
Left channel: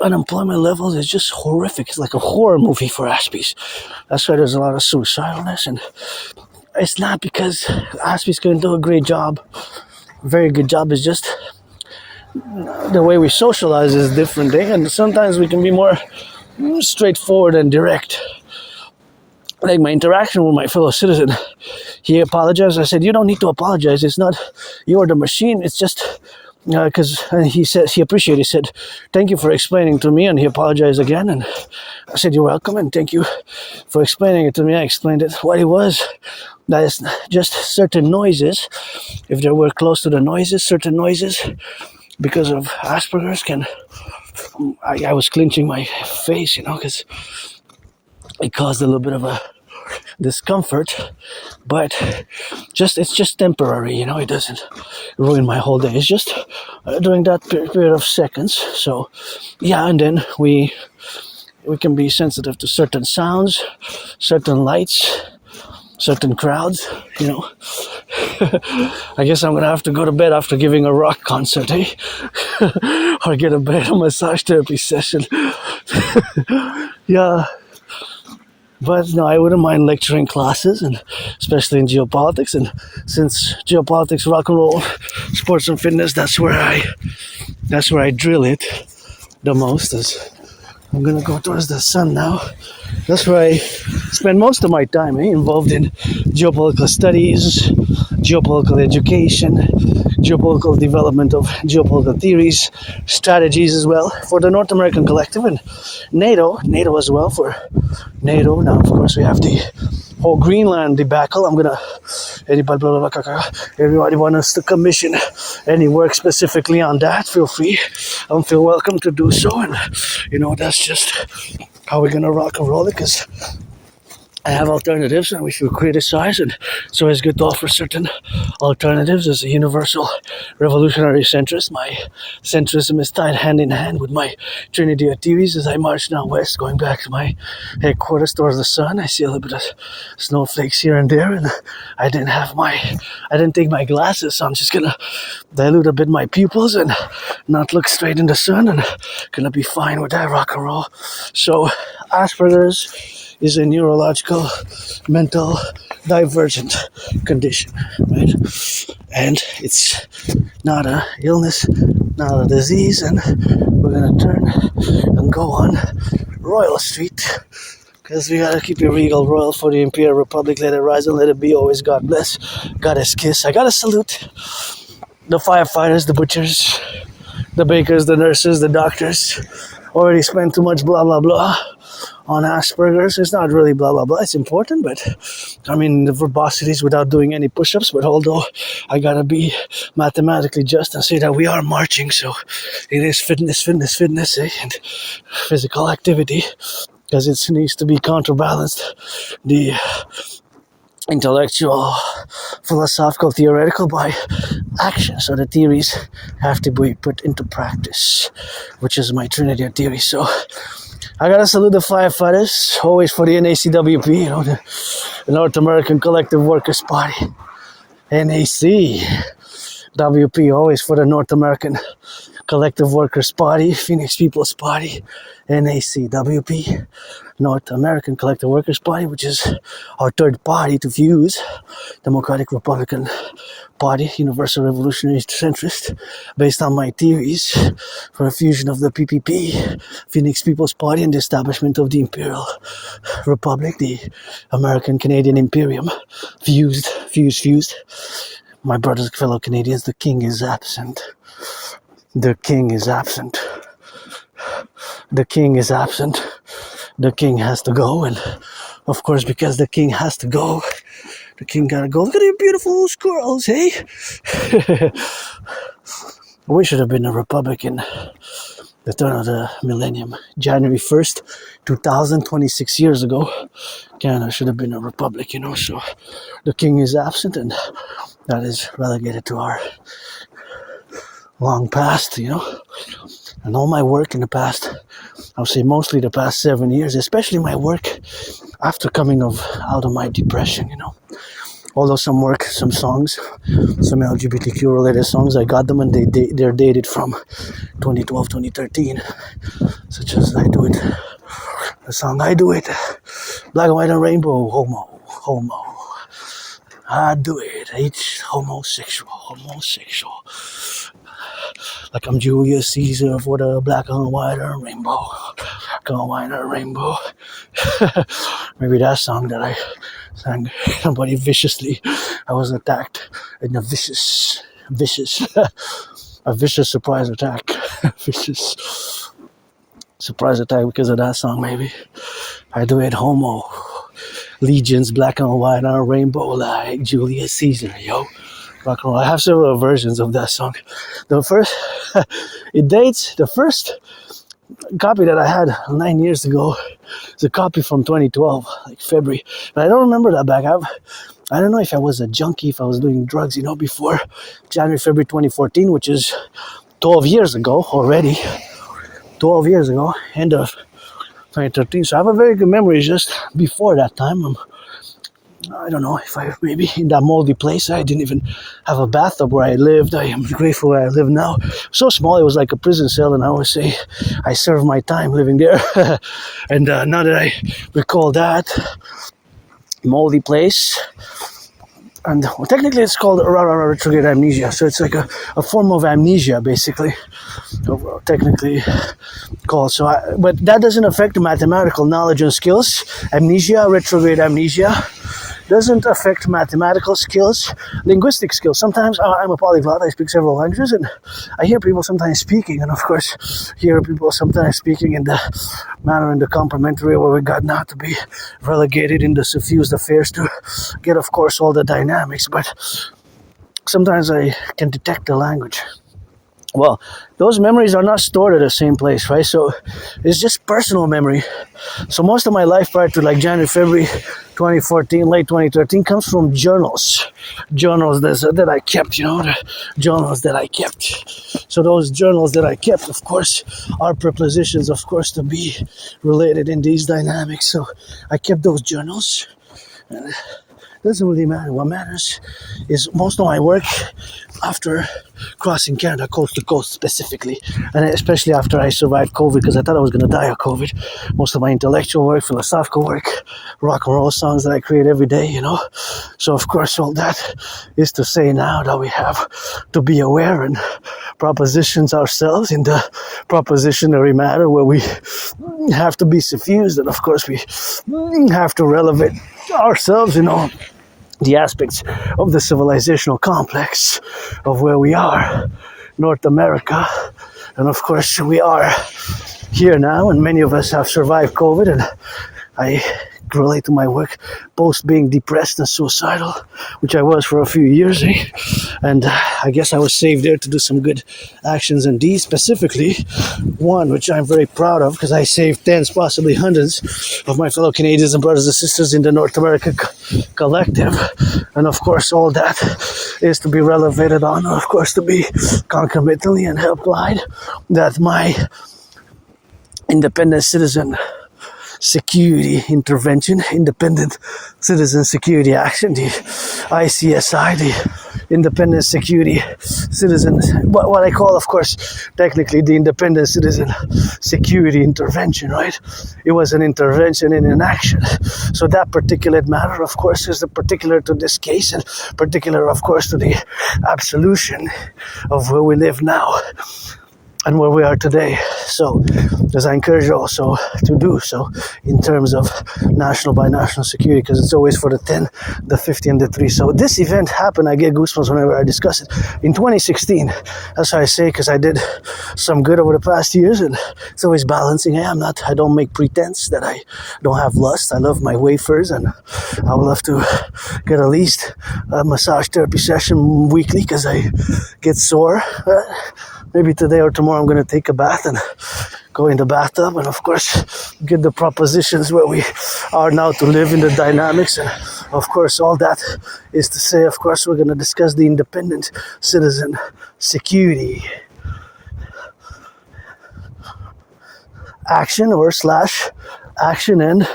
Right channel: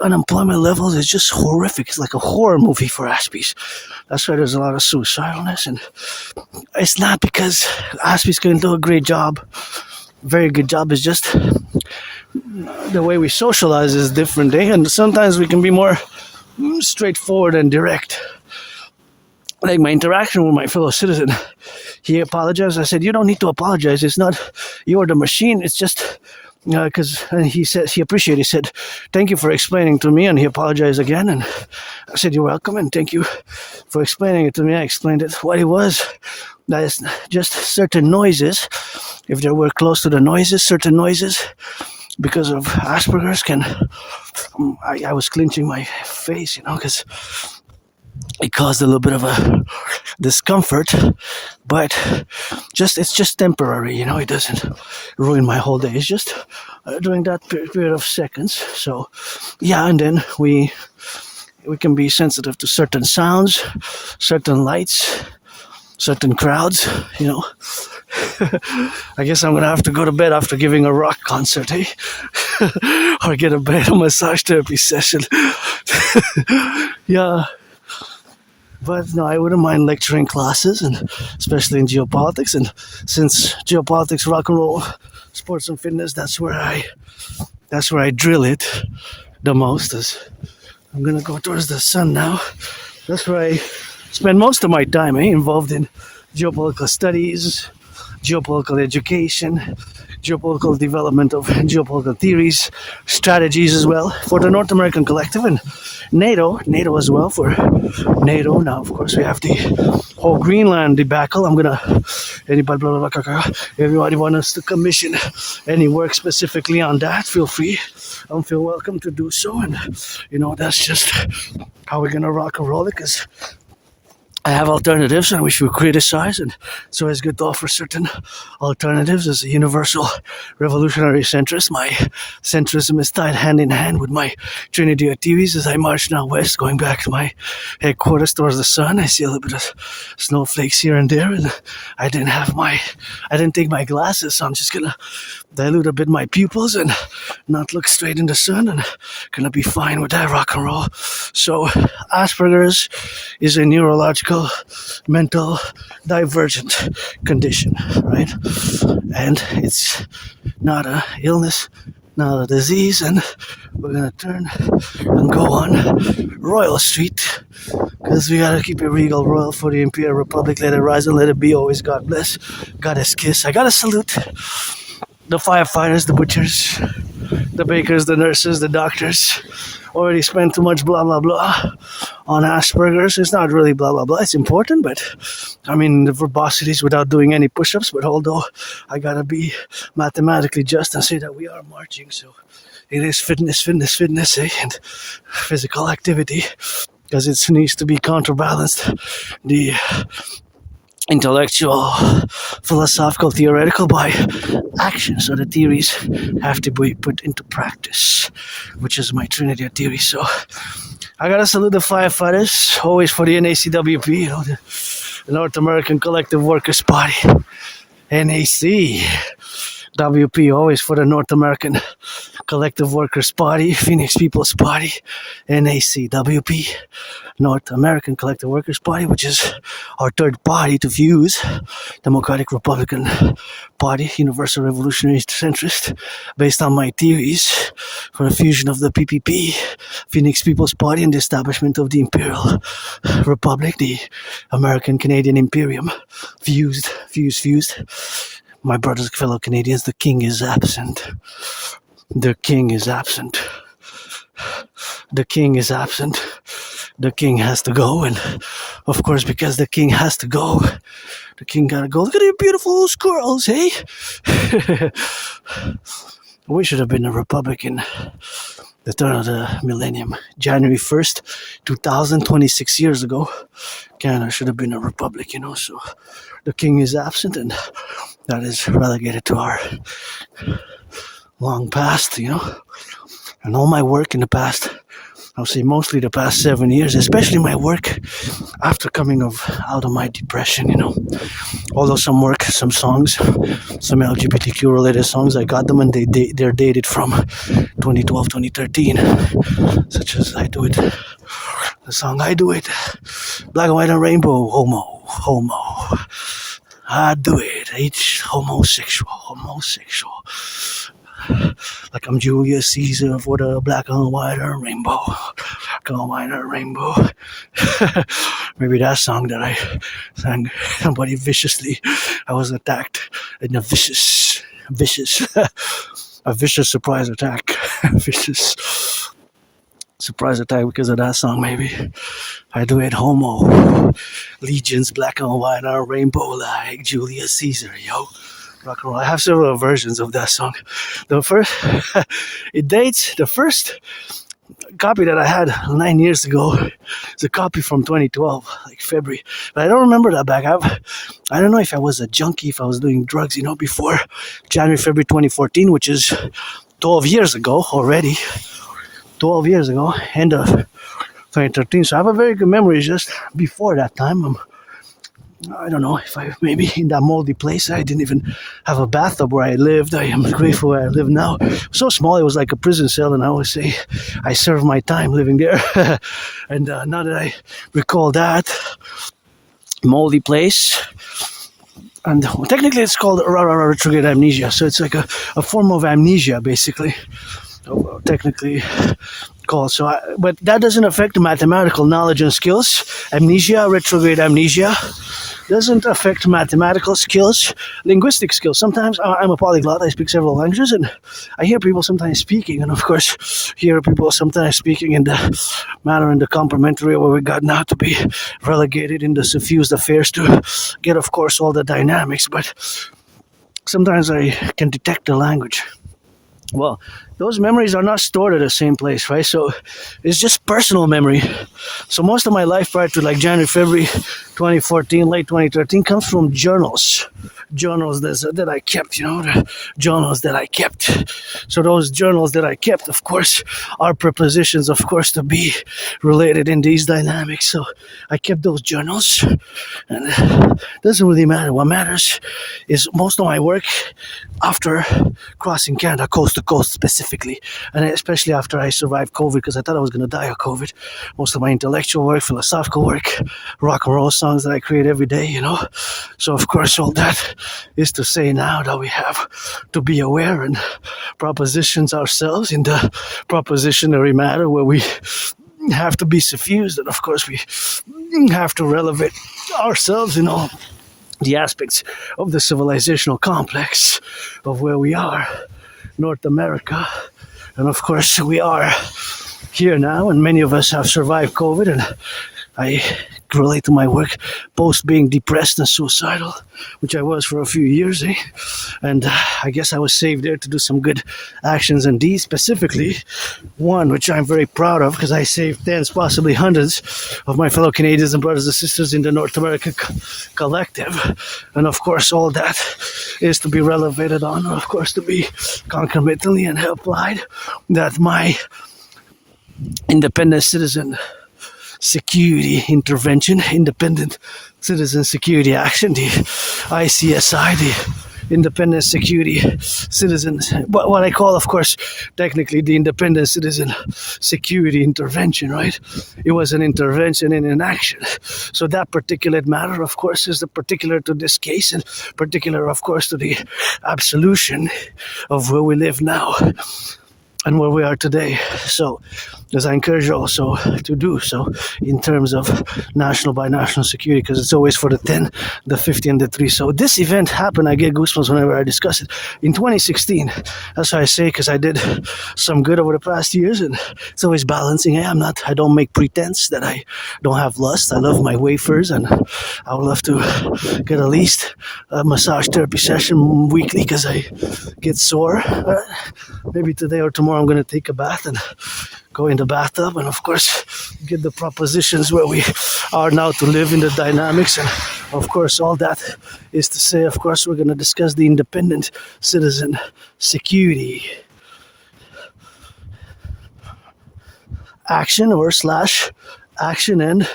unemployment levels is just horrific. It's like a horror movie for Aspies. That's why there's a lot of suicidalness, and it's not because Aspies can do a great job, very good job. It's just the way we socialize is different, eh? And sometimes we can be more straightforward and direct. Like my interaction with my fellow citizen, he apologized. I said, "You don't need to apologize. It's not you're the machine. It's just." Because he said he appreciated. He said, "Thank you for explaining to me," and he apologized again. And I said, "You're welcome, and thank you for explaining it to me." I explained it. What it was, that is just certain noises. If they were close to the noises, certain noises, because of Asperger's, I was clenching my face, you know, because it caused a little bit of a discomfort, but it's just temporary, you know. It doesn't ruin my whole day. It's just during that period of seconds. So yeah, and then we can be sensitive to certain sounds, certain lights, certain crowds, you know. I guess I'm gonna have to go to bed after giving a rock concert, eh? Or get a bed massage therapy session. Yeah. But no, I wouldn't mind lecturing classes, and especially in geopolitics. And since geopolitics, rock and roll, sports and fitness, that's where I drill it the most. I'm gonna go towards the sun now. That's where I spend most of my time, involved in geopolitical studies, geopolitical education, geopolitical development of geopolitical theories, strategies as well for the North American Collective and NATO as well for NATO. Now, of course, we have the whole Greenland debacle. Everybody want us to commission any work specifically on that, feel free. Feel welcome to do so. And, you know, that's just how we're going to rock and roll it, because I have alternatives and we should criticize, and it's always good to offer certain alternatives. As a universal revolutionary centrist, my centrism is tied hand in hand with my Trinity activities as I march now west, going back to my headquarters towards the sun. I see a little bit of snowflakes here and there, and I didn't take my glasses, so I'm just gonna dilute a bit my pupils and not look straight in the sun, and gonna be fine with that rock and roll. So Asperger's is a neurological, mental, divergent condition, right? And it's not an illness, not a disease, and we're gonna turn and go on Royal Street, because we gotta keep it regal, royal for the Imperial Republic. Let it rise and let it be. Always God bless, Goddess kiss. I gotta salute the firefighters, the butchers, the bakers, the nurses, the doctors, already spent too much blah blah blah on Asperger's. It's not really blah blah blah. It's important, but I mean the verbosities without doing any push-ups. But although I gotta be mathematically just and say that we are marching, so it is fitness, and physical activity, because it needs to be counterbalanced. The intellectual, philosophical, theoretical by action. So the theories have to be put into practice, which is my Trinity of theory. So I gotta salute the firefighters, always for the N.A.C.W.P, the North American Collective Workers Party. N.A.C.W.P, always for the North American Collective Workers Party, Phoenix People's Party, N.A.C.W.P, North American Collective Workers Party, which is our third party to fuse, Democratic Republican Party, Universal Revolutionary Centrist, based on my theories for the fusion of the PPP, Phoenix People's Party, and the establishment of the Imperial Republic, the American Canadian Imperium, fused. My brothers, fellow Canadians, the king is absent. The king is absent. The king is absent. The king has to go, and of course, because the king has to go, the king gotta go. Look at your beautiful squirrels, hey? We should have been a republic in the turn of the millennium. January 1st, 2026 years ago, Canada should have been a republic, so the king is absent, and that is relegated to our long past, and all my work in the past, I would say mostly the past 7 years, especially my work after coming out of my depression, Although some work, some songs, some LGBTQ related songs, I got them and they're dated from 2012, 2013, such as I Do It, the song I Do It, Black, White, and Rainbow, homo. I do it, each homosexual. Like I'm Julius Caesar for the black and white and rainbow. Black and white and rainbow. Maybe that song that I sang somebody viciously. I was attacked in a vicious, a vicious surprise attack. Vicious surprise attack because of that song, maybe. I do it homo. Legions, black and white and rainbow like Julius Caesar, yo. Rock and roll. I have several versions of that song. The first copy that I had 9 years ago is a copy from 2012, like February. But I don't remember that back. I don't know if I was a junkie, if I was doing drugs, before January, February 2014, which is 12 years ago already. 12 years ago, end of 2013. So I have a very good memory just before that time. I don't know if maybe in that moldy place, I didn't even have a bathtub where I lived. I am grateful where I live now. So small, it was like a prison cell, and I always say I served my time living there. And now that I recall that moldy place, and technically it's called retrograde amnesia, so it's like a form of amnesia, basically, technically called. But that doesn't affect mathematical knowledge and skills. Amnesia, retrograde amnesia, doesn't affect mathematical skills, linguistic skills. Sometimes I'm a polyglot, I speak several languages, and I hear people sometimes speaking, and of course hear people sometimes speaking in the manner in the complementary where we got now to be relegated in the suffused affairs to get, of course, all the dynamics, but sometimes I can detect the language. Well, those memories are not stored at the same place, right? So it's just personal memory. So most of my life prior to like January, February 2014, late 2013 comes from journals that I kept, the journals that I kept. So those journals that I kept, of course, are prepositions, of course, to be related in these dynamics. So I kept those journals, and it doesn't really matter. What matters is most of my work after crossing Canada coast to coast specifically, and especially after I survived COVID, because I thought I was going to die of COVID. Most of my intellectual work, philosophical work, rock and roll songs that I create every day, So of course all that is to say now that we have to be aware and propositions ourselves in the propositionary matter where we have to be suffused, and of course we have to relevate ourselves in all the aspects of the civilizational complex of where we are, North America, and of course we are here now, and many of us have survived COVID, and I relate to my work post being depressed and suicidal, which I was for a few years, and I guess I was saved there to do some good actions and deeds, specifically one which I'm very proud of because I saved tens, possibly hundreds of my fellow Canadians and brothers and sisters in the North American Collective, and of course all that is to be relevated on, of course to be concomitantly and applied that my independent citizen security intervention, independent citizen security action, the ICSI, the independent security citizens, what I call, of course, technically the independent citizen security intervention, right? It was an intervention in an action. So that particular matter, of course, is the particular to this case and particular, of course, to the absolution of where we live now and where we are today. So, as I encourage you also to do so in terms of national by national security, because it's always for the 10, the 50, and the 3. So this event happened, I get goosebumps whenever I discuss it, in 2016. That's what I say, because I did some good over the past years, and it's always balancing. I don't make pretense that I don't have lust. I love my wafers, and I would love to get at least a massage therapy session weekly, because I get sore. Maybe today or tomorrow I'm going to take a bath and go in the bathtub and of course get the propositions where we are now to live in the dynamics, and of course all that is to say, of course, we're going to discuss the independent citizen security action or slash action, and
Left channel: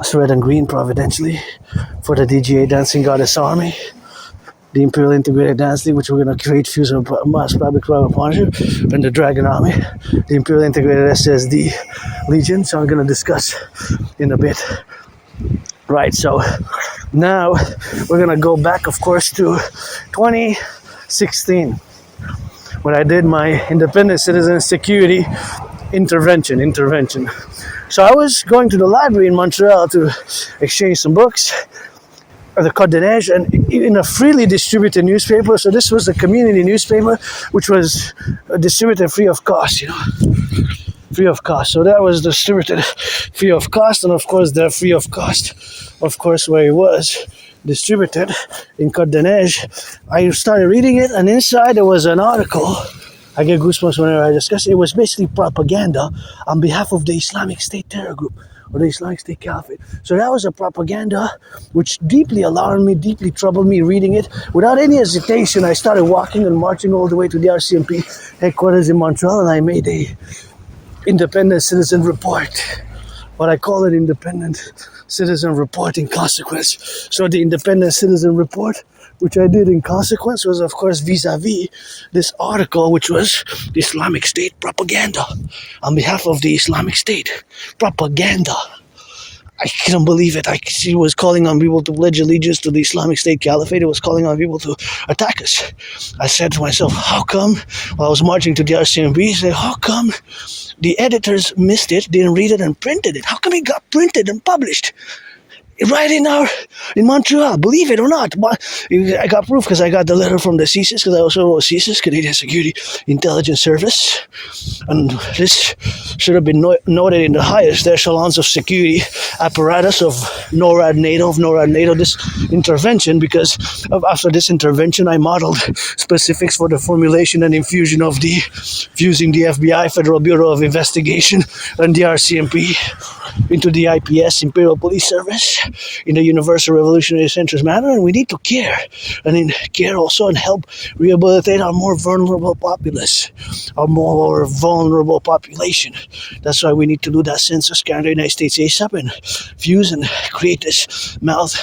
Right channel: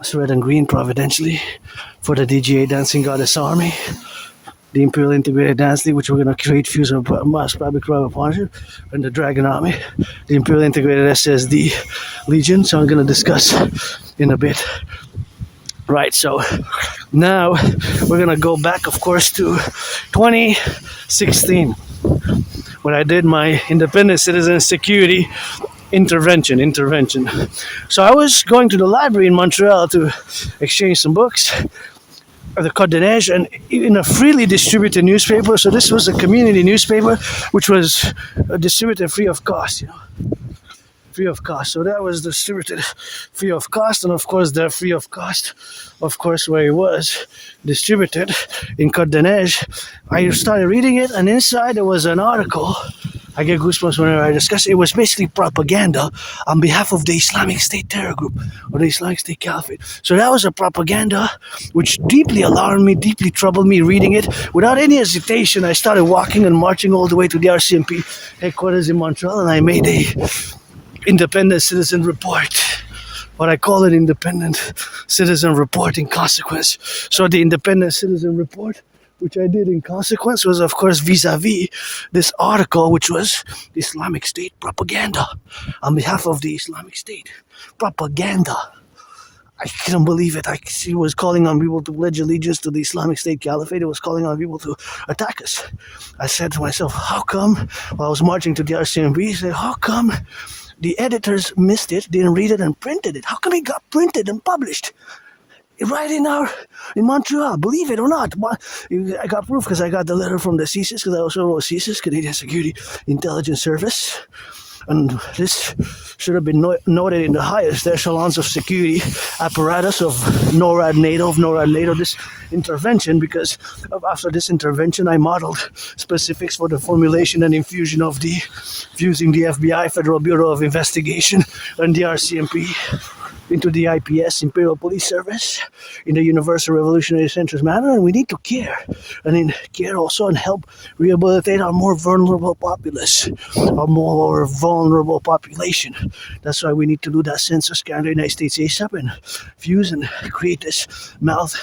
it's red and green providentially for the DGA Dancing Goddess Army, the Imperial Integrated Dance League, which we're going to create, fuse of mass public private partnership, and the Dragon Army, the Imperial Integrated SSD Legion. So I'm going to discuss in a bit. Right, so now we're going to go back, of course, to 2016 when I did my independent citizen security intervention. So I was going to the library in Montreal to exchange some books, the Code de Neige, and in a freely distributed newspaper. So this was a community newspaper which was distributed free of cost, free of cost. So that was distributed free of cost, and of course that free of cost, of course, where it was distributed in Code de Neige, I started reading it, and inside there was an article. I get goosebumps whenever I discuss it. It was basically propaganda on behalf of the Islamic State terror group or the Islamic State Caliphate. So that was a propaganda which deeply alarmed me, deeply troubled me reading it. Without any hesitation, I started walking and marching all the way to the RCMP headquarters in Montreal, and I made a independent citizen report. What I call an independent citizen report in consequence. So the independent citizen report, which I did in consequence, was of course vis-a-vis this article, which was the Islamic State propaganda on behalf of the Islamic State. Propaganda. I couldn't believe it. It was calling on people to pledge allegiance to the Islamic State Caliphate. It was calling on people to attack us. I said to myself, how come, while I was marching to the RCMP, I said, how come the editors missed it, didn't read it, and printed it? How come it got printed and published? Right in Montreal, believe it or not. I got proof because I got the letter from the CSIS, because I also wrote CSIS, Canadian Security Intelligence Service. And this should have been noted in the highest echelons of security apparatus of NORAD NATO, this intervention, because after this intervention, I modeled specifics for the formulation and infusion of fusing the FBI, Federal Bureau of Investigation, and the RCMP into the IPS, Imperial Police Service, in the Universal Revolutionary Centrist manner, and we need to care, and in care also and help rehabilitate our more vulnerable populace, our more vulnerable population. That's why we need to do that census, Canada, United States ASAP, and fuse and create this mass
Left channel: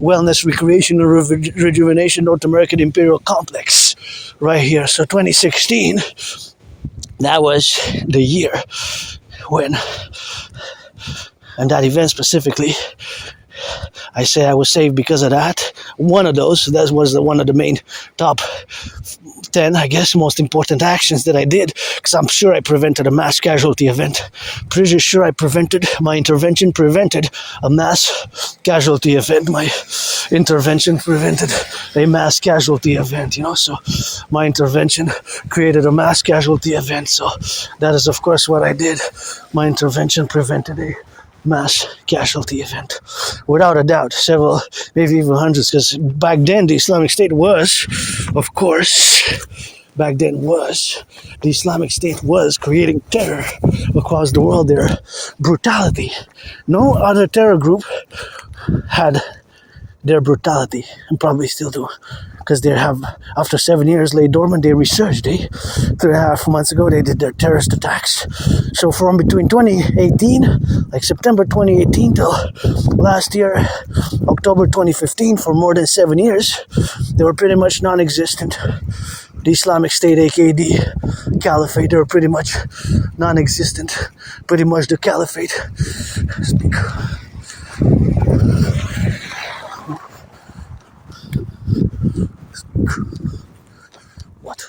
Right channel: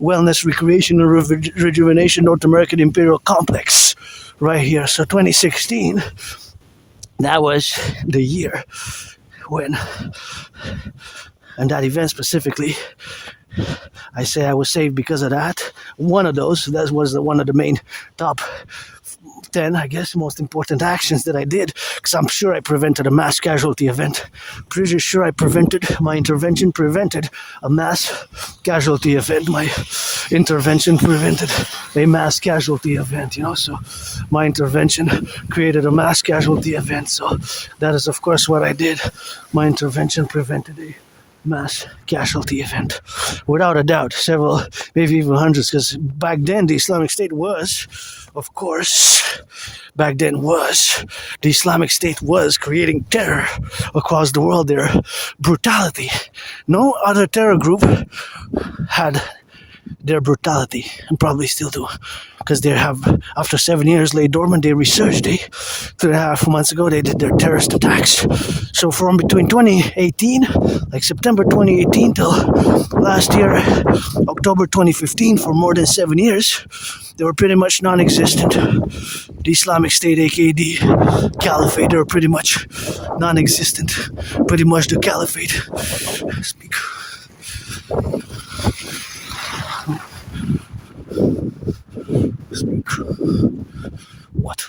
wellness, recreation, and rejuvenation North American imperial complex right here. So 2016, that was the year when, and that event specifically, I say I was saved because of that. One of those, that was one of the main top 10, I guess, most important actions that I did, because I'm sure I prevented a mass casualty event. Pretty sure my intervention prevented a mass casualty event. My intervention prevented a mass casualty event, so my intervention created a mass casualty event. So that is, of course, what I did. My intervention prevented a mass casualty event. Without a doubt, several, maybe even hundreds, because back then the Islamic State was, of course, the Islamic State was creating terror across the world, their brutality. No other terror group had their brutality, and probably still do, because they have, after 7 years lay dormant, they resurged. 3.5 months ago they did their terrorist attacks. So from between 2018, like September 2018 till last year, October 2015, for more than 7 years, they were pretty much non-existent. The Islamic State, aka the Caliphate, they were pretty much non-existent. Pretty much the Caliphate. Speak. What?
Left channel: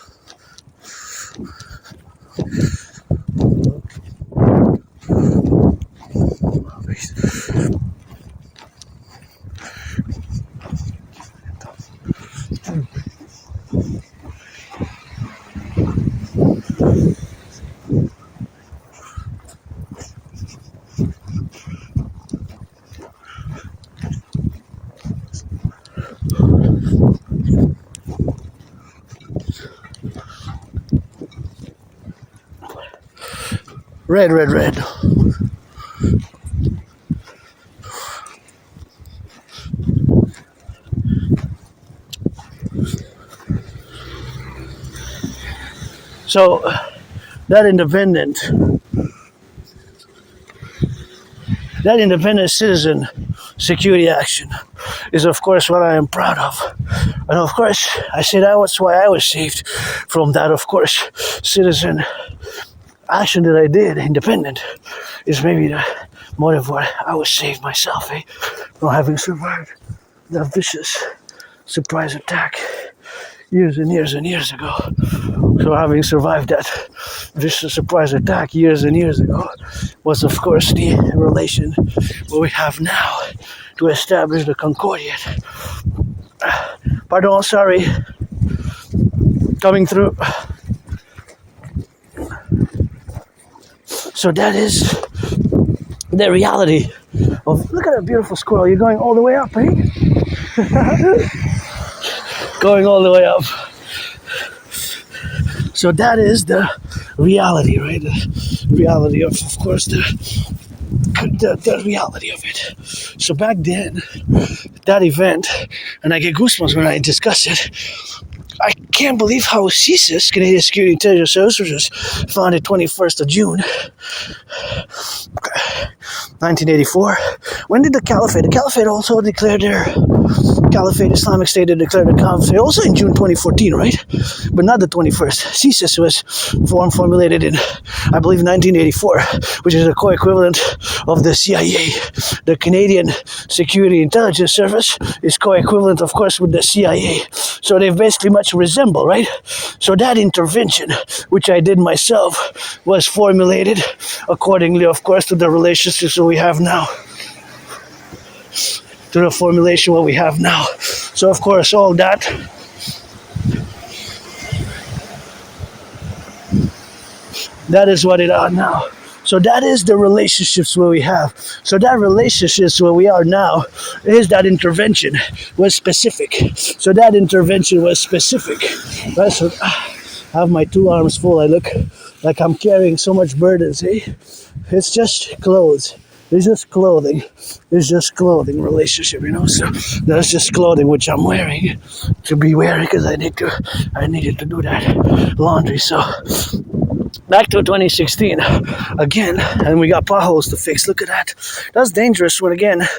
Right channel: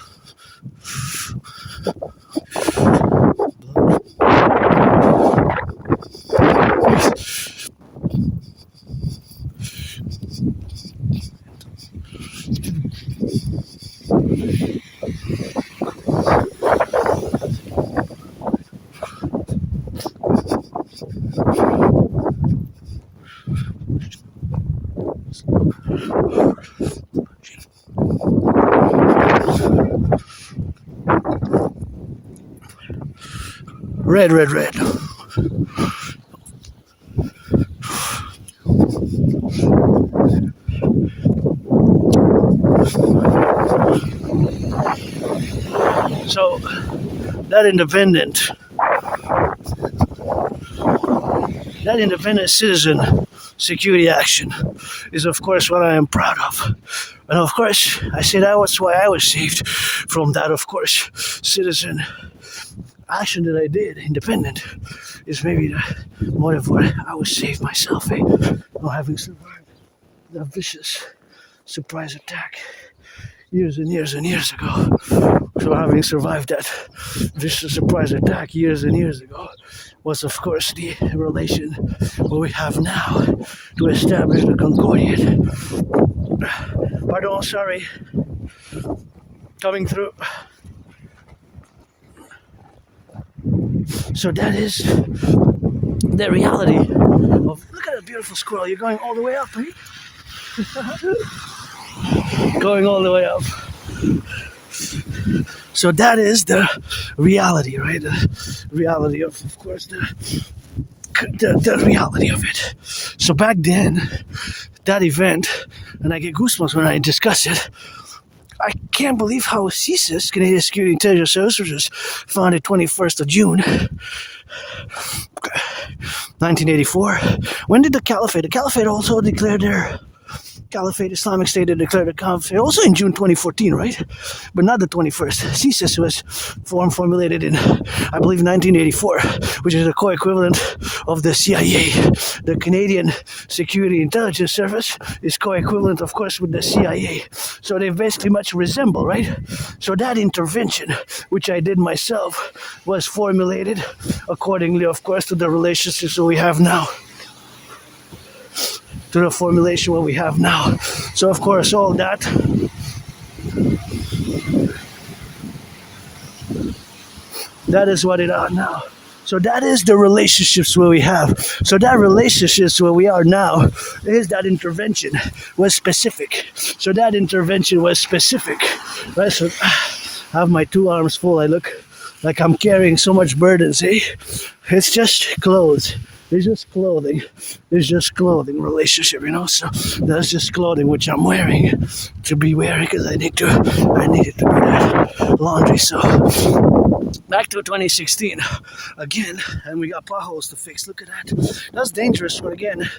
Red. So that independent citizen security action is, of course, what I am proud of. And of course, I say that was why I was saved from that, of course, citizen action that I did, independent, is maybe the motive why I was saved myself, from having survived that vicious surprise attack years and years and years ago. So having survived that vicious surprise attack years and years ago was, of course, the relation what we have now to establish the Concordiate. Pardon, sorry, coming through. So that is the reality of, look at that beautiful squirrel, you're going all the way up, eh? Going all the way up. So that is the reality, right? The reality of course, the reality of it. So back then, that event, and I get goosebumps when I discuss it, I can't believe how CSIS, Canadian Security Intelligence Service, which was founded 21st of June, 1984. When did the Caliphate also declared their Islamic State, they declared the Caliphate also in June 2014, right? But not the 21st. CSIS was formulated in, I believe, 1984, which is a co-equivalent of the CIA. The Canadian Security Intelligence Service is co-equivalent, of course, with the CIA. So they basically much resemble, right? So that intervention, which I did myself, was formulated accordingly, of course, to the relationships that we have now. To the formulation what we have now. So, of course, all that is what it are now. So that is the relationships where we have. So that relationships where we are now is that intervention was specific. So that intervention was specific. Right? So I have my 2 arms full. I look like I'm carrying so much burdens, eh? It's just clothes. It's just clothing. It's just clothing relationship, So that's just clothing which I'm wearing to be wearing because I needed to do that laundry. So back to 2016 again, and we got potholes to fix. Look at that. That's dangerous when, again,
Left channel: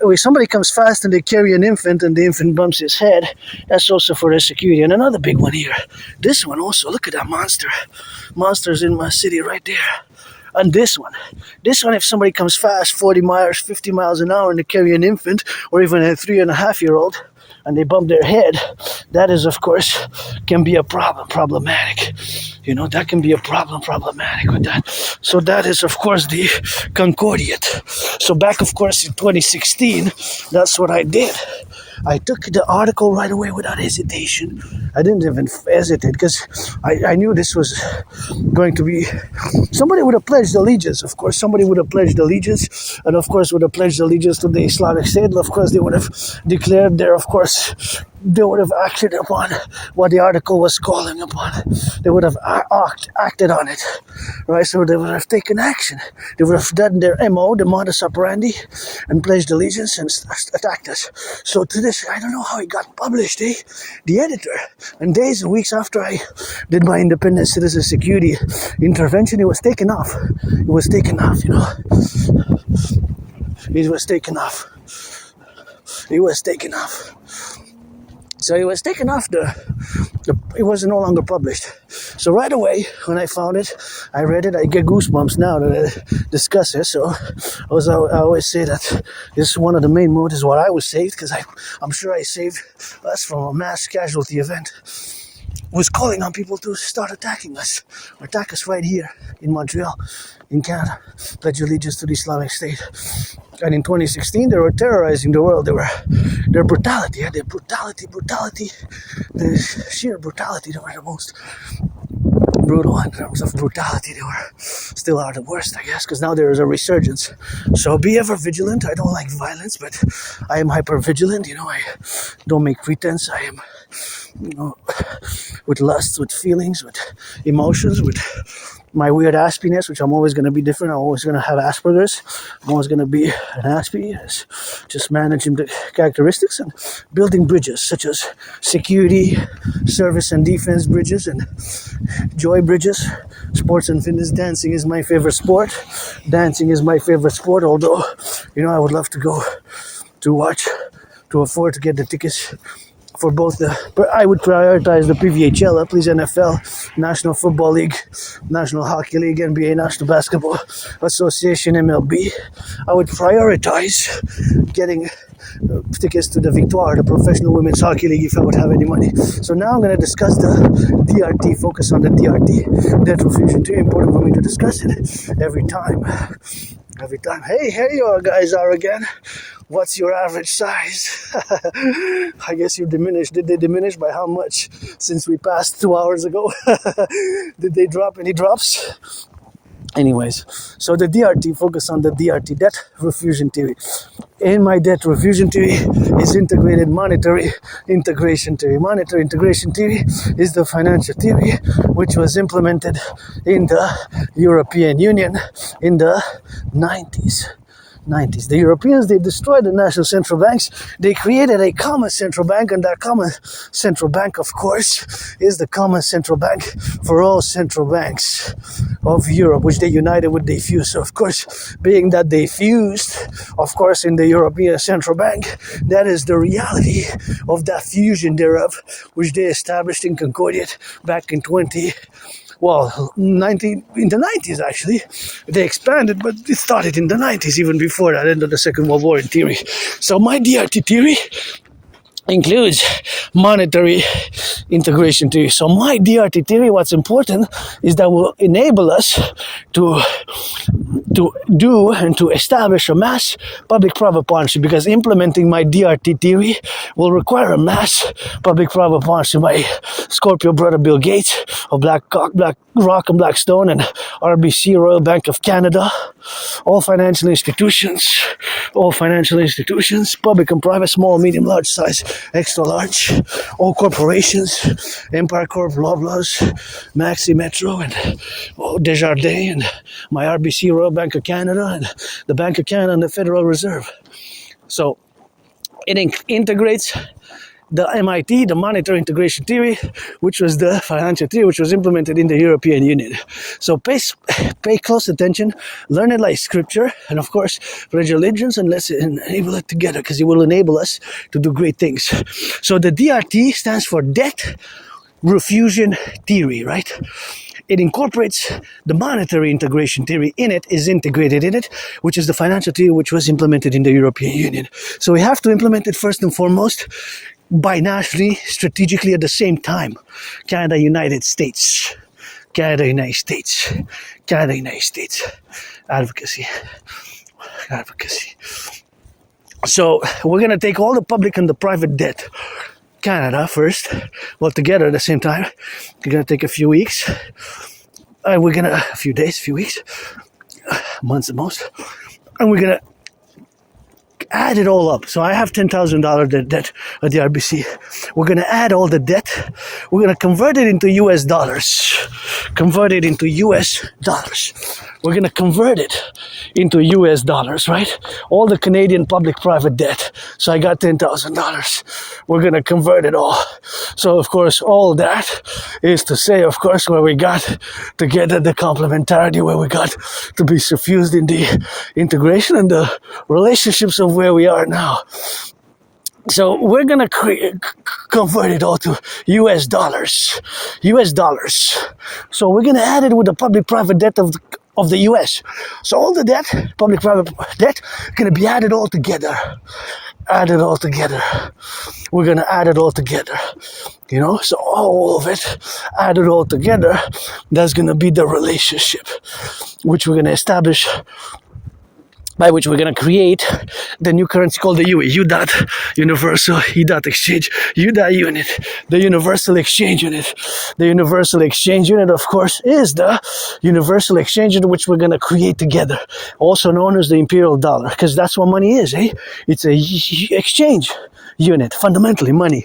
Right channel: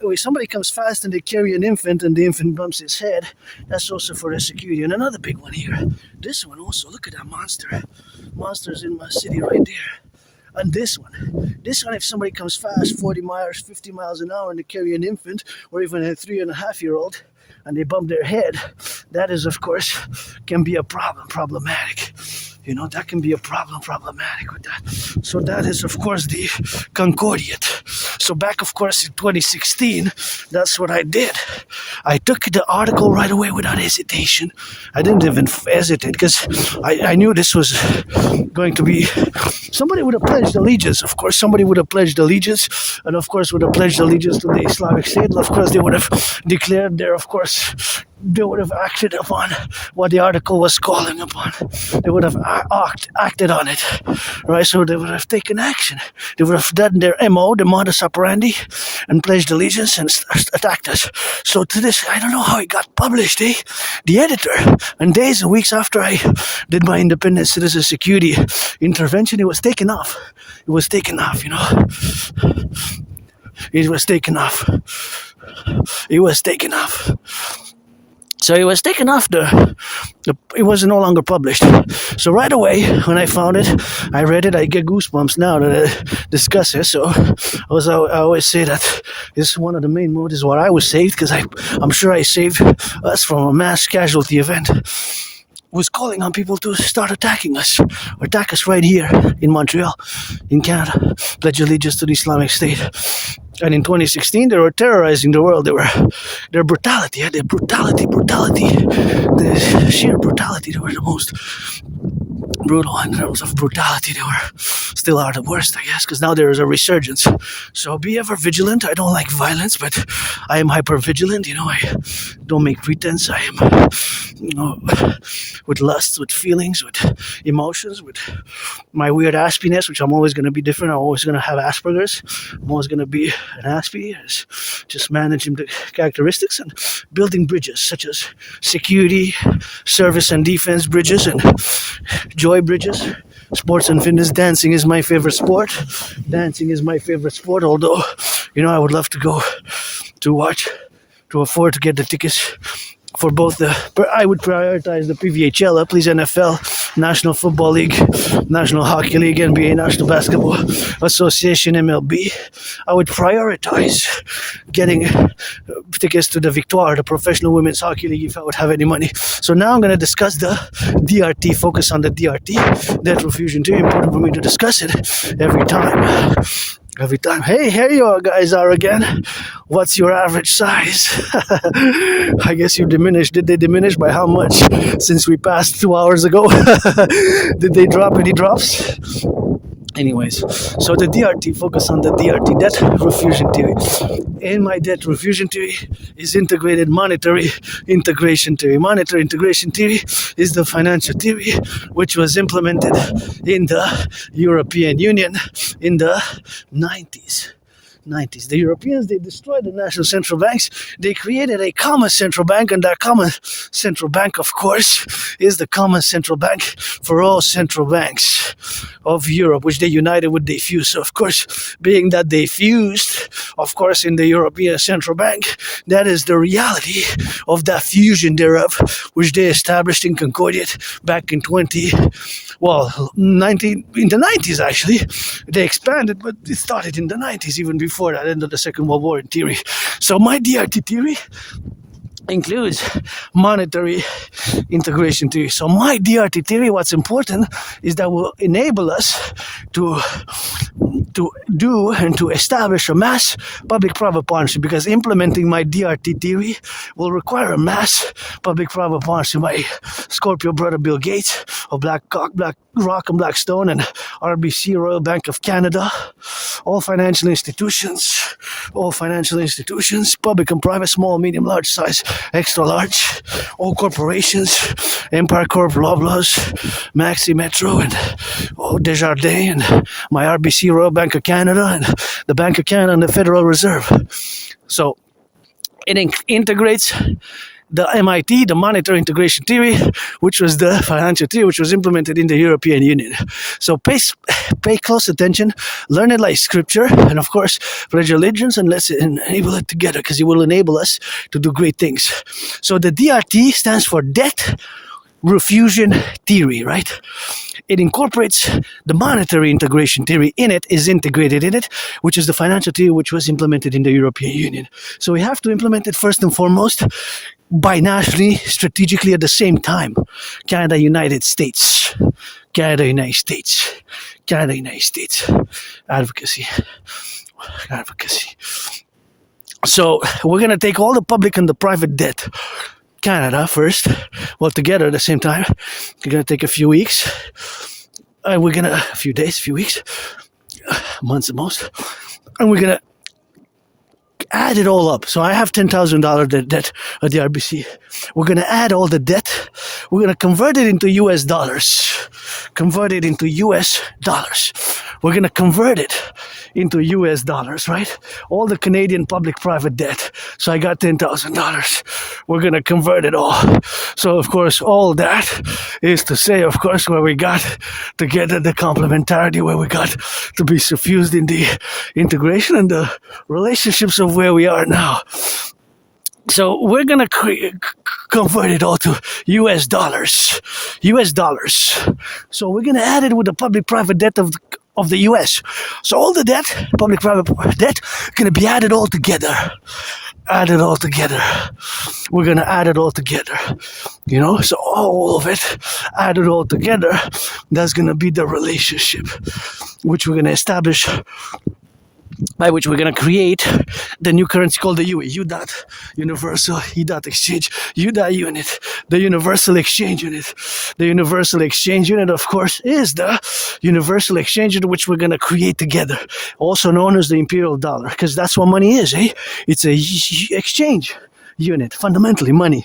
when somebody comes fast and they carry an infant and the infant bumps his head. That's also for their security. And another big one here. This one also, look at that monster. Monster's in my city right there. And this one, if somebody comes fast, 40 miles, 50 miles an hour, and they carry an infant or even a 3.5-year-old, and they bump their head, that is, of course, can be a problematic. That can be a problematic with that. So that is, of course, the Concordiate. So back, of course, in 2016, that's what I did. I took the article right away without hesitation. I didn't even hesitate because I knew this was going to be... Somebody would have pledged allegiance, of course. Somebody would have pledged allegiance, and of course would have pledged allegiance to the Islamic State. Of course, they would have declared their, of course, they would have acted upon what the article was calling upon. They would have acted on it, right? So they would have taken action. They would have done their MO, the modus operandi, and pledged allegiance and attacked us. So to this, I don't know how it got published, eh? The editor, and days and weeks after I did my independent citizen security intervention, it was taken off. It was taken off, It was taken off. It was taken off. So it was taken off it was no longer published. So right away, when I found it, I read it, I get goosebumps now that I discuss it. So I always say that this is one of the main motives why I was saved, because I'm sure I saved us from a mass casualty event. Was calling on people to start attacking us, or attack us right here in Montreal, in Canada, pledge allegiance to the Islamic State. And in 2016, they were terrorizing the world. Their brutality, the sheer brutality. They were the most brutal in terms of brutality. They were still are the worst, I guess, because now there is a resurgence. So be ever vigilant. I don't like violence, but I am hyper vigilant. I don't make pretense. I am, with lusts, with feelings, with emotions, with my weird Aspiness, which I'm always going to be different. I'm always going to have Asperger's. I'm always going to be an Aspie, just managing the characteristics and building bridges such as security, service and defense bridges, and joy bridges. Sports and fitness. Dancing is my favorite sport. Although, I would love to go to afford to get the tickets for both I would prioritize the PVHL, please, NFL, National Football League, National Hockey League, NBA, National Basketball Association, MLB. I would prioritize getting tickets to the Victoire, the Professional Women's Hockey League, if I would have any money. So now I'm going to discuss the DRT, focus on the DRT, debt refusion. Too important for me to discuss it every time. Hey, here you guys are again. What's your average size? I guess you diminished. Did they diminish by how much since we passed 2 hours ago? Did they drop any drops? Anyways, so the DRT, focus on the DRT, debt refusion theory. In my debt refusion theory is integrated monetary integration theory. Monetary integration theory is the financial theory which was implemented in the European Union in the 90s. The Europeans, they destroyed the national central banks. They created a common central bank, and that common central bank, of course, is the common central bank for all central banks of Europe, which they united with the fuse. So, of course, being that they fused, of course, in the European Central Bank, that is the reality of that fusion thereof, which they established in Concordiate back in in the 90s, actually. They expanded, but it started in the 90s, even before that, end of the Second World War in theory. So my DRT theory includes monetary integration theory. So my DRT theory, what's important is that will enable us to do and to establish a mass public-private partnership, because implementing my DRT theory will require a mass public-private partnership. My Scorpio brother Bill Gates of Black Rock and Blackstone and RBC, Royal Bank of Canada, all financial institutions, public and private, small, medium, large size, extra large, all corporations, Empire Corp, Loblaws, Maxi Metro, and Desjardins, and my RBC, Royal Bank of Canada, and the Bank of Canada, and the Federal Reserve. So it integrates the MIT, the monetary integration theory, which was the financial theory, which was implemented in the European Union. So pay close attention, learn it like scripture, and of course, pledge allegiance, and let's enable it together, because it will enable us to do great things. So the DRT stands for debt refusion theory, right? it incorporates the monetary integration theory in it, is integrated in it, which is the financial theory which was implemented in the European Union. So we have to implement it first and foremost binationally, strategically at the same time. Canada, United States. Canada, United States. Canada, United States. Advocacy. So we're going to take all the public and the private debt. Canada first, well, together at the same time. We're going to take a few weeks. A few days, few weeks, months at most. And we're going to add it all up. So I have $10,000 debt at the RBC. We're going to add all the debt. We're going to convert it into US dollars. We're going to convert it into US dollars, right? All the Canadian public-private debt. So I got $10,000. We're going to convert it all. So, of course, all that is to say, of course, where we got together the complementarity, where we got to be suffused in the integration and the relationships of where we are now. So we're going to convert it all to US dollars. So we're going to add it with the public-private debt of the US. So all the debt, public-private debt, going to be added all together. We're going to add it all together. So all of it, add it all together. That's going to be the relationship which we're going to establish, by which we're going to create the new currency called the UE, U dot universal, E dot exchange, U dot unit, the universal exchange unit. The universal exchange unit, of course, is the universal exchange unit which we're going to create together, also known as the imperial dollar, because that's what money is, eh? It's a exchange unit, fundamentally money.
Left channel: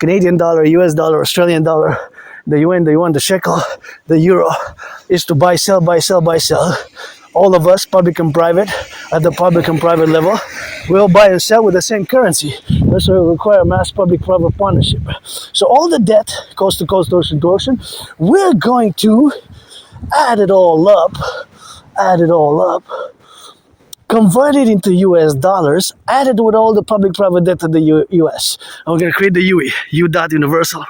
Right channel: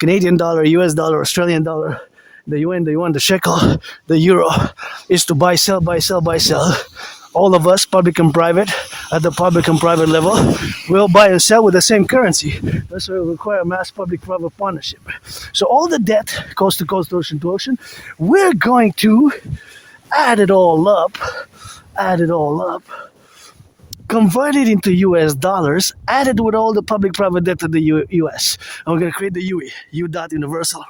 Canadian dollar, US dollar, Australian dollar, the UN, the shekel, the euro, is to buy, sell. All of us, public and private, at the public and private level, will buy and sell with the same currency. This will require mass public-private partnership. So all the debt, coast to coast, ocean to ocean, we're going to add it all up, convert it into US dollars, add it with all the public-private debt of the US. And we're going to create the UE, U dot universal.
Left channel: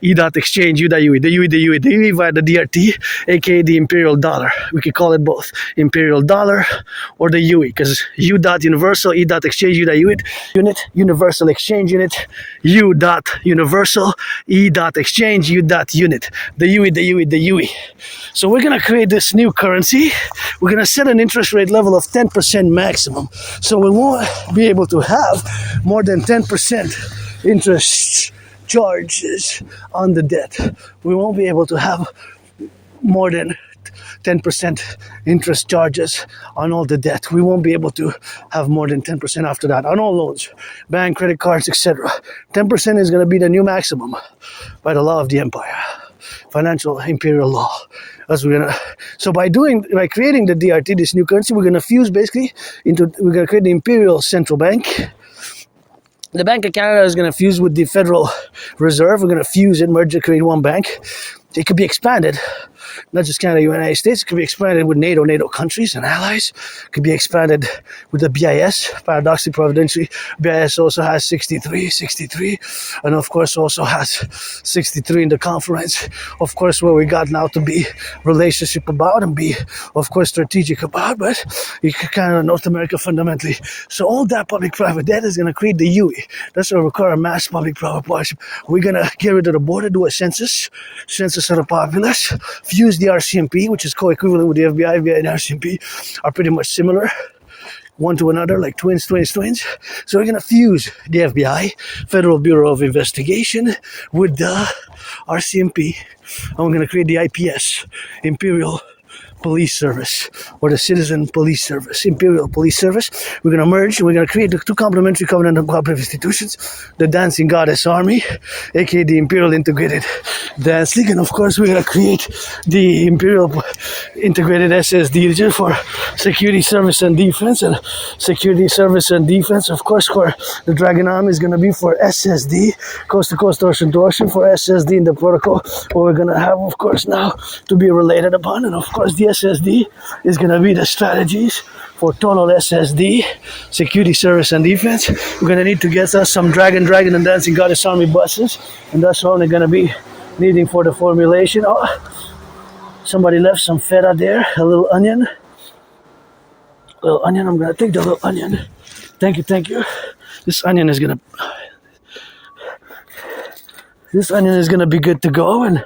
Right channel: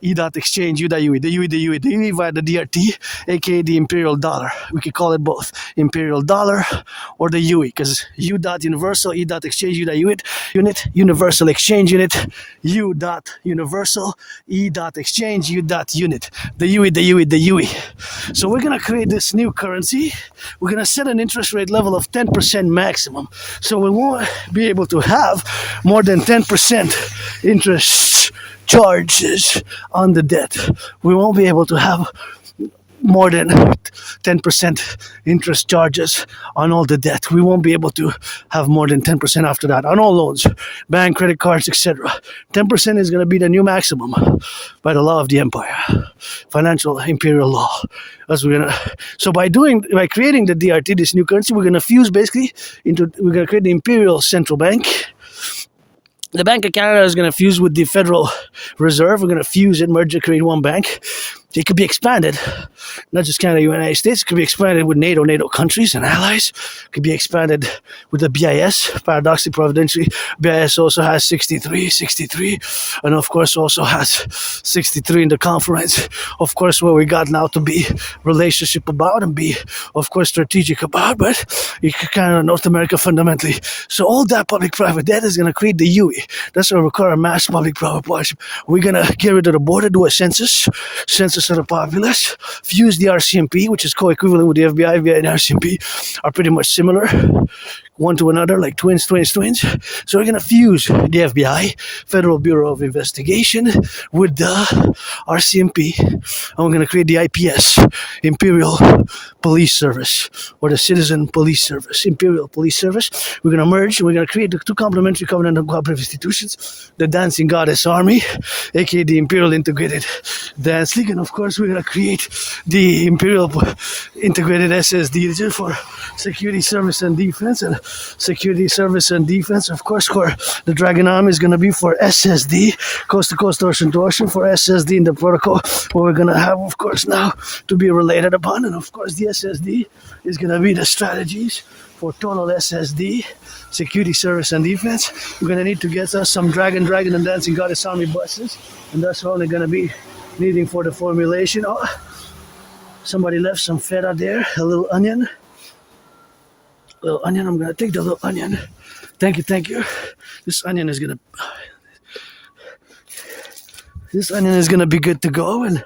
E dot exchange, U dot UE, the UE via the DRT, aka the imperial dollar. We could call it both imperial dollar or the UE, because U dot universal, E dot exchange, U dot unit, universal exchange unit, U dot universal, E dot exchange, U dot unit, the UE. So we're gonna create this new currency. We're gonna set an interest rate level of 10% maximum. So we won't be able to have more than 10% interest charges on the debt. We won't be able to have more than 10% interest charges on all the debt. We won't be able to have more than 10% after that on all loans, bank, credit cards, etc. 10% is going to be the new maximum by the law of the empire, financial imperial law. So by creating the DRT, this new currency, we're going to fuse basically we're going to create the imperial central bank. The Bank of Canada is going to fuse with the Federal Reserve. We're going to fuse it, merge it, create one bank. It could be expanded, not just Canada, United States. It could be expanded with NATO countries and allies. It could be expanded with the BIS. Paradoxically, providentially, BIS also has 63, and of course also has 63 in the conference. Of course, where we got now to be relationship about and be, of course, strategic about, but Canada, North America fundamentally. So all that public-private debt is going to create the UE. That's going to require a mass public-private partnership. We're going to get rid of the border, do a census of the populace, fuse the RCMP, which is co-equivalent with the FBI and RCMP, are pretty much similar, one to another, like twins. So we're going to fuse the FBI, Federal Bureau of Investigation, with the RCMP, and we're going to create the IPS, Imperial Police Service, or the Citizen Police Service, Imperial Police Service. We're going to merge, we're going to create the two complementary covenant and cooperative institutions, the Dancing Goddess Army, aka the Imperial Integrated Dance League, and of course we're going to create the Imperial Integrated SSD for Security Service and Defense, and Security Service and Defense, of course, for the Dragon Army is going to be for SSD, coast to coast, ocean to ocean, for SSD in the protocol, what we're going to have, of course, now to be related upon. And of course, the SSD is going to be the strategies for total SSD, Security Service and Defense. We're going to need to get us some Dragon and Dancing Goddess Army buses, and that's only going to be needing for the formulation Somebody left some feta there, a little onion. I'm gonna take the little onion. Thank you. This onion is gonna be good to go, and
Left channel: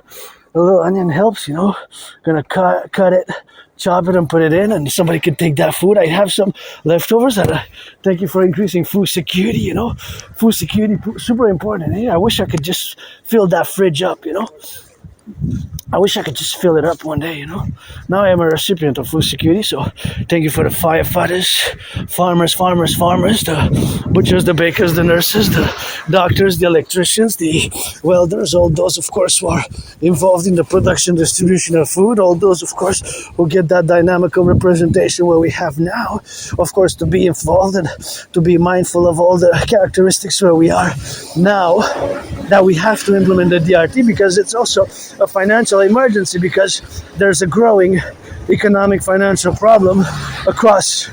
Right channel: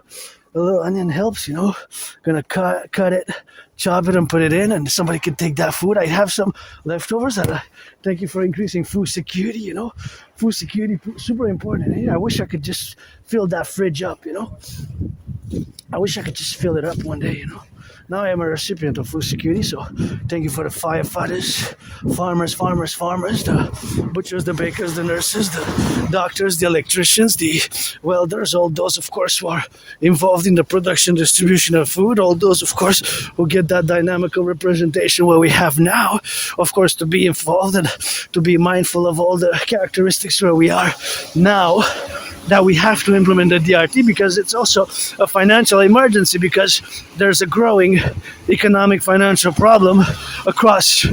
a little onion helps, Gonna cut it, chop it, and put it in, and somebody could take that food. I have some leftovers, and thank you for increasing food security. Food security super important. I wish I could just fill that fridge up. I wish I could just fill it up one day. Now I am a recipient of food security, so thank you for the firefighters, farmers, the butchers, the bakers, the nurses, the doctors, the electricians, the welders, all those, of course, who are involved in the production, distribution of food, all those, of course, who get that dynamical representation where we have now, of course, to be involved and to be mindful of all the characteristics where we are now, that we have to implement the DRT, because it's also a financial emergency, because there's a growing economic financial problem across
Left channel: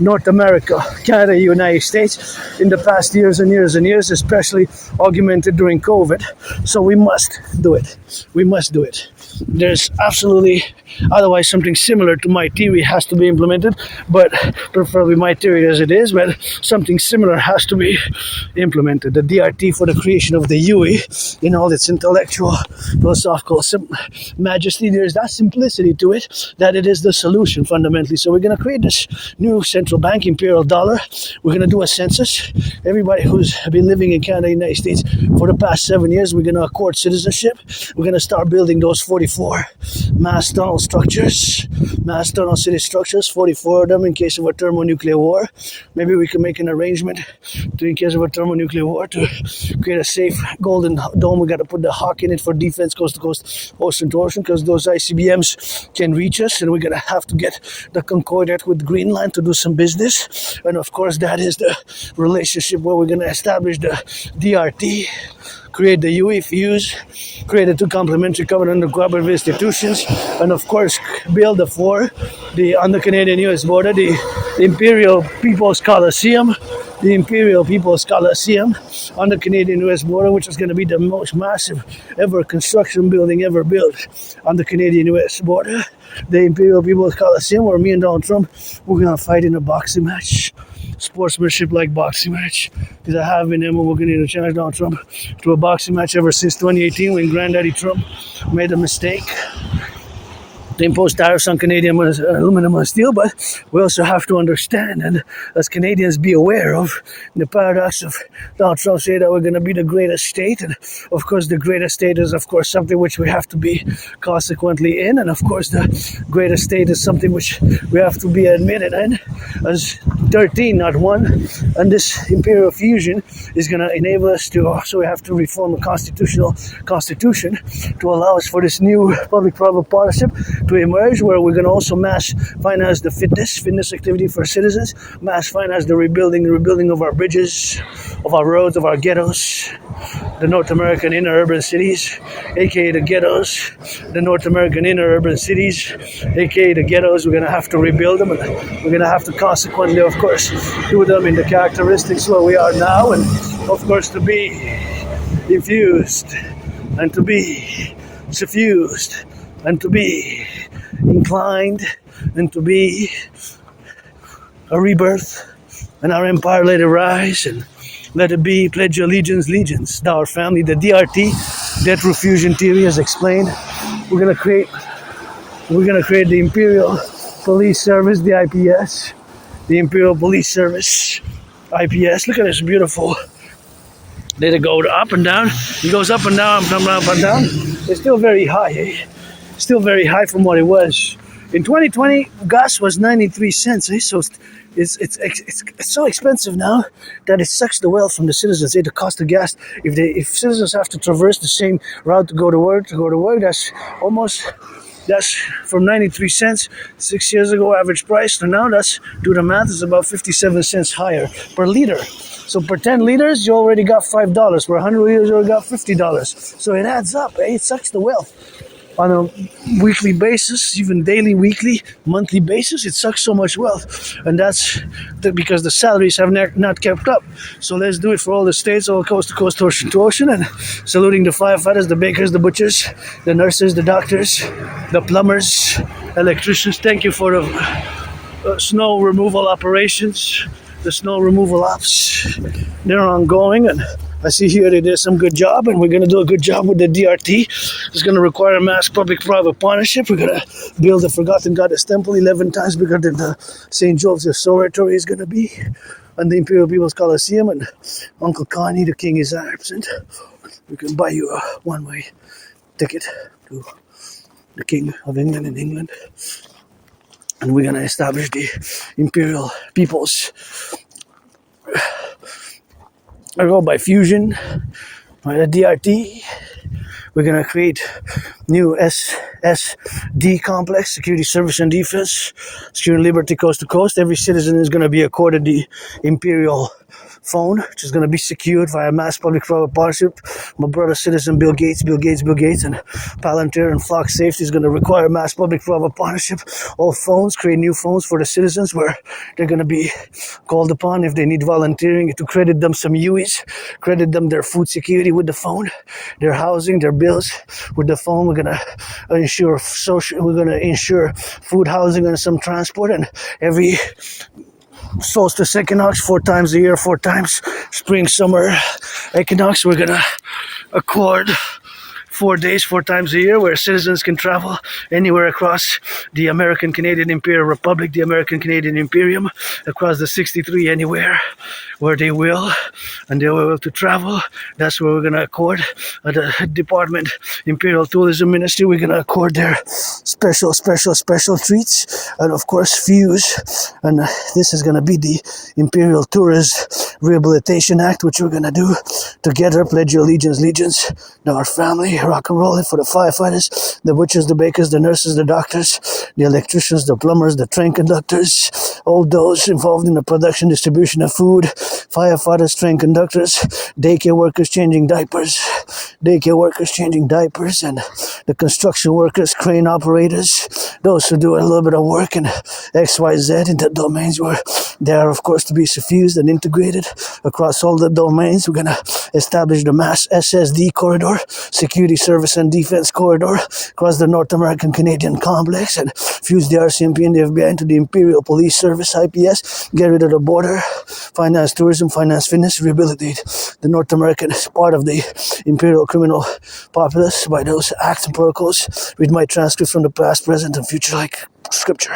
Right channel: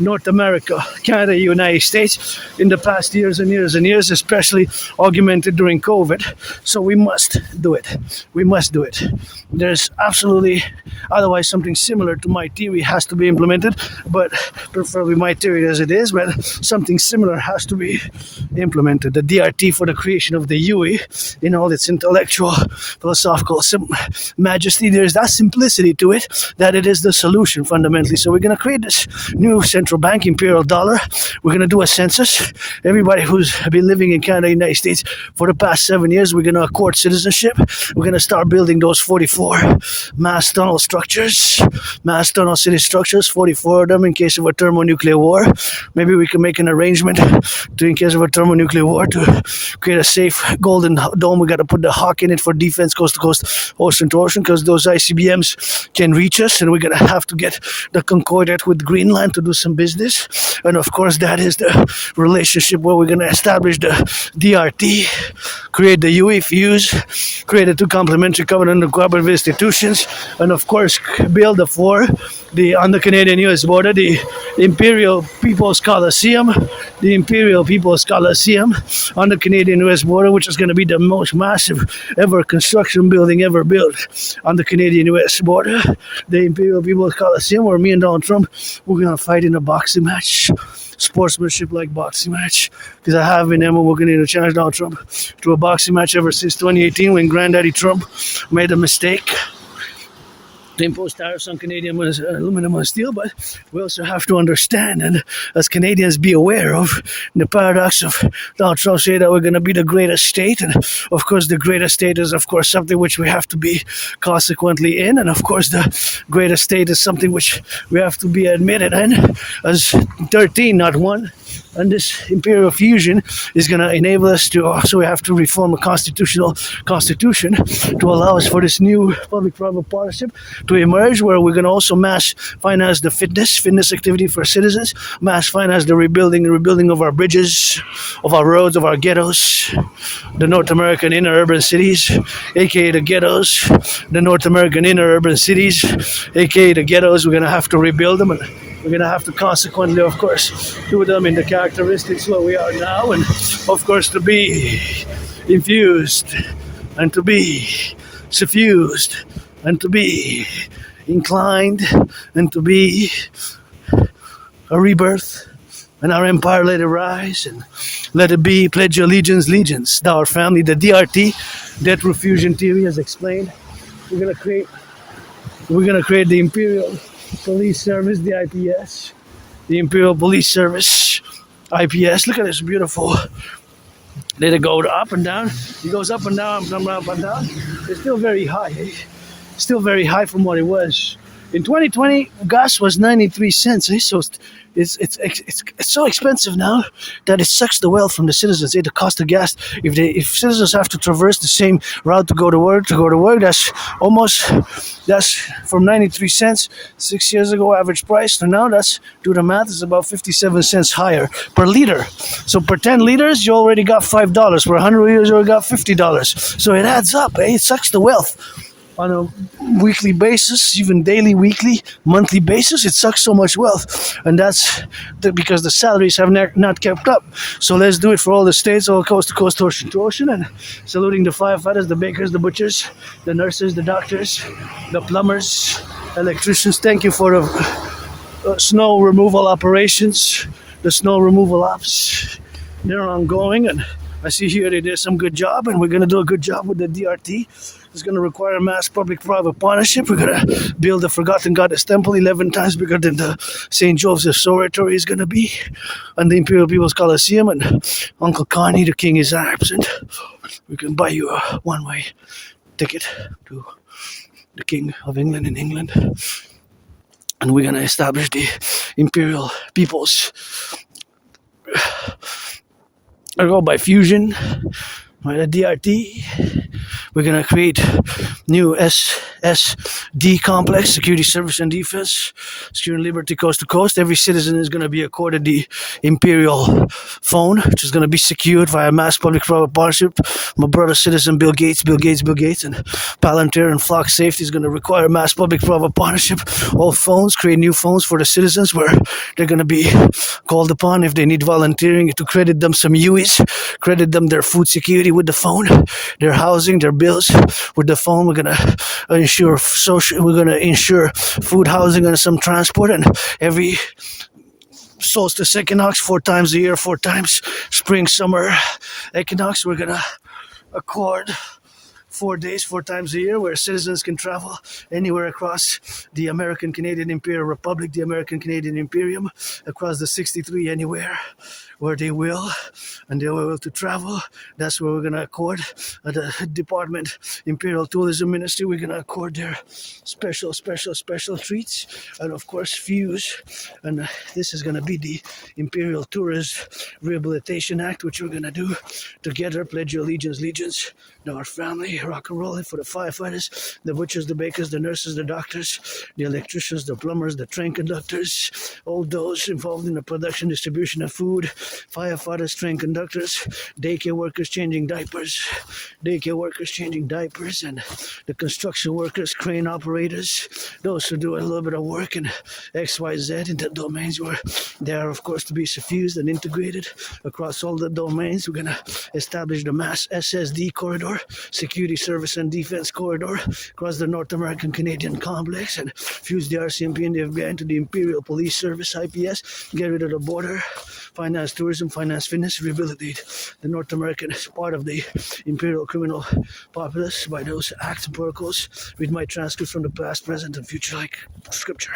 North America, Canada, United States in the past years and years, especially augmented during COVID. So we must do it. There's absolutely, otherwise something similar to my theory has to be implemented, but preferably my theory as it is, but something similar has to be implemented. The DRT for the creation of the UE in all its intellectual, philosophical majesty, there's that simplicity to it, that it is the solution fundamentally. So we're going to create this new central bank, imperial dollar. We're going to do a census. Everybody who's been living in Canada, United States for the past 7 years, we're going to accord citizenship. We're going to start building those 44 mass tunnel city structures, 44 of them in case of a thermonuclear war. Maybe we can make an arrangement to, in case of a thermonuclear war, to create a safe golden dome. We got to put the hawk in it for defense, coast to coast, ocean to ocean, because those ICBMs can reach us, and we're going to have to get the Concordat with Greenland to do some business. And of course, that is the relationship where we're going to establish the DRT, create the UE fuse, create the two complementary covenant of cooperative institutions, and of course, build on the Canadian-US border, the Imperial People's Coliseum on the Canadian-US border, which is going to be the most massive ever construction building ever built on the Canadian-US border. The Imperial People's Coliseum, where me and Donald Trump, we're going to fight in a boxing match, sportsmanship-like boxing match, because I have been there, we're going to challenge Donald Trump to a boxing match ever since 2018 when Granddaddy Trump made a mistake to impose tariffs on Canadian aluminum and steel. But we also have to understand, and as Canadians, be aware of the paradox of Donald Trump saying that we're going to be the greatest state. And of course, the greatest state is, of course, something which we have to be consequently in. And of course, the greatest state is something which we have to be admitted in as 13, not 1. And this imperial fusion is going to enable us to, so we have to reform a constitution to allow us for this new public-private partnership to emerge, where we're going to also mass finance the fitness activity for citizens, mass finance the rebuilding of our bridges, of our roads, of our ghettos, the North American inner urban cities, aka the ghettos, the North American inner urban cities, aka the ghettos. We're going to have to rebuild them, and we're going to have to consequently, of course, do them in the characteristics where we are now, and of course to be infused and to be suffused and to be inclined and to be a rebirth, and our empire let it rise, and let it be, pledge allegiance, thou our family. The DRT, debt refusion theory, as explained. We're gonna create the Imperial Police Service, the IPS, the Imperial Police Service, IPS. Look at this beautiful. Let it go up and down. It goes up and down, up and down. It's still very high, eh? Still very high from what it was. In 2020, gas was 93 cents, eh? So it's so expensive now that it sucks the wealth from the citizens. Eh? The cost of gas, if citizens have to traverse the same route to go to work, that's from 93 cents 6 years ago average price to now, that's, do the math, is about 57 cents higher per liter. So per 10 liters, you already got $5. Per 100 liters, you already got $50. So it adds up, eh? It sucks the wealth on a weekly basis, even daily, weekly, monthly basis. It sucks so much wealth, and that's because the salaries have not kept up. So let's do it for all the states, all coast to coast, ocean to ocean, and saluting the firefighters, the bakers, the butchers, the nurses, the doctors, the plumbers, electricians. Thank you for the snow removal operations, the snow removal ops. They're ongoing, and I see here they did some good job, and we're going to do a good job with the DRT. It's going to require a mass public-private partnership. We're going to build the Forgotten Goddess Temple 11 times bigger than the St. Joseph's Oratory is going to be, and the Imperial People's Coliseum, and Uncle Connie, the king, is absent. We can buy you a one-way ticket to the King of England in England. And we're going to establish the Imperial People's by fusion, right? A DRT. We're gonna create new SSD complex, security, service, and defense, security, liberty, coast to coast. Every citizen is gonna be accorded the imperial phone, which is gonna be secured via mass public-private partnership. My brother citizen Bill Gates, and Palantir and Flock Safety is gonna require mass public-private partnership. All phones, create new phones for the citizens where they're gonna be called upon if they need volunteering to credit them some UIs, credit them their food security with the phone, their housing, their bills with the phone. We're gonna ensure food, housing, and some transport. And every solstice equinox, 4 times a year, 4 times spring, summer equinox, we're gonna accord 4 days, 4 times a year, where citizens can travel anywhere across the American Canadian Imperial Republic, the American Canadian Imperium, across the 63, anywhere where they will, and they will to travel. That's where we're going to accord the Department Imperial Tourism Ministry. We're going to accord their special treats, and of course fuse. And this is going to be the Imperial Tourist Rehabilitation Act, which we're going to do together. Pledge your allegiance to our family. Rock and roll it for the firefighters, the butchers, the bakers, the nurses, the doctors, the electricians, the plumbers, the train conductors, all those involved in the production, distribution of food, firefighters, train conductors, daycare workers changing diapers, and the construction workers, crane operators, those who do a little bit of work in XYZ in the domains where they are, of course, to be suffused and integrated across all the domains. We're going to establish the mass SSD corridor, security, service, and defense corridor across the North American Canadian complex, and fuse the RCMP and the FBI into the Imperial Police Service, IPS, get rid of the border, finance tourism, finance fitness, rehabilitate the North American part of the imperial criminal populace by those acts and protocols. Read my transcripts from the past, present, and future like scripture.